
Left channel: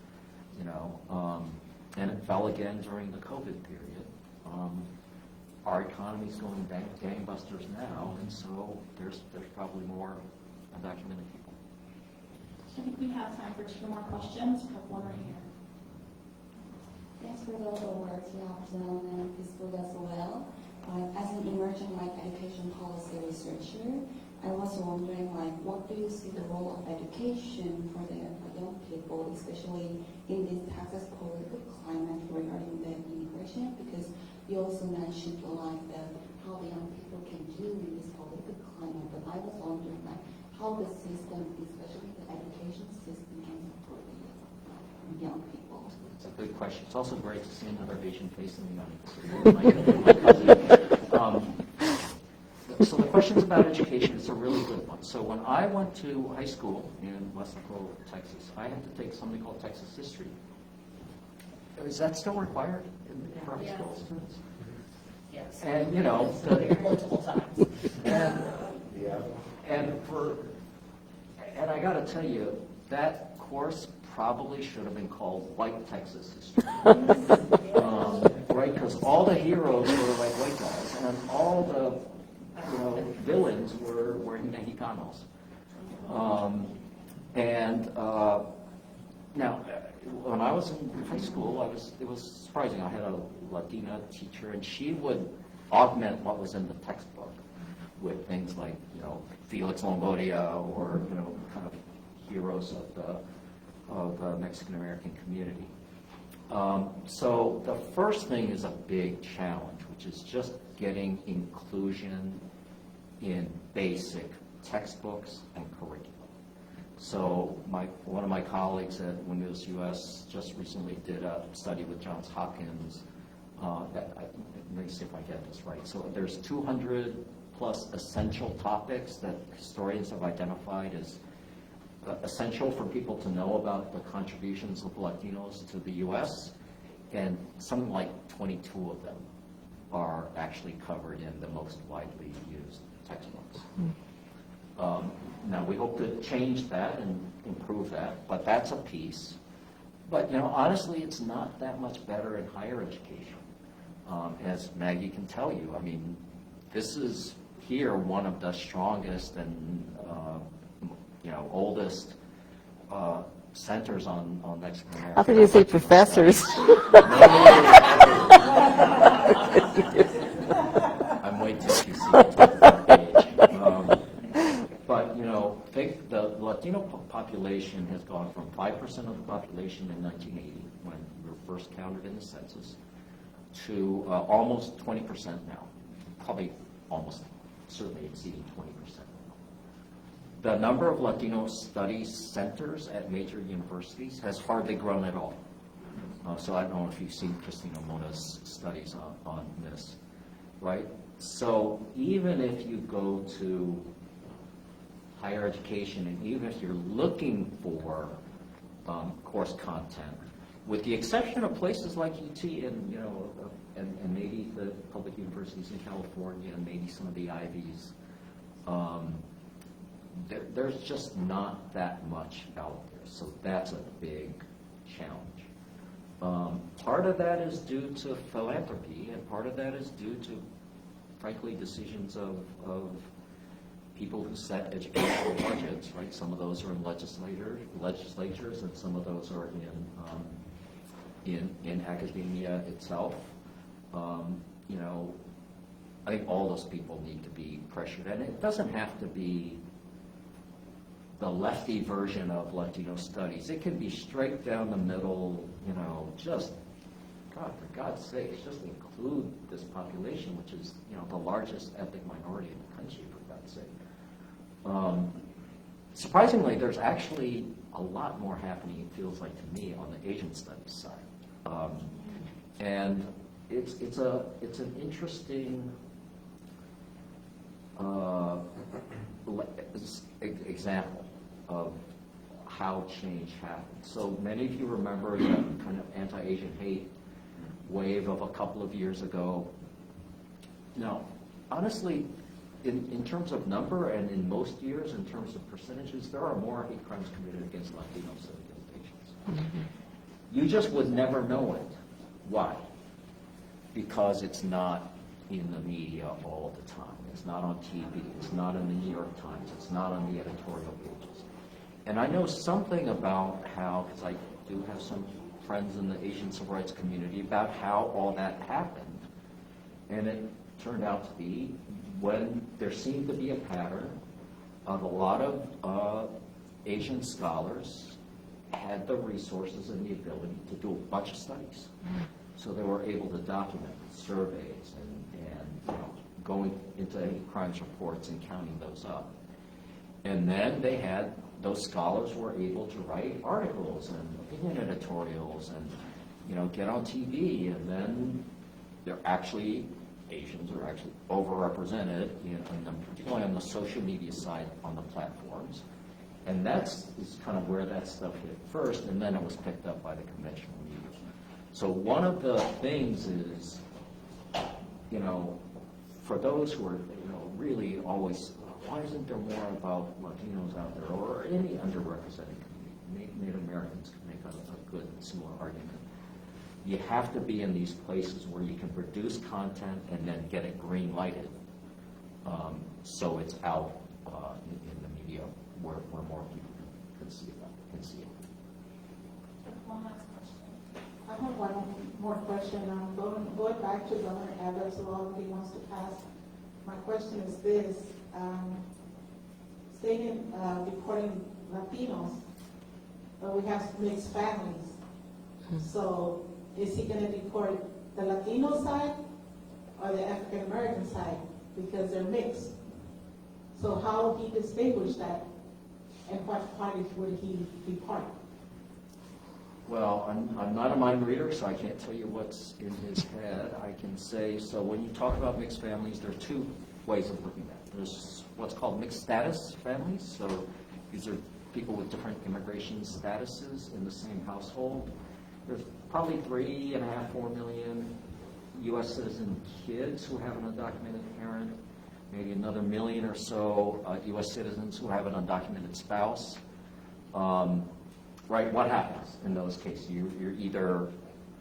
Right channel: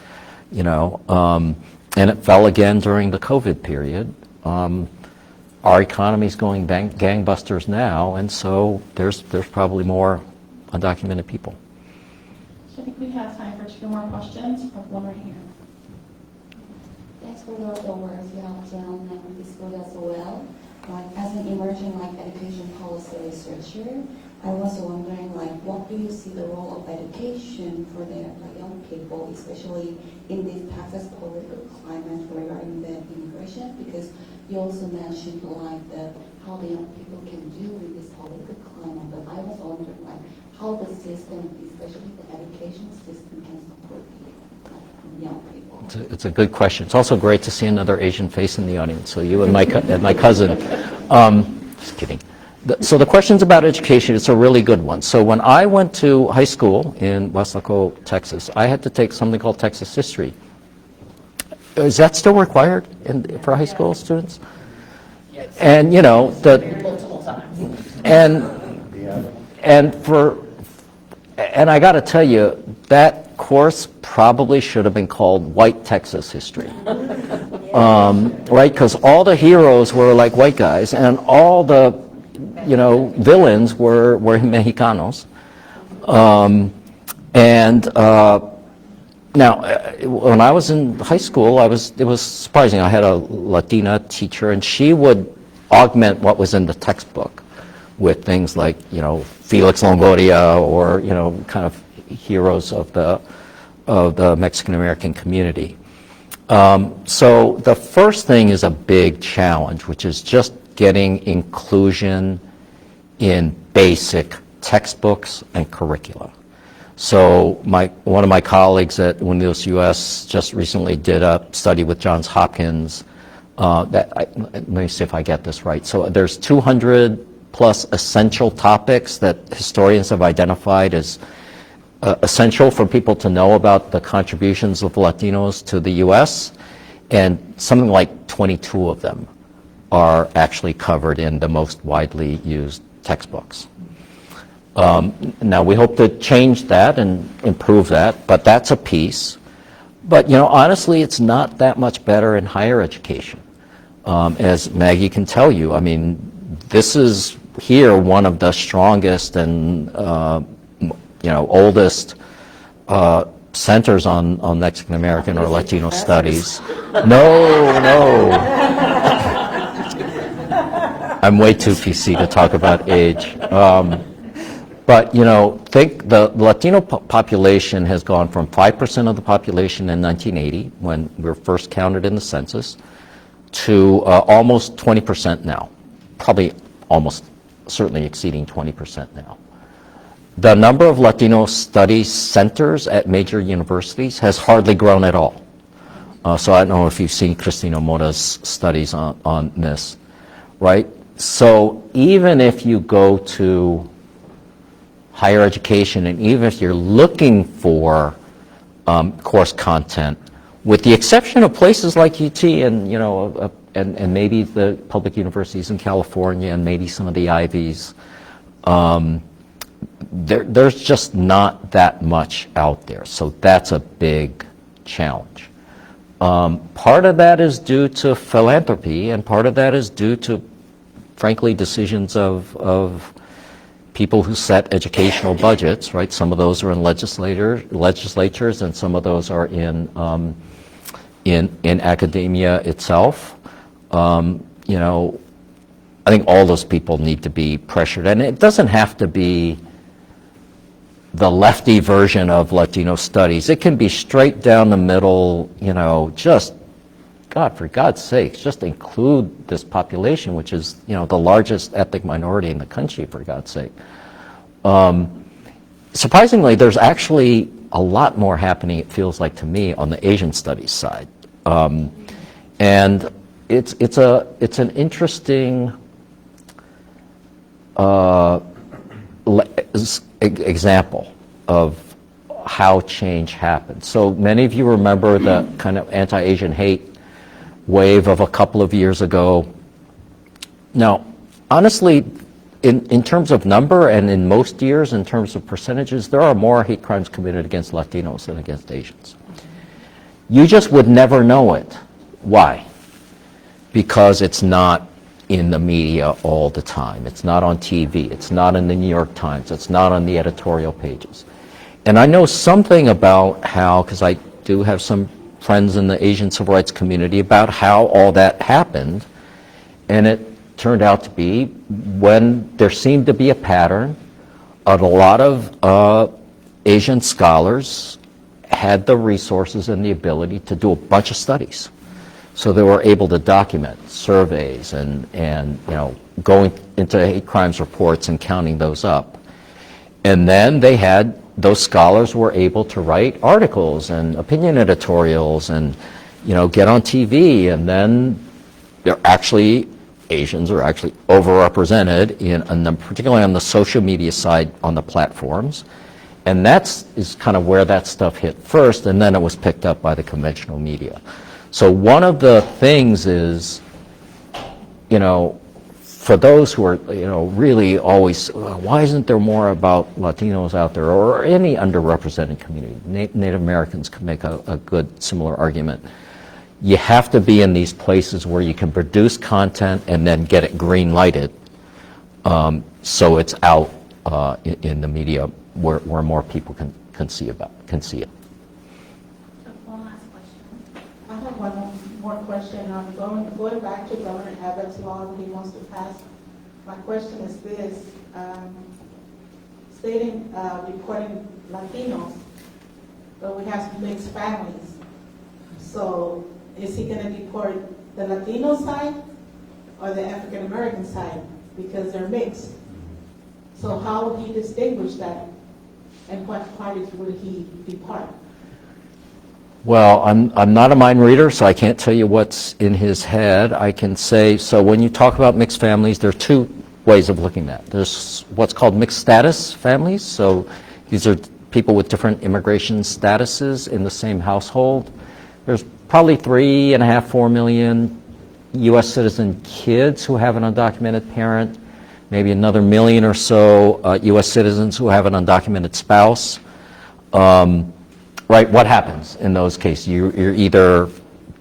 and it fell again during the COVID period. Our economy's going gangbusters now, and so there's probably more undocumented people. So I think we have time for 2 more questions. One right here. Thanks for the words you have done and discussed as well. As an emerging education policy researcher, I was wondering what do you see the role of education for the young people, especially in this Texas political climate regarding the immigration? Because you also mentioned how the young people can do in this political climate, but I was wondering how the system, especially the education system, can support young people. It's a good question. It's also great to see another Asian face in the audience. So you and my cousin. Just kidding. So the questions about education, it's a really good one. So when I went to high school in Wasaco, Texas, I had to take something called Texas history. Is that still required for high school students? And and I got to tell you, that course probably should have been called White Texas History, right? Because all the heroes were like white guys, and all the villains were Mexicanos. Now, when I was in high school, it was surprising. I had a Latina teacher, and she would augment what was in the textbook with things like, Felix Longoria or, kind of heroes of the Mexican American community. So the first thing is a big challenge, which is just getting inclusion in basic textbooks and curricula. So one of my colleagues at Windows US just recently did a study with Johns Hopkins. Let me see if I get this right. So there's 200 plus essential topics that historians have identified as essential for people to know about the contributions of Latinos to the US, and something like 22 of them are actually covered in the most widely used textbooks. Now we hope to change that and improve that, but that's a piece. But honestly, it's not that much better in higher education. As Maggie can tell you, I mean, this is here one of the strongest and oldest centers on Mexican American or Latino studies. No. I'm way too PC to talk about age. But, think the Latino population has gone from 5% of the population in 1980, when we were first counted in the census, to almost 20% now. Probably almost certainly exceeding 20% now. The number of Latino studies centers at major universities has hardly grown at all. So I don't know if you've seen Cristina Mora's studies on this, right? So even if you go to higher education, and even if you're looking for course content, with the exception of places like UT and and maybe the public universities in California and maybe some of the Ivies, there's just not that much out there. So that's a big challenge. Part of that is due to philanthropy, and part of that is due to, frankly, decisions of people who set educational budgets, right? Some of those are in legislatures, and some of those are in academia itself. You know, I think all those people need to be pressured, and it doesn't have to be the lefty version of Latino studies. It can be straight down the middle, you know, just, God, for God's sakes, just include this population, which is, you know, the largest ethnic minority in the country, for God's sake. Surprisingly, there's actually a lot more happening, it feels like to me, on the Asian studies side. And it's an interesting example of how change happens. So many of you remember the kind of anti-Asian hate wave of a couple of years ago. Now, honestly, in terms of number and in most years, in terms of percentages, there are more hate crimes committed against Latinos than against Asians. You just would never know it. Why? Because it's not in the media all the time. It's not on TV. It's not in the New York Times. It's not on the editorial pages. And I know something about how, because I do have some friends in the Asian civil rights community, about how all that happened. And it turned out to be when there seemed to be a pattern of a lot of Asian scholars had the resources and the ability to do a bunch of studies. So they were able to document surveys and you know, going into hate crimes reports and counting those up. And then they had, those scholars were able to write articles and opinion editorials and, you know, get on TV. And then they're actually, Asians are actually overrepresented particularly on the social media side on the platforms. And is kind of where that stuff hit first, and then it was picked up by the conventional media. So one of the things is, you know, for those who are, you know, really always, why isn't there more about Latinos out there, or any underrepresented community? Native Americans can make a good similar argument. You have to be in these places where you can produce content and then get it green lighted, so it's out in the media where more people can see it. I have one more question. Going back to Governor Abbott's law that he wants to pass, my question is this. Stating reporting Latinos, but we have mixed families. So is he going to deport the Latino side or the African American side? Because they're mixed. So how will he distinguish that? And what parties will he depart? Well, I'm not a mind reader, so I can't tell you what's in his head. I can say, so when you talk about mixed families, there are two ways of looking at it. There's what's called mixed status families. So these are people with different immigration statuses in the same household. There's probably 3.5, 4 million U.S. citizen kids who have an undocumented parent, maybe another million or so U.S. citizens who have an undocumented spouse. Right, what happens in those cases? You're either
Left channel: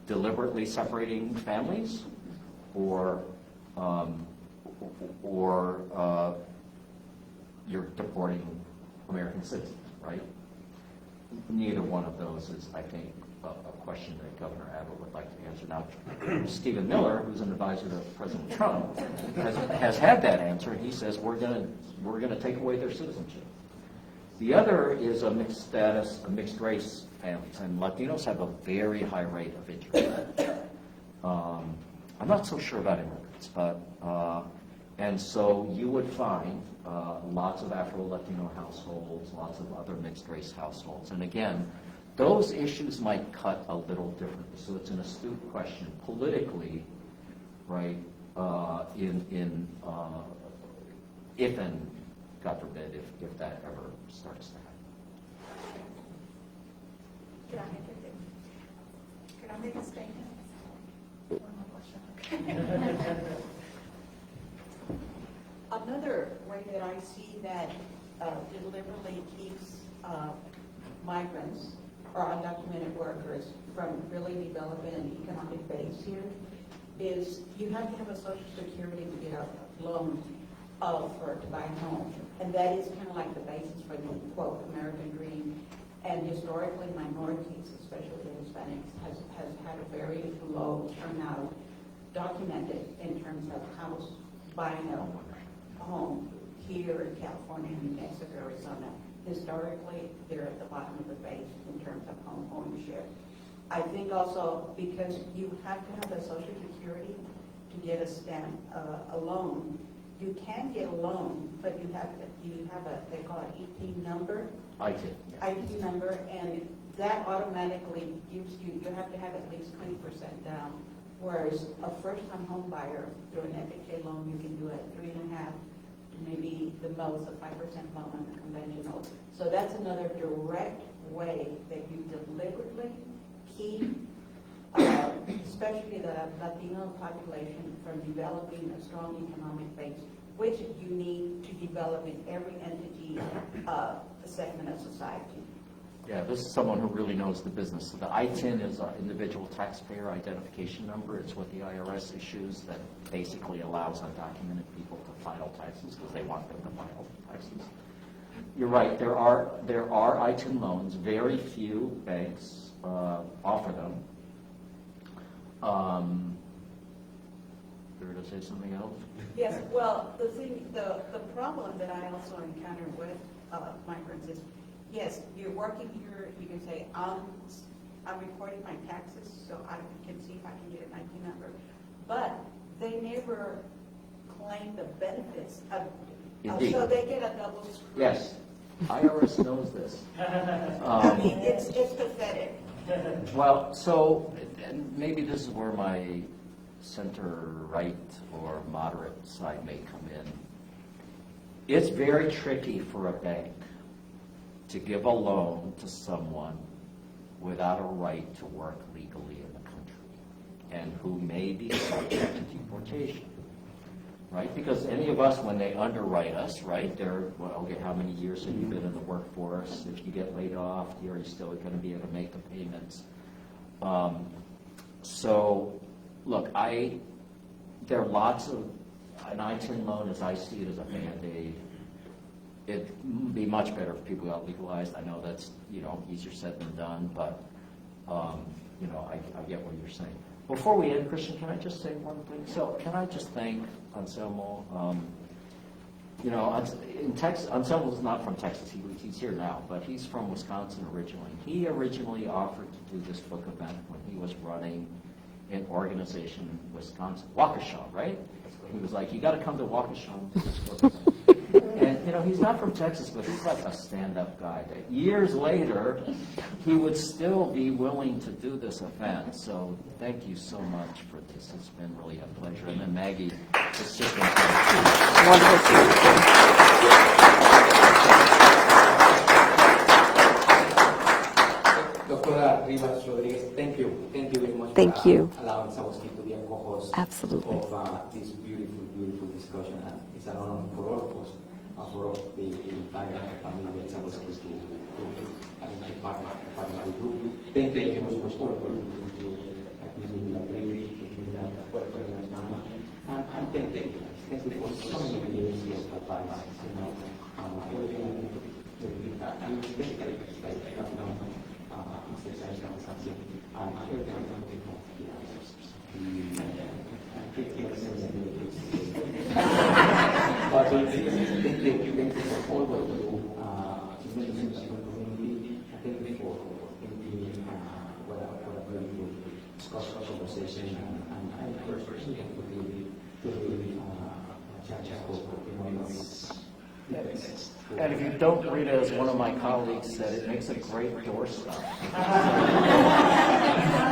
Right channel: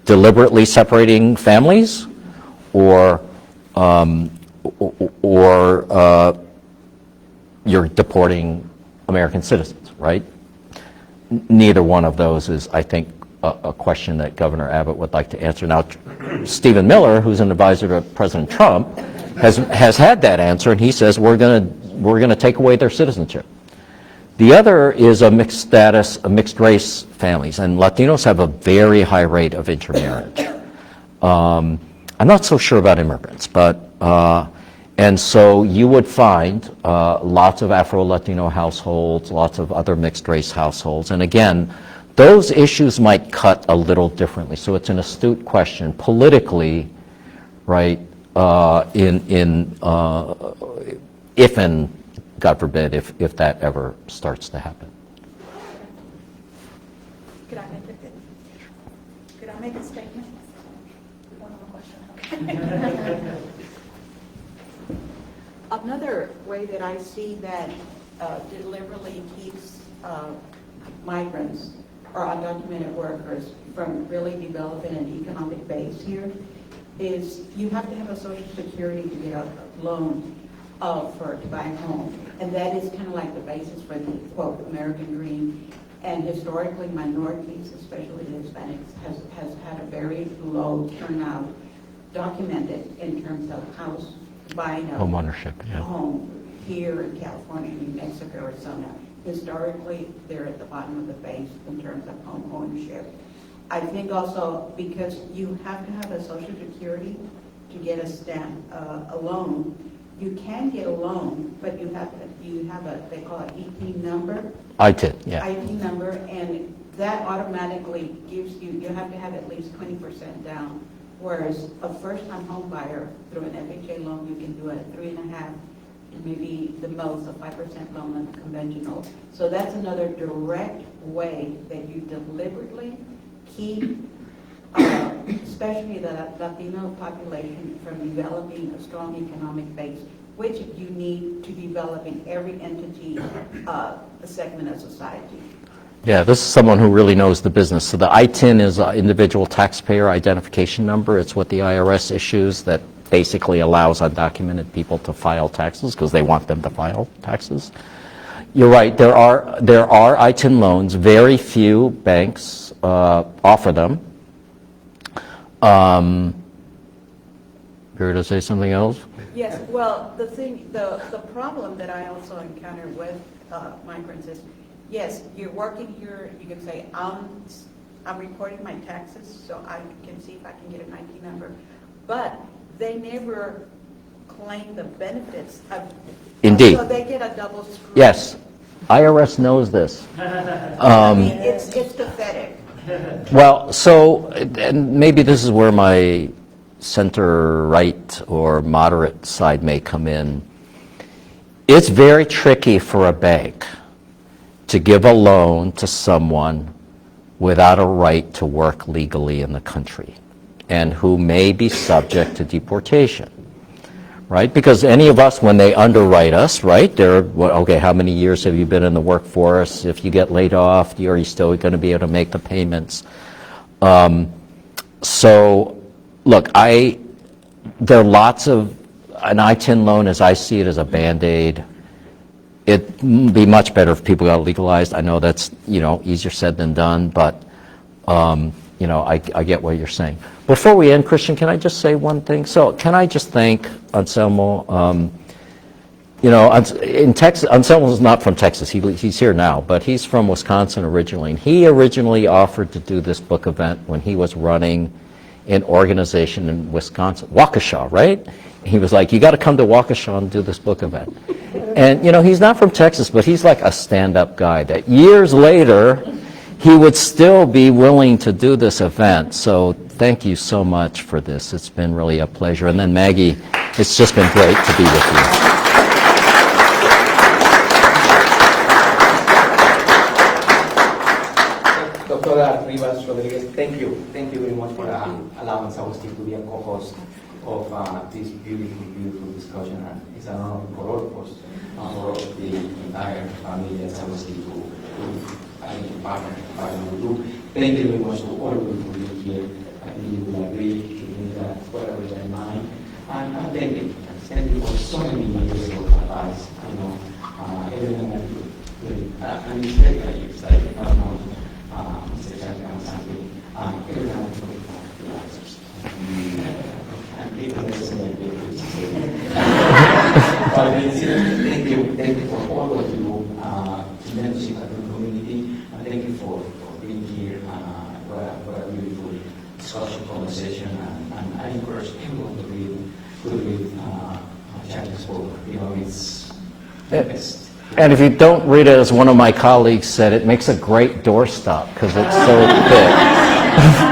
deliberately separating families, or you're deporting American citizens, right? Neither one of those is, I think, a question that Governor Abbott would like to answer. Now, Stephen Miller, who's an advisor to President Trump, has had that answer, and he says we're going to take away their citizenship. The other is a mixed status, a mixed race families, and Latinos have a very high rate of intermarriage. I'm not so sure about immigrants, but and so you would find lots of Afro-Latino households, lots of other mixed race households, and again, those issues might cut a little differently. So it's an astute question politically, right? If and God forbid, if that ever starts to happen. Could I make a statement? One more question. Another way that I see that deliberately keeps migrants or undocumented workers from really developing an economic base here is you have to have a Social Security to get a loan. to buy a home. And that is kind of like the basis for the, quote, American dream. And historically, minorities, especially the Hispanics, has had a very low turnout documented in terms of buying a Home ownership, yeah. home here in California, New Mexico, Arizona. Historically, they're at the bottom of the base in terms of home ownership. I think also because you have to have a Social Security to get a loan. You can get a loan, but you have a they call it ET number. ITIN, yeah. IT number, and that automatically gives you have to have at least 20% down. Whereas a first-time home buyer through an FHA loan, you can do it at 3.5%, and maybe the most a 5% loan on the conventional. So that's another direct way that you deliberately keep, especially the Latino population, from developing a strong economic base, which you need to develop in every entity, segment of society. Yeah, this is someone who really knows the business. So the ITIN is an individual taxpayer identification number. It's what the IRS issues that basically allows undocumented people to file taxes because they want them to file taxes. You're right, there are ITIN loans. Very few banks offer them. Here to say something else? Yes, well, the problem that I also encounter with migrants is, yes, you're working here, you can say, I'm reporting my taxes, so I can see if I can get an IT number, but they never claim the benefits of. Indeed. So they get a double screw. Yes, IRS knows this. I mean, it's pathetic. Well, so, and maybe this is where my center-right or moderate side may come in. It's very tricky for a bank to give a loan to someone without a right to work legally in the country and who may be subject to deportation, right? Because any of us, when they underwrite us, right, they're, well, okay, how many years have you been in the workforce? If you get laid off, are you still going to be able to make the payments? So, look, there are lots of, an ITIN loan, as I see it, as a Band-Aid. It'd be much better if people got legalized. I know that's, easier said than done, but, I get what you're saying. Before we end, Christian, can I just say one thing? So can I just thank Anselmo? In Texas, Anselmo's not from Texas. He's here now, but he's from Wisconsin originally. And he originally offered to do this book event when he was running an organization in Wisconsin, Waukesha, right? He was like, you got to come to Waukesha and do this book event. And, he's not from Texas, but he's like a stand-up guy that years later, he would still be willing to do this event. So thank you so much for this. It's been really a pleasure. And then Maggie, it's just been great to be with you. Dr. Rivas Rodriguez, thank you very much for allowing Agustin to be a co-host of this beautiful discussion. And it's an honor for all of us, for the entire family and Agustin to partner with. Thank you very much for all of you here. I think you will agree with that whatever is in mind. And thank you for so many years of advice. I know everything and it's very exciting. I don't know. Mr. Charles Kamasaki, everyone for the answers. And people listen to thank you for all what you do, membership of the community, and thank you for being here for a beautiful discussion, conversation, and I encourage everyone to read Charles Kamasaki. It's best. And if you don't read it, as one of my colleagues said, it makes a great doorstop because it's so big.